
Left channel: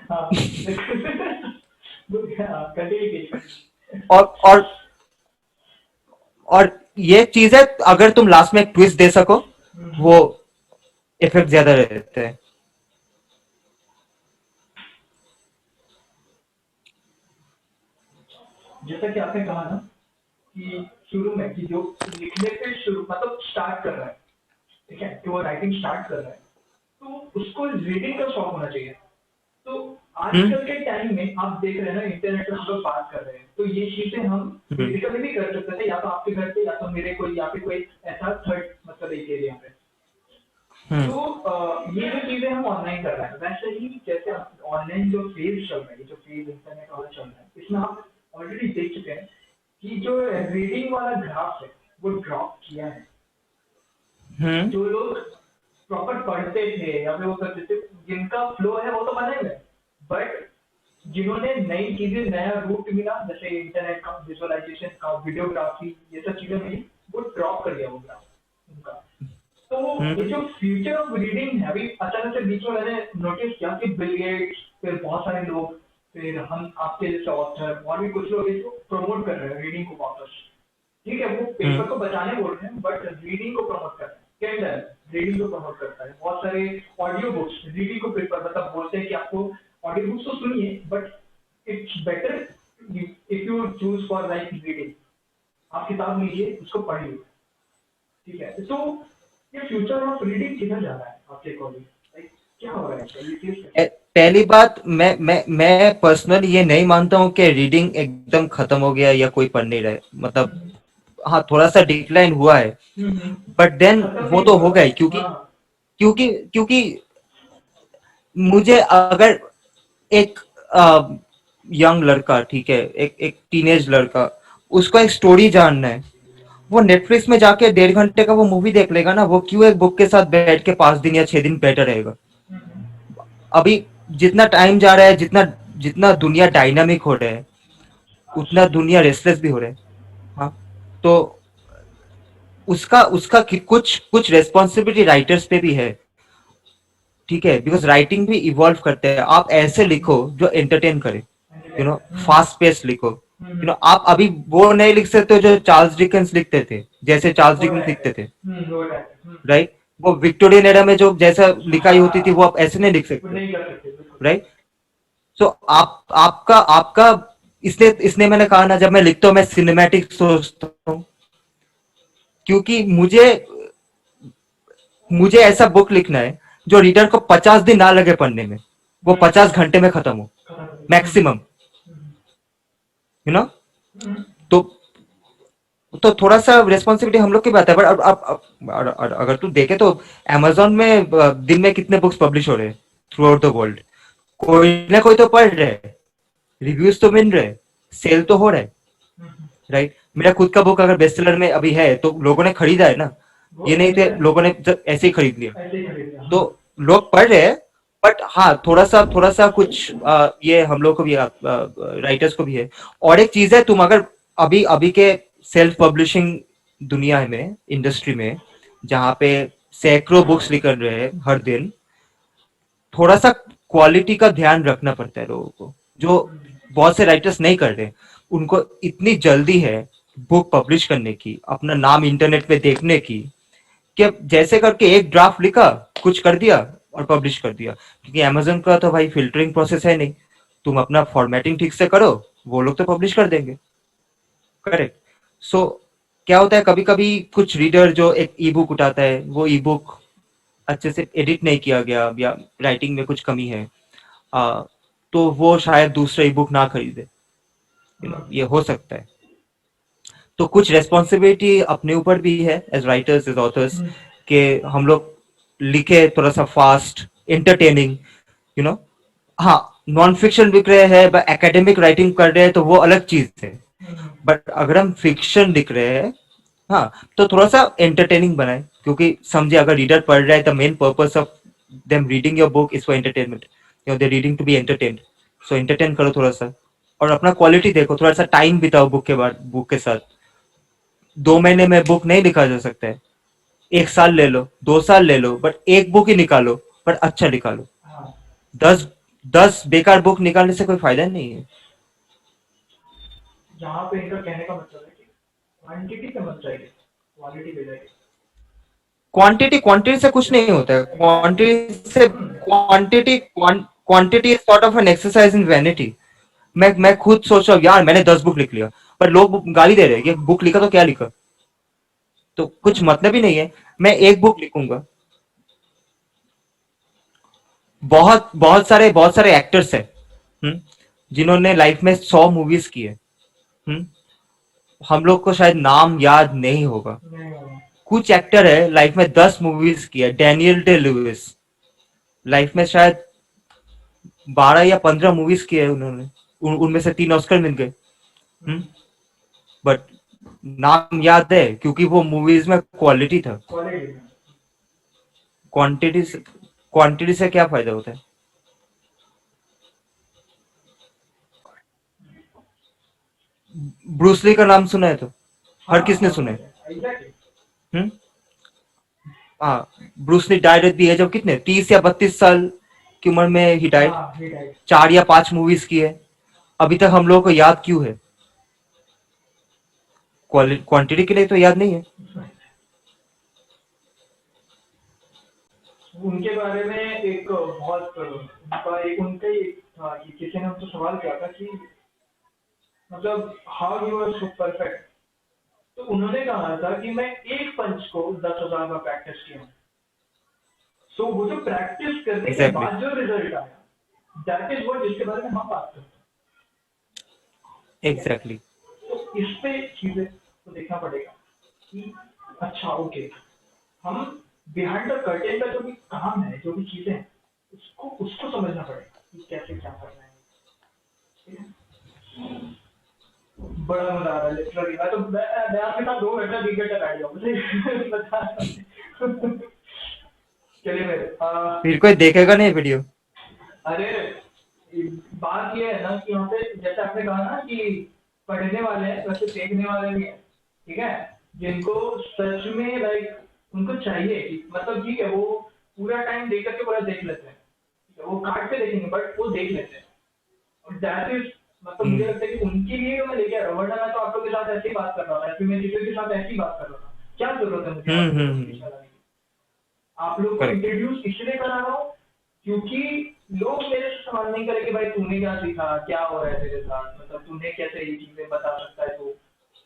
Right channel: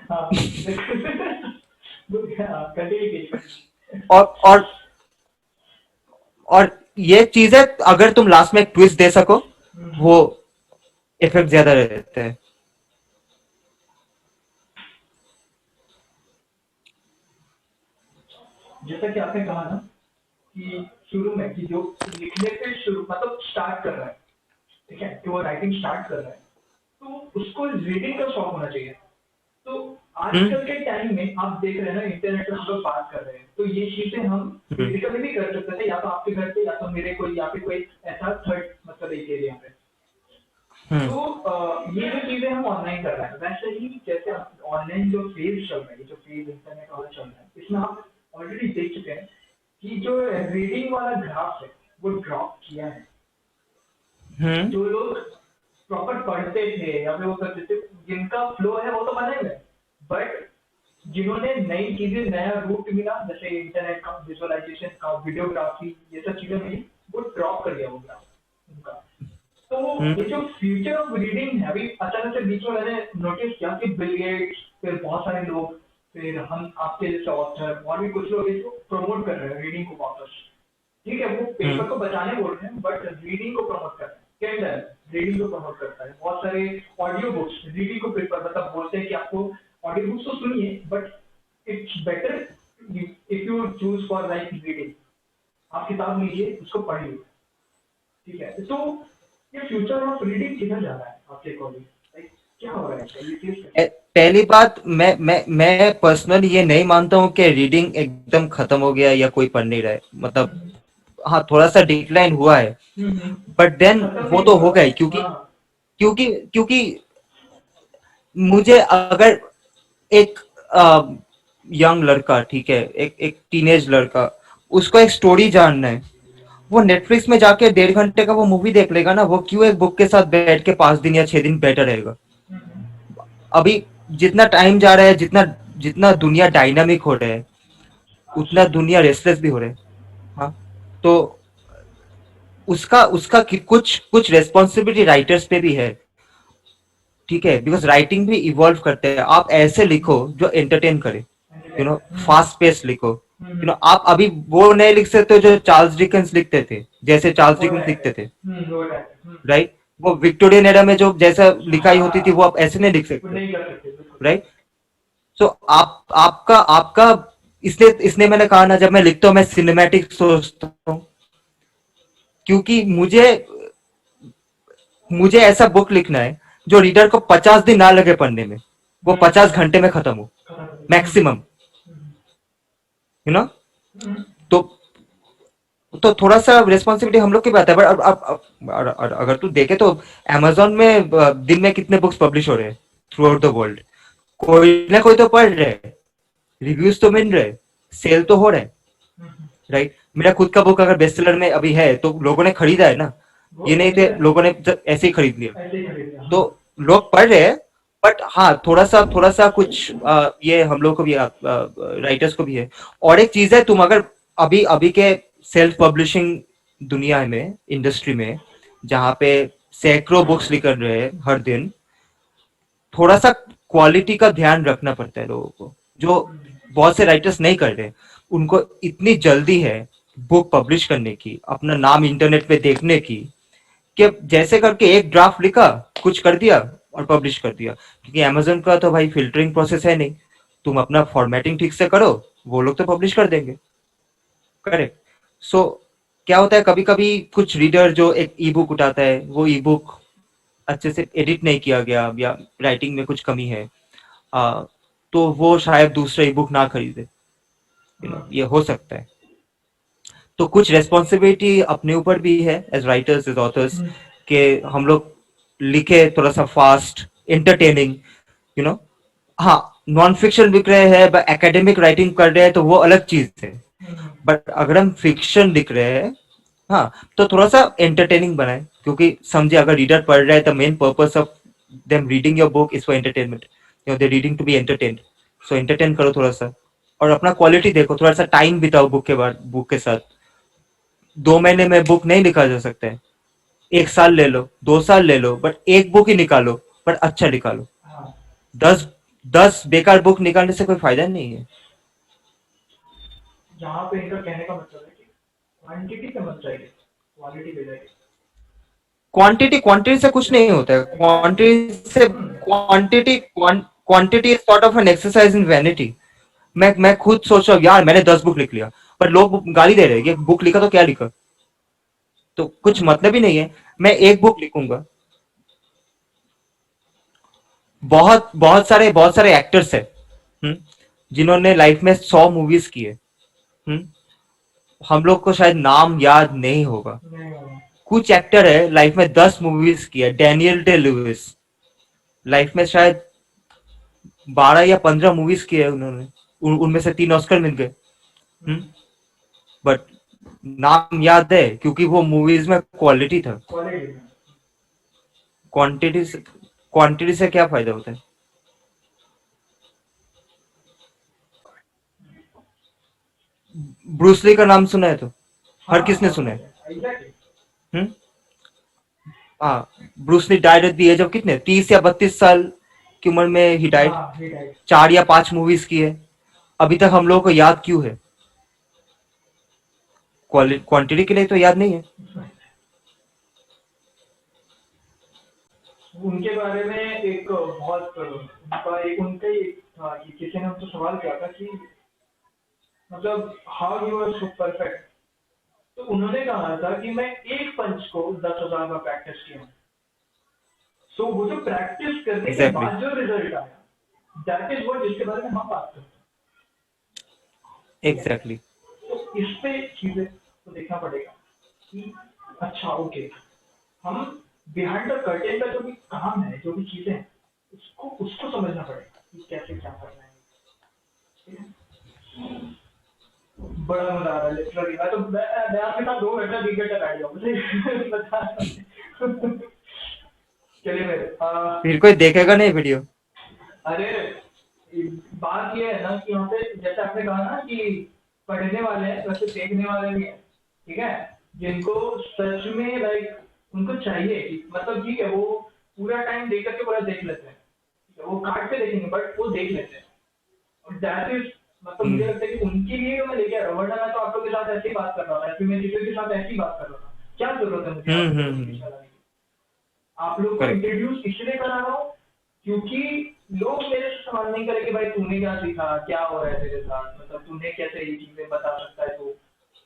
हाँ कंटिन्यू कीजिए। और और और ये चीज है, अगर तुम लास्ट में एक ट्विस्ट दे सको, वो इफेक्ट ज्यादा रहते हैं। जैसा कि आपने कहा ना कि शुरू में कि जो लिखने पे शुरू मतलब स्टार्ट कर रहा है, ठीक है, कि वो राइटिंग स्टार्ट कर रहा है, तो उसको रीडिंग का शौक होना चाहिए। तो हम्म। आजकल के टाइम में आप देख रहे हैं ना, इंटरनेट पे हम लोग बात कर रहे हैं, तो ये चीजें हम हम्म। फिजिकली भी कर सकते थे, या तो आपके घर पे या तो मेरे कोई या फिर कोई ऐसा थर्ड मतलब एक एरिया पे। हम्म। तो ये जो चीजें हम ऑनलाइन कर रहे हैं, वैसे ही जैसे ऑनलाइन जो फेज चल रहा है, जो फेज इंटरनेट वाला चल रहा है, इसमें आप ऑलरेडी देख चुके हैं कि जो रीडिंग वाला ग्राफ है वो ड्रॉप किया है। हम्म। जो लोग प्रॉपर पढ़ते थे या फिर वो करते थे, जिनका फ्लो है वो तो बने हुए, बट जिन्होंने नई चीजें, नया रूट मिला, जैसे इंटरनेट का विजुअलाइजेशन का, वीडियोग्राफी, ये सब चीजें मिली, वो ड्रॉप कर दिया वो ग्राफ उनका। तो हम्म। ये जो फ्यूचर ऑफ रीडिंग है, अभी अचानक से बीच में मैंने नोटिस किया कि बिल गेट्स, फिर बहुत सारे लोग, फिर हम आपके जैसे ऑथर और भी कुछ लोग इसको प्रमोट कर रहे हैं रीडिंग को वापस। ठीक है, वो हम्म। पेपर को बचाने बोल रहे हैं, बट रीडिंग को प्रमोट कर रहे हैं। कैंडल रीडिंग को प्रमोट करता है, बहुत सारे ऑडियो बुक्स रीडिंग को प्रेफर, मतलब बोलते हैं कि आपको ऑडियो बुक्स तो सुनिए, but it's better if you choose for like reading. आप किताब लीजिए, उसको पढ़िए। ठीक है, तो ये फ्यूचर ऑफ रीडिंग किधर जा रहा है आपके अकॉर्डिंग? लाइक क्या हो रहा है इसका, ये चीज कैसे? पहली बात, मैं पर्सनली ये नहीं मानता हूँ कि रीडिंग एकदम खत्म हो गया या कोई पढ़ नहीं रहा है, मतलब हम्म, हाँ थोड़ा सा डिक्लाइन हुआ है, हम्म, बट देन खत्म वो नहीं तो हुआ। हो गया ही, क्योंकि हाँ। क्योंकि क्योंकि मुझे अगर एक यंग लड़का, ठीक है, एक एक टीनेज लड़का, उसको एक स्टोरी जानना है, वो नेटफ्लिक्स में जाके 1.5 घंटे का वो मूवी देख लेगा ना, वो क्यों एक बुक के साथ बैठ के 5 दिन या 6 दिन बैठा रहेगा। हम्म, अभी जितना टाइम जा रहा है, जितना जितना दुनिया डायनामिक हो रहा है, अच्छा। उतना दुनिया रेस्टलेस भी हो रहा है। हाँ, तो उसका उसका कुछ कुछ रेस्पॉन्सिबिलिटी राइटर्स पे भी है, ठीक है, बिकॉज राइटिंग भी इवॉल्व करते हैं। आप ऐसे लिखो जो एंटरटेन करे, हम्म, फास्ट पेस लिखो। हम्म, आप अभी वो नहीं लिख सकते जो चार्ल्स डिकेंस लिखते थे, जैसे चार्ल्स वो डिकेंस राइट है। लिखते थे, वो राइट है। राइट। वो विक्टोरियन एरा में जो जैसा लिखाई होती थी, वो हाँ, आप ऐसे नहीं लिख वो सकते, नहीं कर सकते बिल्कुल। राइट। सो आप आपका आपका इसलिए इसलिए मैंने कहा ना, जब मैं लिखता हूँ मैं सिनेमैटिक सोचता हूँ, क्योंकि मुझे मुझे ऐसा बुक लिखना है जो रीडर को 50 दिन ना लगे पढ़ने में, वो हम्म, 50 घंटे में खत्म हो, खत्म कर दिया। Maximum, hmm, you know. हम्म, तो थोड़ा सा रिस्पॉन्सिबिलिटी हम लोग की बात है, बट अब अगर तू देखे तो अमेजोन में दिन में कितने बुक्स पब्लिश हो रहे हैं थ्रू आउट द वर्ल्ड, कोई ना कोई तो पढ़ रहे हैं, रिव्यूज तो मिल रहे हैं, सेल तो हो रहा है, हम्म, राइट। मेरा खुद का बुक अगर बेस्ट सेलर में अभी है तो लोगों ने खरीदा है ना, वो ये नहीं थे एग्जैक्ट लोगों ने ऐसे ही खरीद लिया। ऐसे ही खरीद लिया, तो हाँ। लोग पढ़ रहे हैं, बट हाँ थोड़ा सा कुछ ये हम लोग को भी, राइटर्स को भी है। और एक चीज है, तुम अगर अभी अभी के सेल्फ पब्लिशिंग दुनिया में, इंडस्ट्री में, जहाँ पे सैकड़ों बुक्स निकल रहे हैं हर दिन, थोड़ा सा क्वालिटी का ध्यान रखना पड़ता है लोगों को, जो बहुत से राइटर्स नहीं कर रहे। उनको इतनी जल्दी है बुक पब्लिश करने की, अपना नाम इंटरनेट पे देखने की, कि जैसे करके एक ड्राफ्ट लिखा, कुछ कर दिया और पब्लिश कर दिया। क्योंकि अमेजोन का तो भाई फिल्टरिंग प्रोसेस है नहीं, तुम अपना फॉर्मेटिंग ठीक से करो, वो लोग तो पब्लिश कर देंगे, करेक्ट। सो क्या होता है, कभी कभी कुछ रीडर जो एक ई बुक उठाता है, वो ई बुक अच्छे से एडिट नहीं किया गया या राइटिंग में कुछ कमी है, आ, तो वो शायद दूसरा ई बुक ना खरीदे, ये हो सकता है। तो कुछ रेस्पॉन्सिबिलिटी अपने ऊपर भी है एज राइटर्स, एज ऑथर्स, कि हम लोग लिखे थोड़ा सा फास्ट, एंटरटेनिंग, यू नो। हाँ, नॉन फिक्शन लिख रहे हैं, एकेडमिक राइटिंग कर रहे हैं, तो वो अलग चीज है। बट अगर हम फिक्शन लिख रहे हैं, हाँ, तो थोड़ा सा एंटरटेनिंग बनाए, क्योंकि समझे अगर रीडर पढ़ रहा है, the main purpose of them reading your book is for entertainment, they reading to be entertained. So entertain करो थोड़ा सा, और अपना क्वालिटी देखो, थोड़ा सा टाइम बिताओ बुक के बाद, बुक के साथ। 2 महीने में बुक नहीं लिखा जा सकता है, 1 साल ले लो, 2 साल ले लो, बट एक बुक ही निकालो, बट अच्छा निकालो। दस 10 बेकार बुक निकालने से कोई फायदा नहीं है। यहाँ पे इनका कहने का मतलब है कि क्वांटिटी पे मत जाइए, क्वालिटी पे जाइए। क्वांटिटी क्वांटिटी से कुछ नहीं होता है। Exactly. Quantity is sort of an exercise in vanity. मैं खुद सोच रहा हूँ यार मैंने 10 बुक लिख लिया, पर लोग गाली दे रहे हैं कि बुक लिखा तो क्या लिखा, तो कुछ मतलब ही नहीं है। मैं एक बुक लिखूंगा। बहुत सारे एक्टर्स हैं, हम्म, जिन्होंने लाइफ में 100 मूवीज की है। हम्म, हम लोग को शायद नाम याद नहीं होगा। नहीं होगा। कुछ एक्टर है लाइफ में 10 मूवीज की है। डैनियल डे लुइस लाइफ में शायद 12 या 15 मूवीज की है उन्होंने। उनमें से 3 ऑस्कर मिल गए। बट नाम याद है क्योंकि वो मूवीज में क्वालिटी था। क्वालिटी। क्वांटिटी से क्वांटिटी से क्या फायदा होता है। ब्रूसली का नाम सुना है तो हर हाँ किसने सुना है। एग्जैक्टली। हम्म, हाँ। Bruce Lee died at the age of कितने 30 या 32 साल की उम्र में ही डाइड। हाँ हिट है। 4 या 5 मूवीज की है। अभी तक हम लोगों को याद क्यों है। क्वांटिटी के लिए तो याद नहीं है। उनके बारे में एक बहुत उनका एक उनका ही एक था कि किसी ने उनसे सवाल किया था कि मतलब how you are so perfect. तो उन्होंने कहा था कि मैं एक पंच को 10,000 बार प्रैक्टिस किया हूँ। सो वो जो प्रैक्टिस करने के एग्जैक्टली बाद जो रिजल्ट आया, दैट इज वर्ड जिसके बारे में हम बात करते हैं। ठीक है। एग्जैक्टली। तो इस पे चीजें को देखना पड़ेगा कि अच्छा ओके, हम बिहाइंड द कर्टेन का जो भी काम है, जो भी चीजें हैं, उसको उसको समझना पड़ेगा कि कैसे क्या करना है। ठीक है? बड़ा मजा आ रहा है लिटरली। मैं आपके साथ 2 घंटा 3 घंटा बैठ जाऊँ मुझे बता रहा हूँ। चलिए मेरे फिर कोई देखेगा नहीं वीडियो। अरे बात ये है ना कि यहाँ पे जैसे आपने कहा ना कि पढ़ने वाले हैं वैसे देखने वाले भी हैं। ठीक है। जिनको सच में लाइक उनको चाहिए कि मतलब ठीक है वो पूरा टाइम देख करके पूरा देख लेते हैं। ठीक है, वो काट के देखेंगे बट वो देख लेते हैं। और दैट इज मतलब मुझे हम्म लगता है कि उनके लिए मैं लेके आ रहा हूँ, वरना मैं तो आप लोग के साथ ऐसे ही बात कर रहा था, फिर मैं किसी के साथ ऐसे ही बात कर रहा था। क्या जरूरत है मुझे यहाँ पे लोगों के बीच में लाने की। आप लोग को करेक्ट। इंट्रोड्यूस इसलिए करा रहा हूँ क्योंकि लोग मेरे से सवाल नहीं करेंगे भाई तूने क्या सीखा, क्या हो रहा है तेरे साथ, मतलब तूने कैसे ये चीजें बता सकता है तो।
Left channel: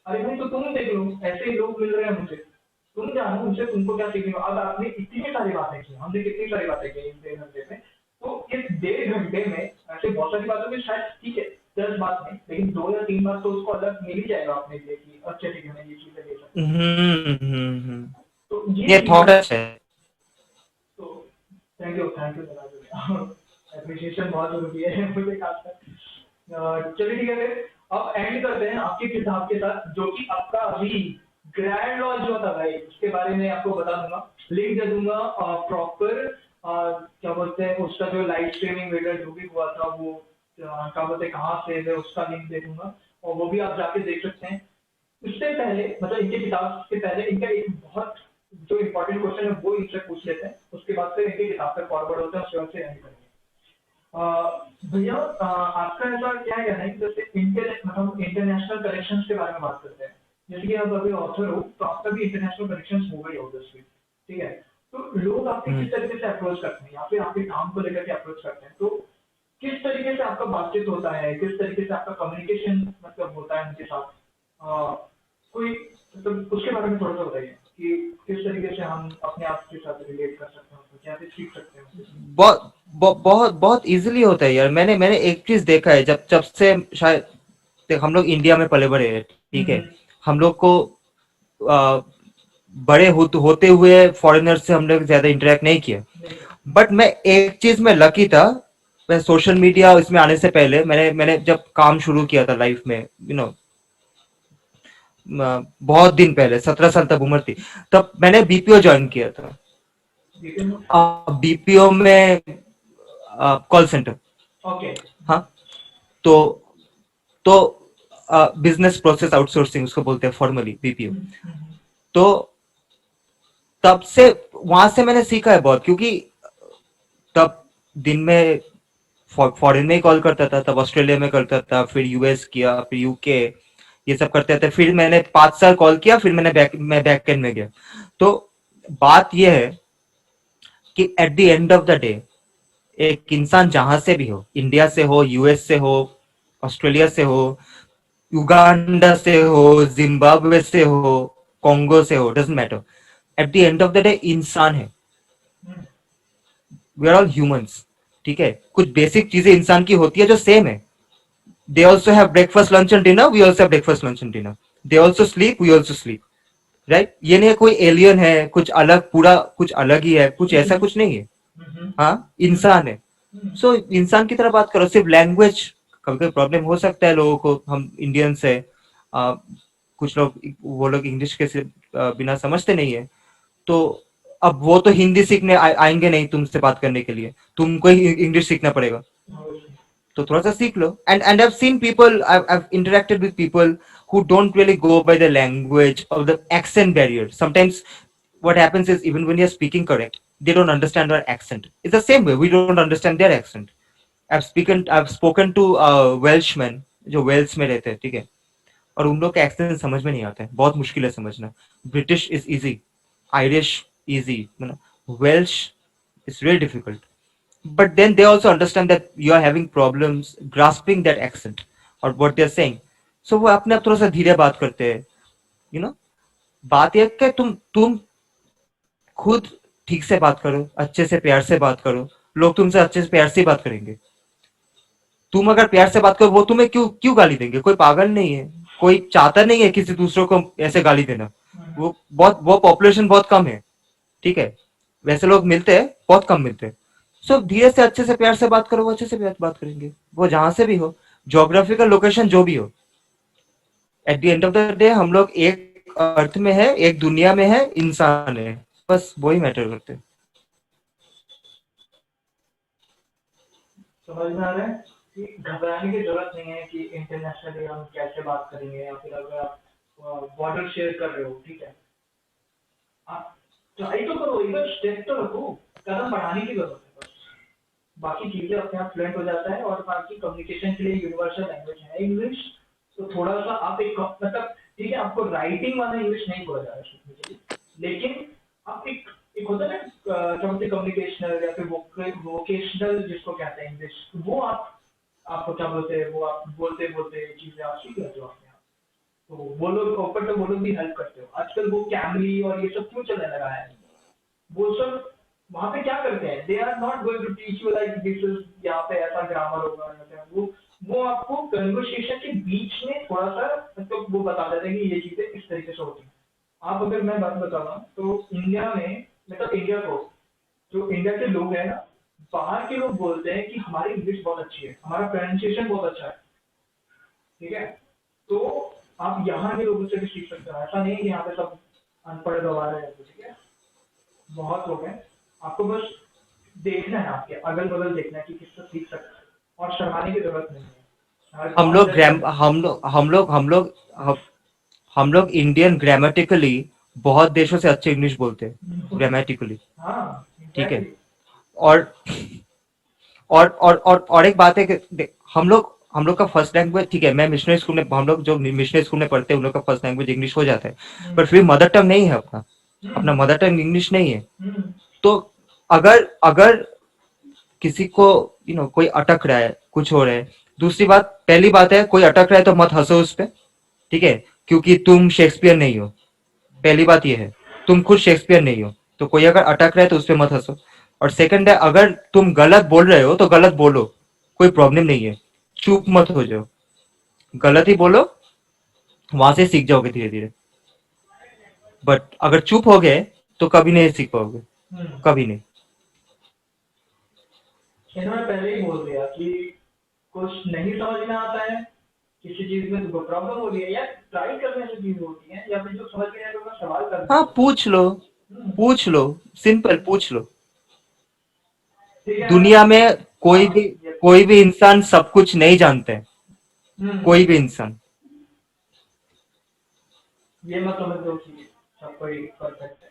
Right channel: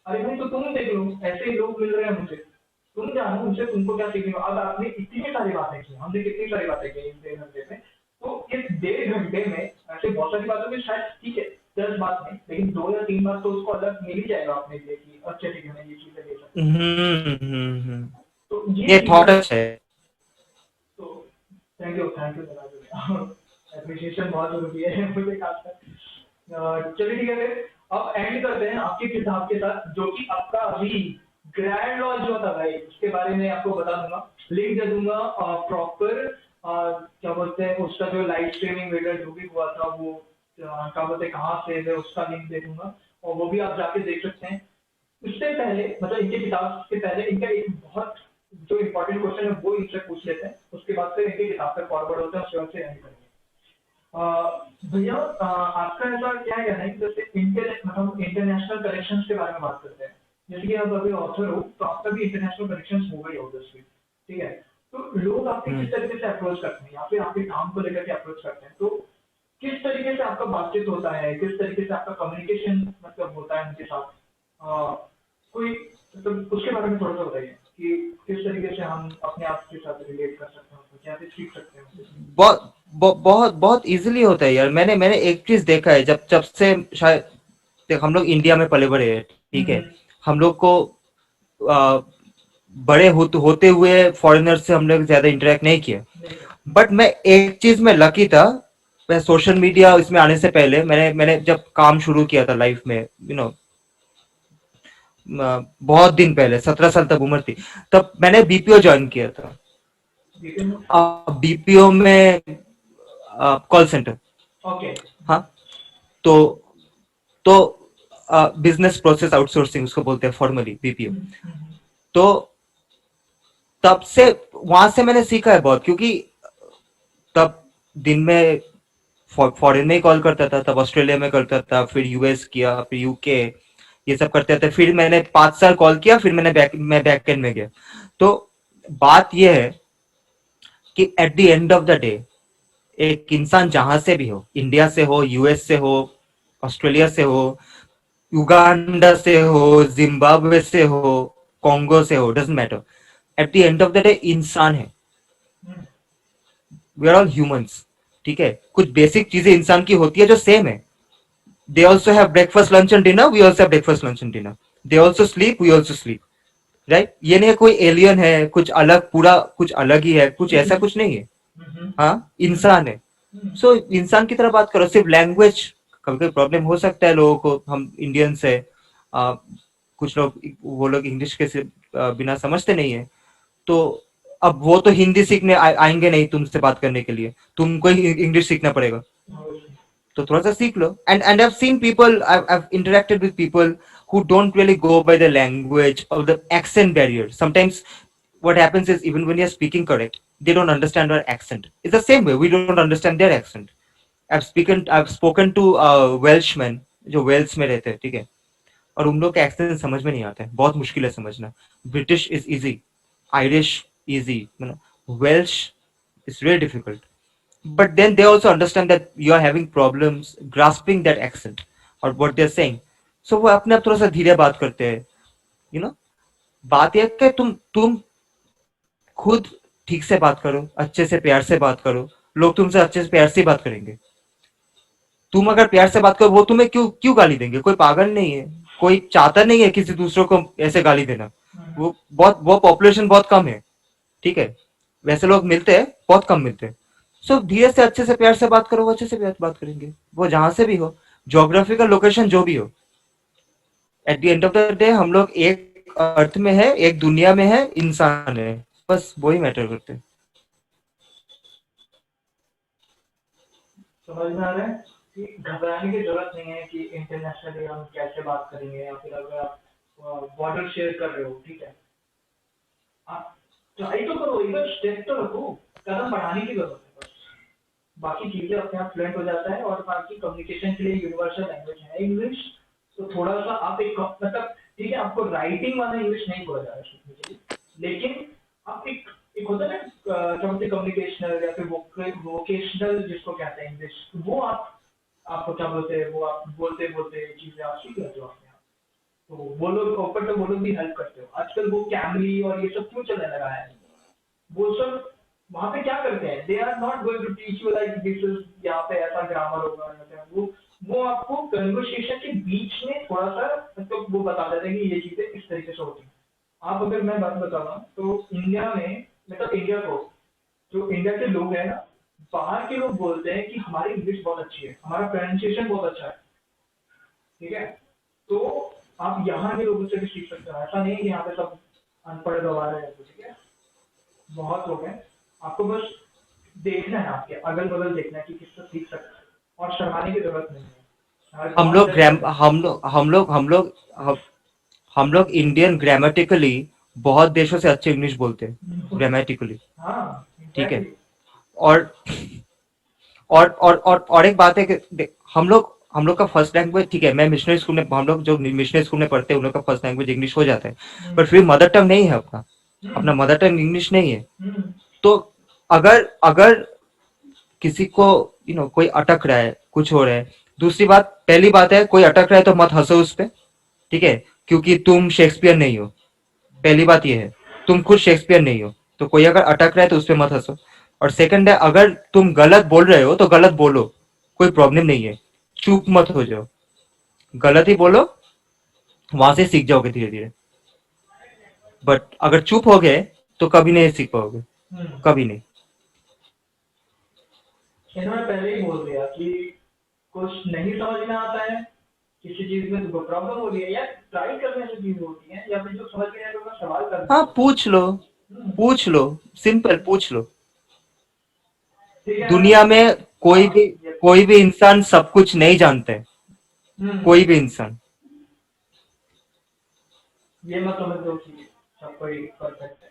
अरे भाई तो तुम देख लो, ऐसे ही लोग मिल रहे हैं मुझे, तुम जानो उनसे तुमको क्या सीखने को। अब आपने इतनी सारी बातें की, हमने कितनी सारी बातें की इस 1.5 घंटे में। तो इस 1.5 घंटे में ऐसे बहुत सारी बातों में शायद ठीक है 10 बात नहीं, लेकिन 2 या 3 बात तो उसको अलग मिल ही जाएगा अपने लिए कि अच्छा ठीक है मैं ये चीजें ले सकता हूँ। हम्म। तो ये ये चीजें थॉट हैं। अच्छा है। तो थैंक यू एप्रिसिएशन बहुत जरूरी है मुझे खासकर। चलिए ठीक है फिर अब एंड करते हैं आपकी किताब के साथ, जो कि आपका अभी ग्रैंड लॉन्च हुआ था भाई, उसके बारे में आपको बता दूंगा, लिंक दे दूंगा प्रॉपर। क्या बोलते हैं उसका जो लाइव स्ट्रीमिंग वीडियो जो भी हुआ था वो क्या बोलते हैं कहाँ से है उसका लिंक दे दूंगा, और वो भी आप जाके देख सकते हैं। उससे पहले मतलब इनके किताब से पहले इनका एक बहुत जो इम्पोर्टेंट क्वेश्चन है वो इनसे पूछ लेते हैं, उसके बाद से इनके किताब पे फॉरवर्ड होते हैं, उसके बाद से एंड करेंगे। भैया आपका ऐसा क्या कहना है कि जैसे मतलब इंटरनेशनल कनेक्शंस के बारे में बात करते हैं, जैसे कि आप अभी ऑथर हो तो आपका भी इंटरनेशनल कनेक्शंस हो गई ऑब्वियसली। ठीक है। तो लोग आपके हम्म किस तरीके से अप्रोच करते हैं या फिर आपके काम को लेकर के अप्रोच करते हैं, तो किस तरीके से आपका बातचीत होता है, किस तरीके से आपका कम्युनिकेशन मतलब होता है उनके साथ। कोई मतलब उसके बारे में थोड़ा सा बताइए कि किस तरीके से हम अपने आप के साथ रिलेट कर सकते हैं, उसको क्या सीख सकते हैं उससे। बहुत बहुत इजीली होता है यार। मैंने मैंने एक चीज देखा है, जब जब से शायद देख हम लोग इंडिया में पले बड़े हैं, ठीक है। हम्म। हम लोग को आ, बड़े होते हुए फॉरेनर से हम लोग ज्यादा इंटरेक्ट नहीं किया। नहीं कर। बट मैं एक चीज में लकी था। मैं सोशल मीडिया इसमें आने से पहले मैंने मैंने जब काम शुरू किया था लाइफ में, बहुत दिन पहले 17 साल तक उम्र थी, तब मैंने बीपीओ ज्वाइन किया था। लेकिन बीपीओ में कॉल सेंटर। ओके। हाँ। तो तो बिजनेस प्रोसेस आउटसोर्सिंग उसको बोलते हैं फॉर्मली बीपीओ। तो तब से वहां से मैंने सीखा है बहुत, क्योंकि तब दिन में फॉरेन में कॉल करता था, तब ऑस्ट्रेलिया में करता था, फिर यूएस किया, फिर यूके, ये सब करते थे। फिर मैंने 5 साल कॉल किया, फिर मैं बैक एंड में गया। तो बात यह है कि at the end of the day एक इंसान जहां से भी हो, इंडिया से हो, यूएस से हो, ऑस्ट्रेलिया से हो, युगांडा से हो, जिम्बाब्वे से हो, कॉन्गो से हो, doesn't matter, at the end of the day इंसान है। हम्म, वी आर ऑल ह्यूमंस। ठीक है, कुछ बेसिक चीजें इंसान की होती है जो सेम है। They also have breakfast lunch and dinner, we also have breakfast lunch and dinner. They also sleep, we also sleep. Right, ये नहीं है कोई एलियन है, कुछ अलग, पूरा कुछ अलग ही है, कुछ ऐसा कुछ नहीं है। हम्म, हाँ, हम्म, इंसान है। हम्म, सो इंसान की तरह बात करो। सिर्फ लैंग्वेज कभी कभी प्रॉब्लम हो सकता है लोगों को, हम इंडियंस है, आ, कुछ लोग, वो लोग इंग्लिश के बिना समझते नहीं है। तो अब वो तो हिंदी सीखने आएंगे नहीं तुमसे बात करने के लिए, तुमको ही इंग्लिश सीखना पड़ेगा। obviously. तो थोड़ा सा सीख लो। And I've seen people, I've interacted with people who don't really go by the language or the accent barrier. Sometimes what happens is, even when you're speaking correct, they don't understand our accent. It's the same way we don't understand their accent. I've spoken to Welshmen जो Wales में रहते हैं, ठीक है, और उन लोग का एक्सेंट समझ में नहीं आता है, बहुत मुश्किल है समझना। British is easy, Irish easy, Welsh is really difficult. But then they also understand that you are having problems grasping that accent or what they're saying. So वो अपने आप थोड़ा सा धीरे बात करते हैं, you know। बात यह है कि तुम खुद ठीक से बात करो, अच्छे से प्यार से बात करो, लोग तुमसे अच्छे से प्यार से बात करेंगे। तुम अगर प्यार से बात करो, वो तुम्हें क्यों क्यों गाली देंगे? कोई पागल नहीं है, कोई चाहता नहीं है किसी दूसरों को ऐसे गाली देना। हम्म, वो पॉपुलेशन बहुत कम है, ठीक है, वैसे लोग मिलते हैं, बहुत कम मिलते हैं। सो धीरे से अच्छे से प्यार से बात करो, वो अच्छे से बात करेंगे, वो जहां से भी हो, जोग्राफिकल लोकेशन जो भी हो। At the end of the day हम लोग एक अर्थ में है, एक दुनिया में है, इंसान है, बस वही मैटर करते हैं। समझ में आ रहा है कि घबराने की जरूरत नहीं है कि इंटरनेशनली हम कैसे बात करेंगे, या फिर अगर आप बॉर्डर शेयर कर रहे हो, ठीक है, आप ट्राई तो करो, एक बार स्टेप तो रखो, कदम बढ़ाने की जरूरत है बस। बाकी चीजें अपने आप फ्लुएंट हो जाता है, और बाकी कम्युनिकेशन के लिए यूनिवर्सल लैंग्वेज है इंग्लिश। तो थोड़ा सा आप एक मतलब, ठीक है, आपको राइटिंग वाला इंग्लिश नहीं बोला जा रहा है सीखने के लिए, लेकिन आप एक एक होता है ना, क्या बोलते हैं, कम्युनिकेशनल या फिर वोकेशनल जिसको कहते हैं इंग्लिश, वो आपको क्या बोलते हैं, वो आप बोलते बोलते चीजें आप सीख लेते हो अपने आप। तो वो लोग ऊपर से वो लोग भी हेल्प करते हो। आजकल वो कैमरी और ये सब क्यों चलने लगा है, वो सब वहां पे क्या करते हैं, they are not going to teach you like this is, यहाँ पे ऐसा ग्रामर होगा या फिर वो आपको कन्वर्सेशन के बीच में थोड़ा सा मतलब वो बता देते हैं कि ये चीजें इस तरीके से होती हैं। आप अगर मैं बात बता रहा हूँ तो इंडिया में, मतलब इंडिया को, जो इंडिया के लोग हैं ना, बाहर के लोग बोलते हैं कि हमारी इंग्लिश बहुत अच्छी है, हमारा प्रोनाउंसिएशन बहुत अच्छा है, ठीक है। तो आप यहाँ के लोगों से भी सीख सकते हो, ऐसा नहीं है कि यहाँ पे सब अनपढ़ गवार है, ठीक है, बहुत लोग हैं। आपको बस देखना है, आपके अगल बगल देखना है कि किससे सीख सकते हैं, और शर्माने की जरूरत नहीं है, हर हम कौन लोग जज ग्राम करेगा। हम लोग इंडियन ग्रामेटिकली बहुत देशों से अच्छे इंग्लिश बोलते हैं, ग्रामेटिकली। हाँ ठीक है। एग्जैक्टली। और और एक बात है कि हम लोग का फर्स्ट लैंग्वेज, ठीक है, मैं मिशनरी स्कूल में, हम लोग जो मिशनरी स्कूल में पढ़ते हैं उन लोग का फर्स्ट लैंग्वेज इंग्लिश हो जाता है। हम्म, पर फिर मदर टंग नहीं है अपना, हम्म, अपना मदर टंग इंग्लिश नहीं है। हम्म, तो अगर अगर किसी को कोई अटक रहा है, कुछ हो रहा है, दूसरी बात, पहली बात है, कोई अटक रहा है तो मत हंसो उस पे, ठीक है, क्योंकि तुम शेक्सपियर नहीं हो। पहली बात ये है, तुम खुद शेक्सपियर नहीं हो, तो कोई अगर अटक रहा है तो उस पे मत हंसो। और सेकंड है, अगर तुम गलत बोल रहे हो तो गलत बोलो, कोई प्रॉब्लम नहीं है, चुप मत हो जाओ, गलत ही बोलो, वहां से सीख जाओगे धीरे धीरे। बट अगर चुप हो गए तो कभी नहीं सीख पाओगे, हम्म। कभी नहीं। इन्होंने पहले ही बोल दिया कि कुछ नहीं समझ में आता है, किसी चीज में तुमको प्रॉब्लम हो रही है, या ट्राई करने से चीज होती है, या फिर जो समझ में आए तो सवाल करने हाँ, से होता पूछ लो, है। पूछ लो, सिंपल पूछ लो। ठीक है ना। दुनिया में हाँ, ये कोई भी इंसान सब कुछ नहीं जानते हैं, हम्म, कोई भी इंसान। ये मत समझ दो कि सब कोई परफेक्ट है,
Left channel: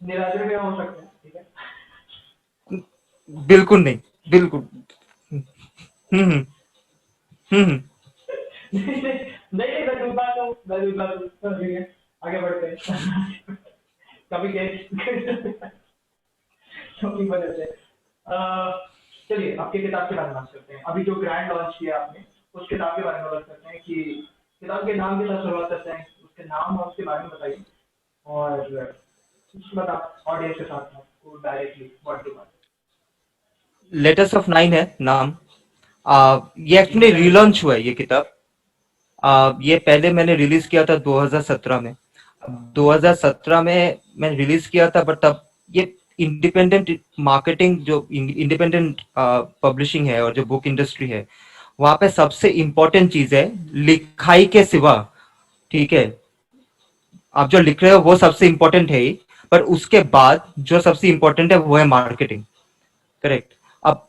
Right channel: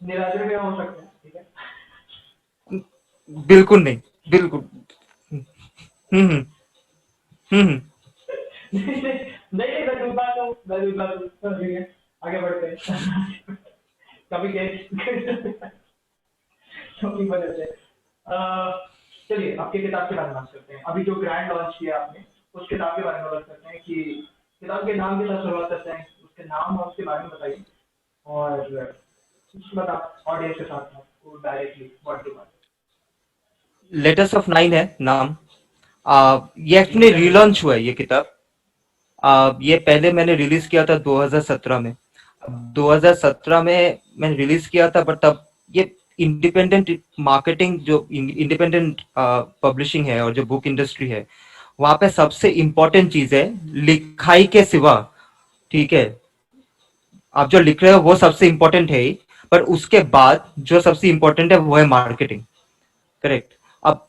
निरादर भी हो सकते हैं, ठीक है। बिल्कुल नहीं, बिल्कुल। हम्म हम्म हम्म। नहीं नहीं नहीं, मैं दूसरा तो मैं दूसरा तो ठीक है, आगे बढ़ते हैं। कभी गेस की वजह से चलिए आपके किताब के बारे में बात करते हैं। अभी जो ग्रैंड लॉन्च किया आपने, उस किताब के बारे में बात करते हैं कि किताब के नाम के साथ शुरुआत करते हैं, उसके नाम और उसके बारे में बताइए, और उसके बाद आप ऑडियंस के साथ आपको डायरेक्टली व्हाट टू बात। लेटर्स ऑफ नाइन है नाम। ये ये एक्चुअली कितने मिलते रीलॉन्च हैं? हुआ है ये किताब। ये पहले मैंने रिलीज किया था 2017 में। अब 2017 में मैंने रिलीज किया था, बट तब ये इंडिपेंडेंट मार्केटिंग, जो इंडिपेंडेंट पब्लिशिंग है और जो बुक इंडस्ट्री है, वहां पे सबसे इम्पोर्टेंट चीज है लिखाई के सिवा। ठीक है, आप जो लिख रहे हो वो सबसे इम्पोर्टेंट है ही, पर उसके बाद जो सबसे इम्पोर्टेंट है वो है मार्केटिंग। करेक्ट। अब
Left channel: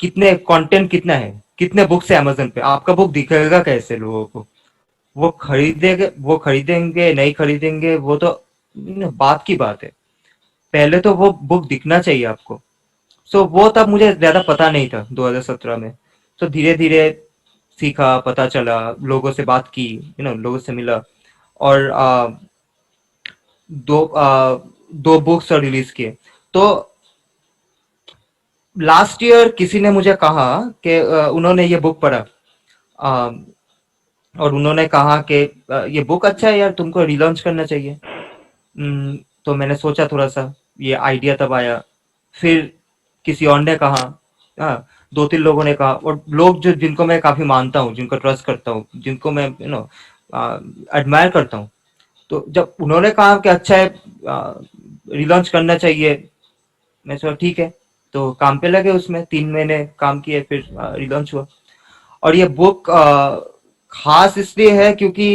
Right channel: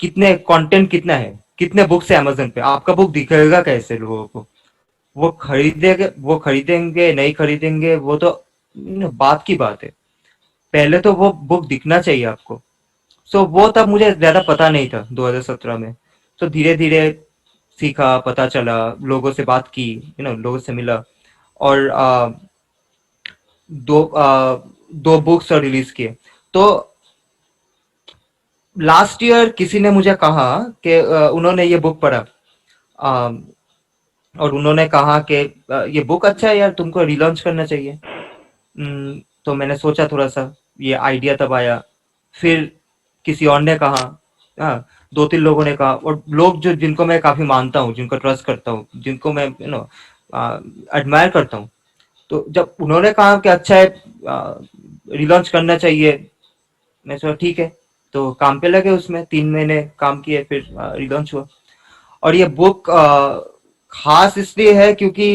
कितने कंटेंट कितना है, कितने बुक्स है अमेजन पे, आपका बुक दिखेगा कैसे लोगों को? वो खरीदेंगे, वो खरीदेंगे नहीं खरीदेंगे वो तो बात की बात है। पहले तो वो बुक दिखना चाहिए आपको। सो वो तब मुझे ज्यादा पता नहीं था 2017 में। तो धीरे धीरे सीखा, पता चला, लोगों से बात की, लोगों से मिला, और दो दो बुक्स रिलीज किए। तो लास्ट ईयर किसी ने मुझे कहा कि उन्होंने ये बुक पढ़ा, अ, और उन्होंने कहा कि ये बुक अच्छा है यार, तुमको रिलॉन्च करना चाहिए। तो मैंने सोचा थोड़ा सा, ये आइडिया तब आया। फिर किसी और ने कहा, हाँ, दो तीन लोगों ने कहा, और लोग जो जिनको मैं काफी मानता हूँ, जिनको ट्रस्ट करता हूँ, जिनको मैं एडमायर करता हूँ, तो जब उन्होंने कहा कि अच्छा है, रिलॉन्च करना चाहिए, मैं सोचा ठीक है। तो काम पे लगे, उसमें 3 महीने काम किए, फिर रिलॉन्च हुआ। और ये बुक खास इसलिए है क्योंकि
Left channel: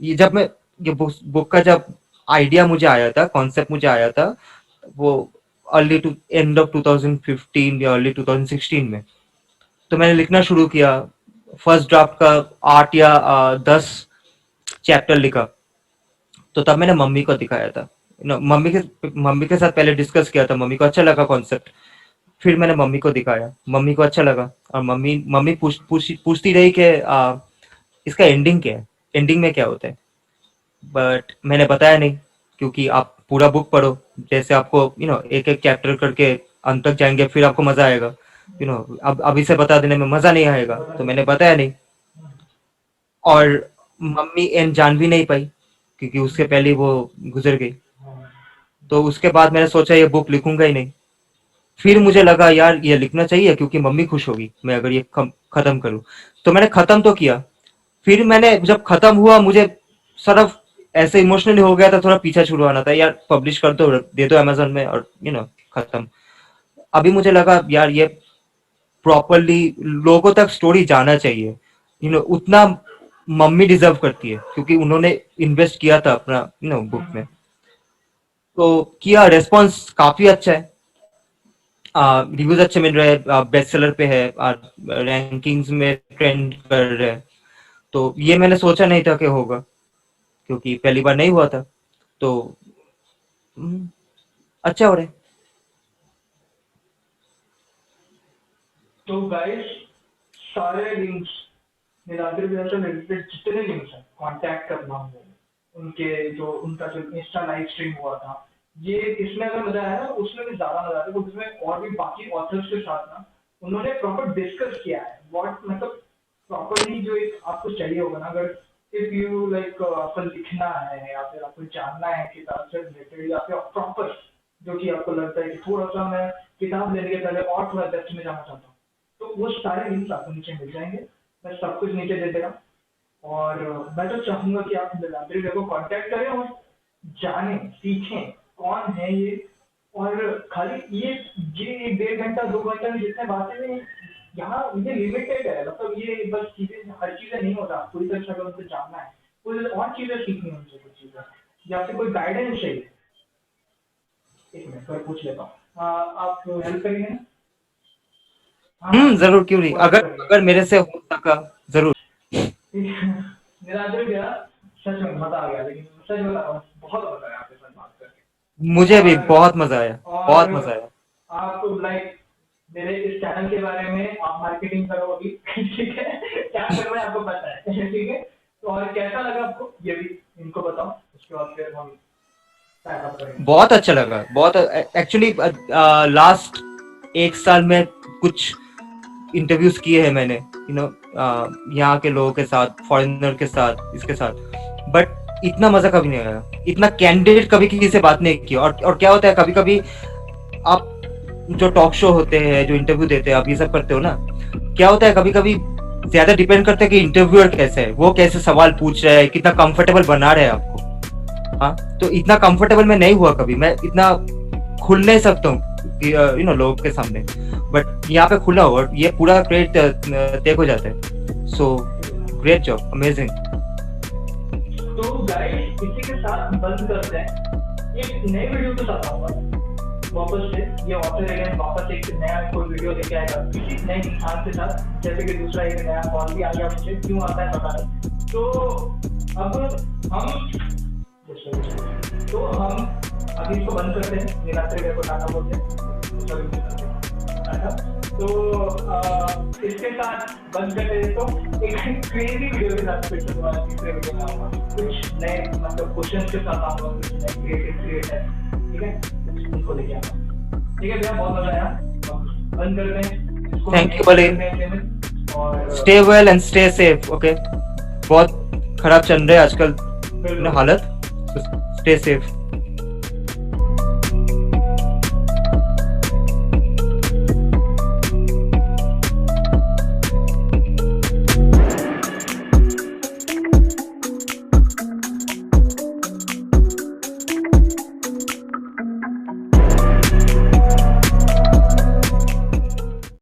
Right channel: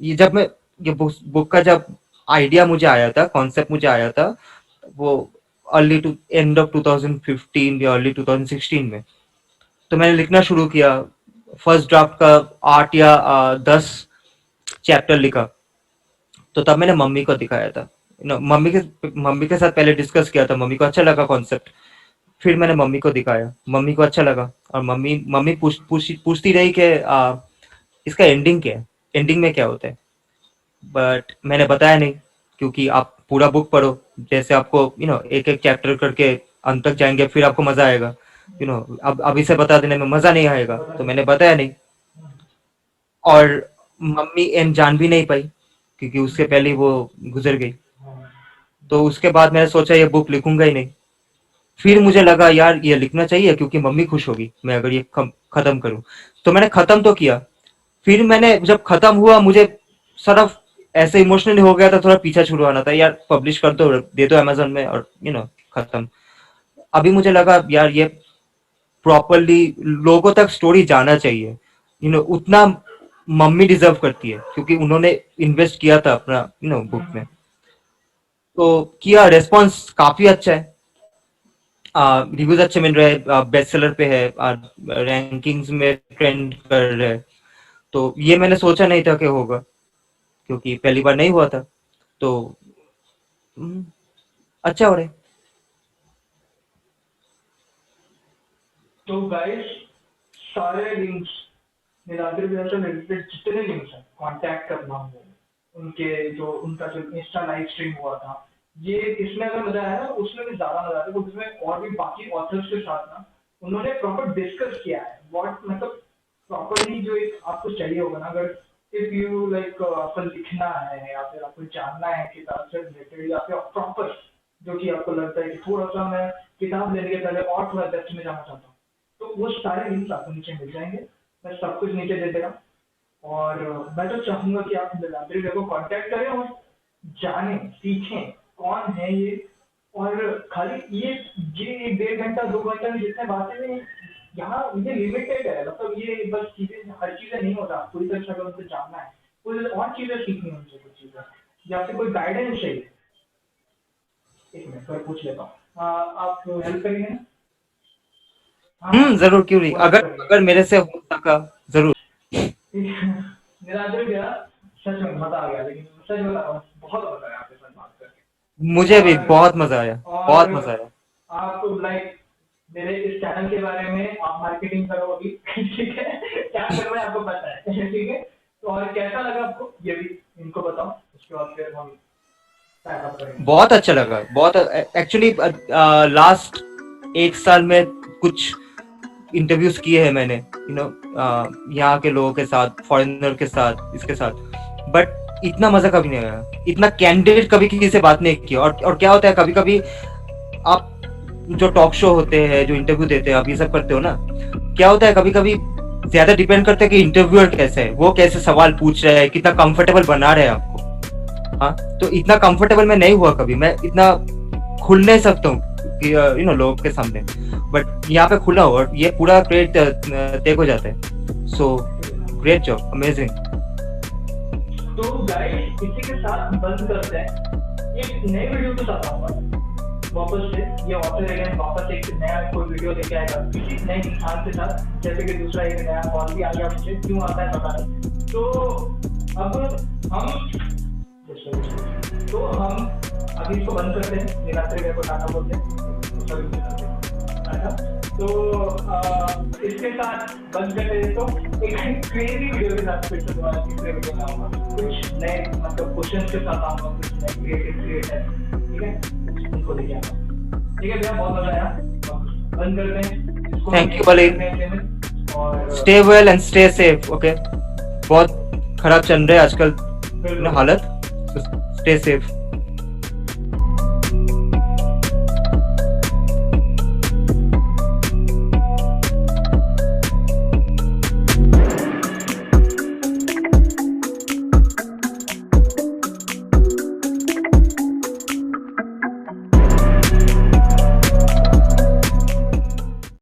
ये जब मैं ये बुक का जब आइडिया मुझे आया था, कॉन्सेप्ट मुझे आया था, वो अर्ली टू एंड ऑफ 2015 या अर्ली 2016 में। तो मैंने लिखना शुरू किया। फर्स्ट ड्राफ्ट का 8 या 10 चैप्टर लिखा। तो तब मैंने मम्मी को दिखाया था। मम्मी के साथ पहले डिस्कस किया था, मम्मी को अच्छा लगा कॉन्सेप्ट। फिर मैंने मम्मी को दिखाया, मम्मी को अच्छा लगा, और मम्मी मम्मी पूछती रही कि इसका एंडिंग क्या है, एंडिंग में क्या होता है। बट मैंने बताया नहीं, क्योंकि आप पूरा बुक पढ़ो, जैसे आपको एक एक चैप्टर करके अंत तक जाएंगे, फिर आपको मजा आएगा। अब अभी से बता देने में मजा नहीं आएगा, बता तो मैंने दीजिए। बताया नहीं। और मम्मी एंड जान भी नहीं पाई, क्योंकि उसके पहले ही वो गुजर गई। हाँ, तो उसके बाद मैंने सोचा ये बुक लिखूंगा ही नहीं। फिर मुझे लगा यार ये लिखना चाहिए, क्योंकि मम्मी खुश होगी मैं अगर ये खत्म करूं। तो मैंने खत्म तो किया। फिर मैंने जब खत्म हुआ, मुझे सिर्फ ऐसे इमोशनली हो गया था, थोड़ा पीछा छुड़वाना था यार, पब्लिश कर दो, दे दो अमेजोन में, और खत्म। अभी मुझे लगा यार ये प्रॉपरली लोगों तक स्टोरी जाना चाहिए। उतना मम्मी डिजर्व करती है, क्योंकि उन्होंने इन्वेस्ट किया था अपना बुक में। तो किया, रेस्पॉन्स काफी अच्छा है, रिव्यूज अच्छे मिल रहे हैं, बेस्ट सेलर पे है, रैंकिंग्स में ट्रेंड कर रहे हैं। तो ये मैंने सोचा नहीं था कि होगा, क्योंकि पहली बार नहीं हुआ था। तो हम्म, अच्छा हो रहा है। तो गाइस, सारे लिंक्स नीलाद्री भैया से रिलेटेड जितने लिंक्स हैं, कांटेक्ट करना हो, उनके जो उनका जो इंस्टा लाइव स्ट्रीम हुआ था, ये इसमें अगर मजा आया ना, उसमें भी ज्यादा मजा आता है, क्योंकि इसमें और भी बाकी ऑथर्स के साथ ना उन्होंने प्रॉपर डिस्कस किया है व्हाट, मतलब प्रॉपरली जो एक आपको चाहिए होगा ना, अगर इफ यू लाइक आपको लिखना है या फिर आपको जानना है किताब से रिलेटेड, या फिर प्रॉपर जो कि आपको लगता है कि थोड़ा सा मैं किताब लेने के पहले और थोड़ा डेप्थ में जाना चाहता हूँ, तो वो सारे लिंक्स आपको नीचे मिल जाएंगे। मैं सब कुछ नीचे दे दे रहा हूँ, और मैं तो चाहूंगा कि आप नीलाद्री को कांटेक्ट करें और जानें, सीखें कौन है ये। और खाली ये 1.5 घंटा 2 घंटा में जितने बातें हैं, यहाँ ये लिमिटेड है, मतलब ये बस चीजें, हर चीजें नहीं होता पूरी तरह से, अगर उनको जानना है कुछ और चीजें सीखनी है उनसे, कुछ चीजें या फिर कोई गाइडेंस चाहिए। एक मिनट मैं पूछ लेता हूँ, आप हेल्प करेंगे ना? हाँ हाँ, जरूर, क्यों नहीं, वो हेल्प अगर करेंगे। अगर मेरे से हो सका, जरूर। निरादर गया, सच में मजा आ गया, लेकिन सच बता रहा हूँ बहुत मजा आया आपके साथ बात करके। मुझे भी और बहुत मजा आया, और बहुत मजा आया। आप लाइक मेरे इस चैनल के बारे में आप मार्केटिंग करो अभी ठीक है, क्या करना है आपको पता है ठीक है। तो और कैसा लगा आपको ये भी इनको बताओ, उसके बाद फिर हम पैकअप करेंगे। बहुत अच्छा लगा, बहुत एक्चुअली लास्ट 1 साल में कुछ इंटरव्यूज किए हैं मैंने, यहाँ के लोगों के साथ, फॉरेनर के साथ, इसके साथ, बट इतना मजा कभी नहीं आया, इतना कैंडिडेट कभी किसी से बात नहीं की। और क्या होता है, कभी कभी आप जो टॉक शो होते हैं, जो इंटरव्यू देते हैं, आप ये सब करते हो ना, क्या होता है कभी कभी ज्यादा डिपेंड करता है कि इंटरव्यूअर कैसे है, वो कैसे सवाल पूछ रहा है, कितना कंफर्टेबल बना रहे हैं आपको। हाँ, तो इतना कंफर्टेबल मैं नहीं हुआ कभी, मैं इतना खुल नहीं सकता हूँ लोगों के सामने, बट यहाँ पे खुला हो और ये पूरा क्रेडिट तय हो जाता है। So great job, amazing. तो गाइस इसी के साथ बंद करते हैं, एक नए वीडियो के साथ आऊंगा वापस से। ये ऑथर एलियन वापस एक नया कोई वीडियो लेके आएगा किसी नए इंसान के साथ, जैसे कि दूसरा एक नया कॉल भी आ गया मुझे, क्यों आता है पता नहीं। तो अब हम अभी इसको बंद करते हैं, निराश्री मेरे को टाटा बोलते हैं टाटा। तो इसके साथ बंद करते हैं, तो एक क्रेजी वीडियो के साथ फिर से दोबारा तीसरे वीडियो में आऊंगा, कुछ नए मतलब क्वेश्चन के साथ आऊंगा, कुछ नए क्रिएटर, ठीक है, उनको लेके आऊंगा। ठीक है भैया, बहुत मजा आया, बंद करते हैं। थैंक यू बले, और stay well and stay safe. Okay, बहुत खराब चल रहे हैं आजकल हालत, स्टे सेफ।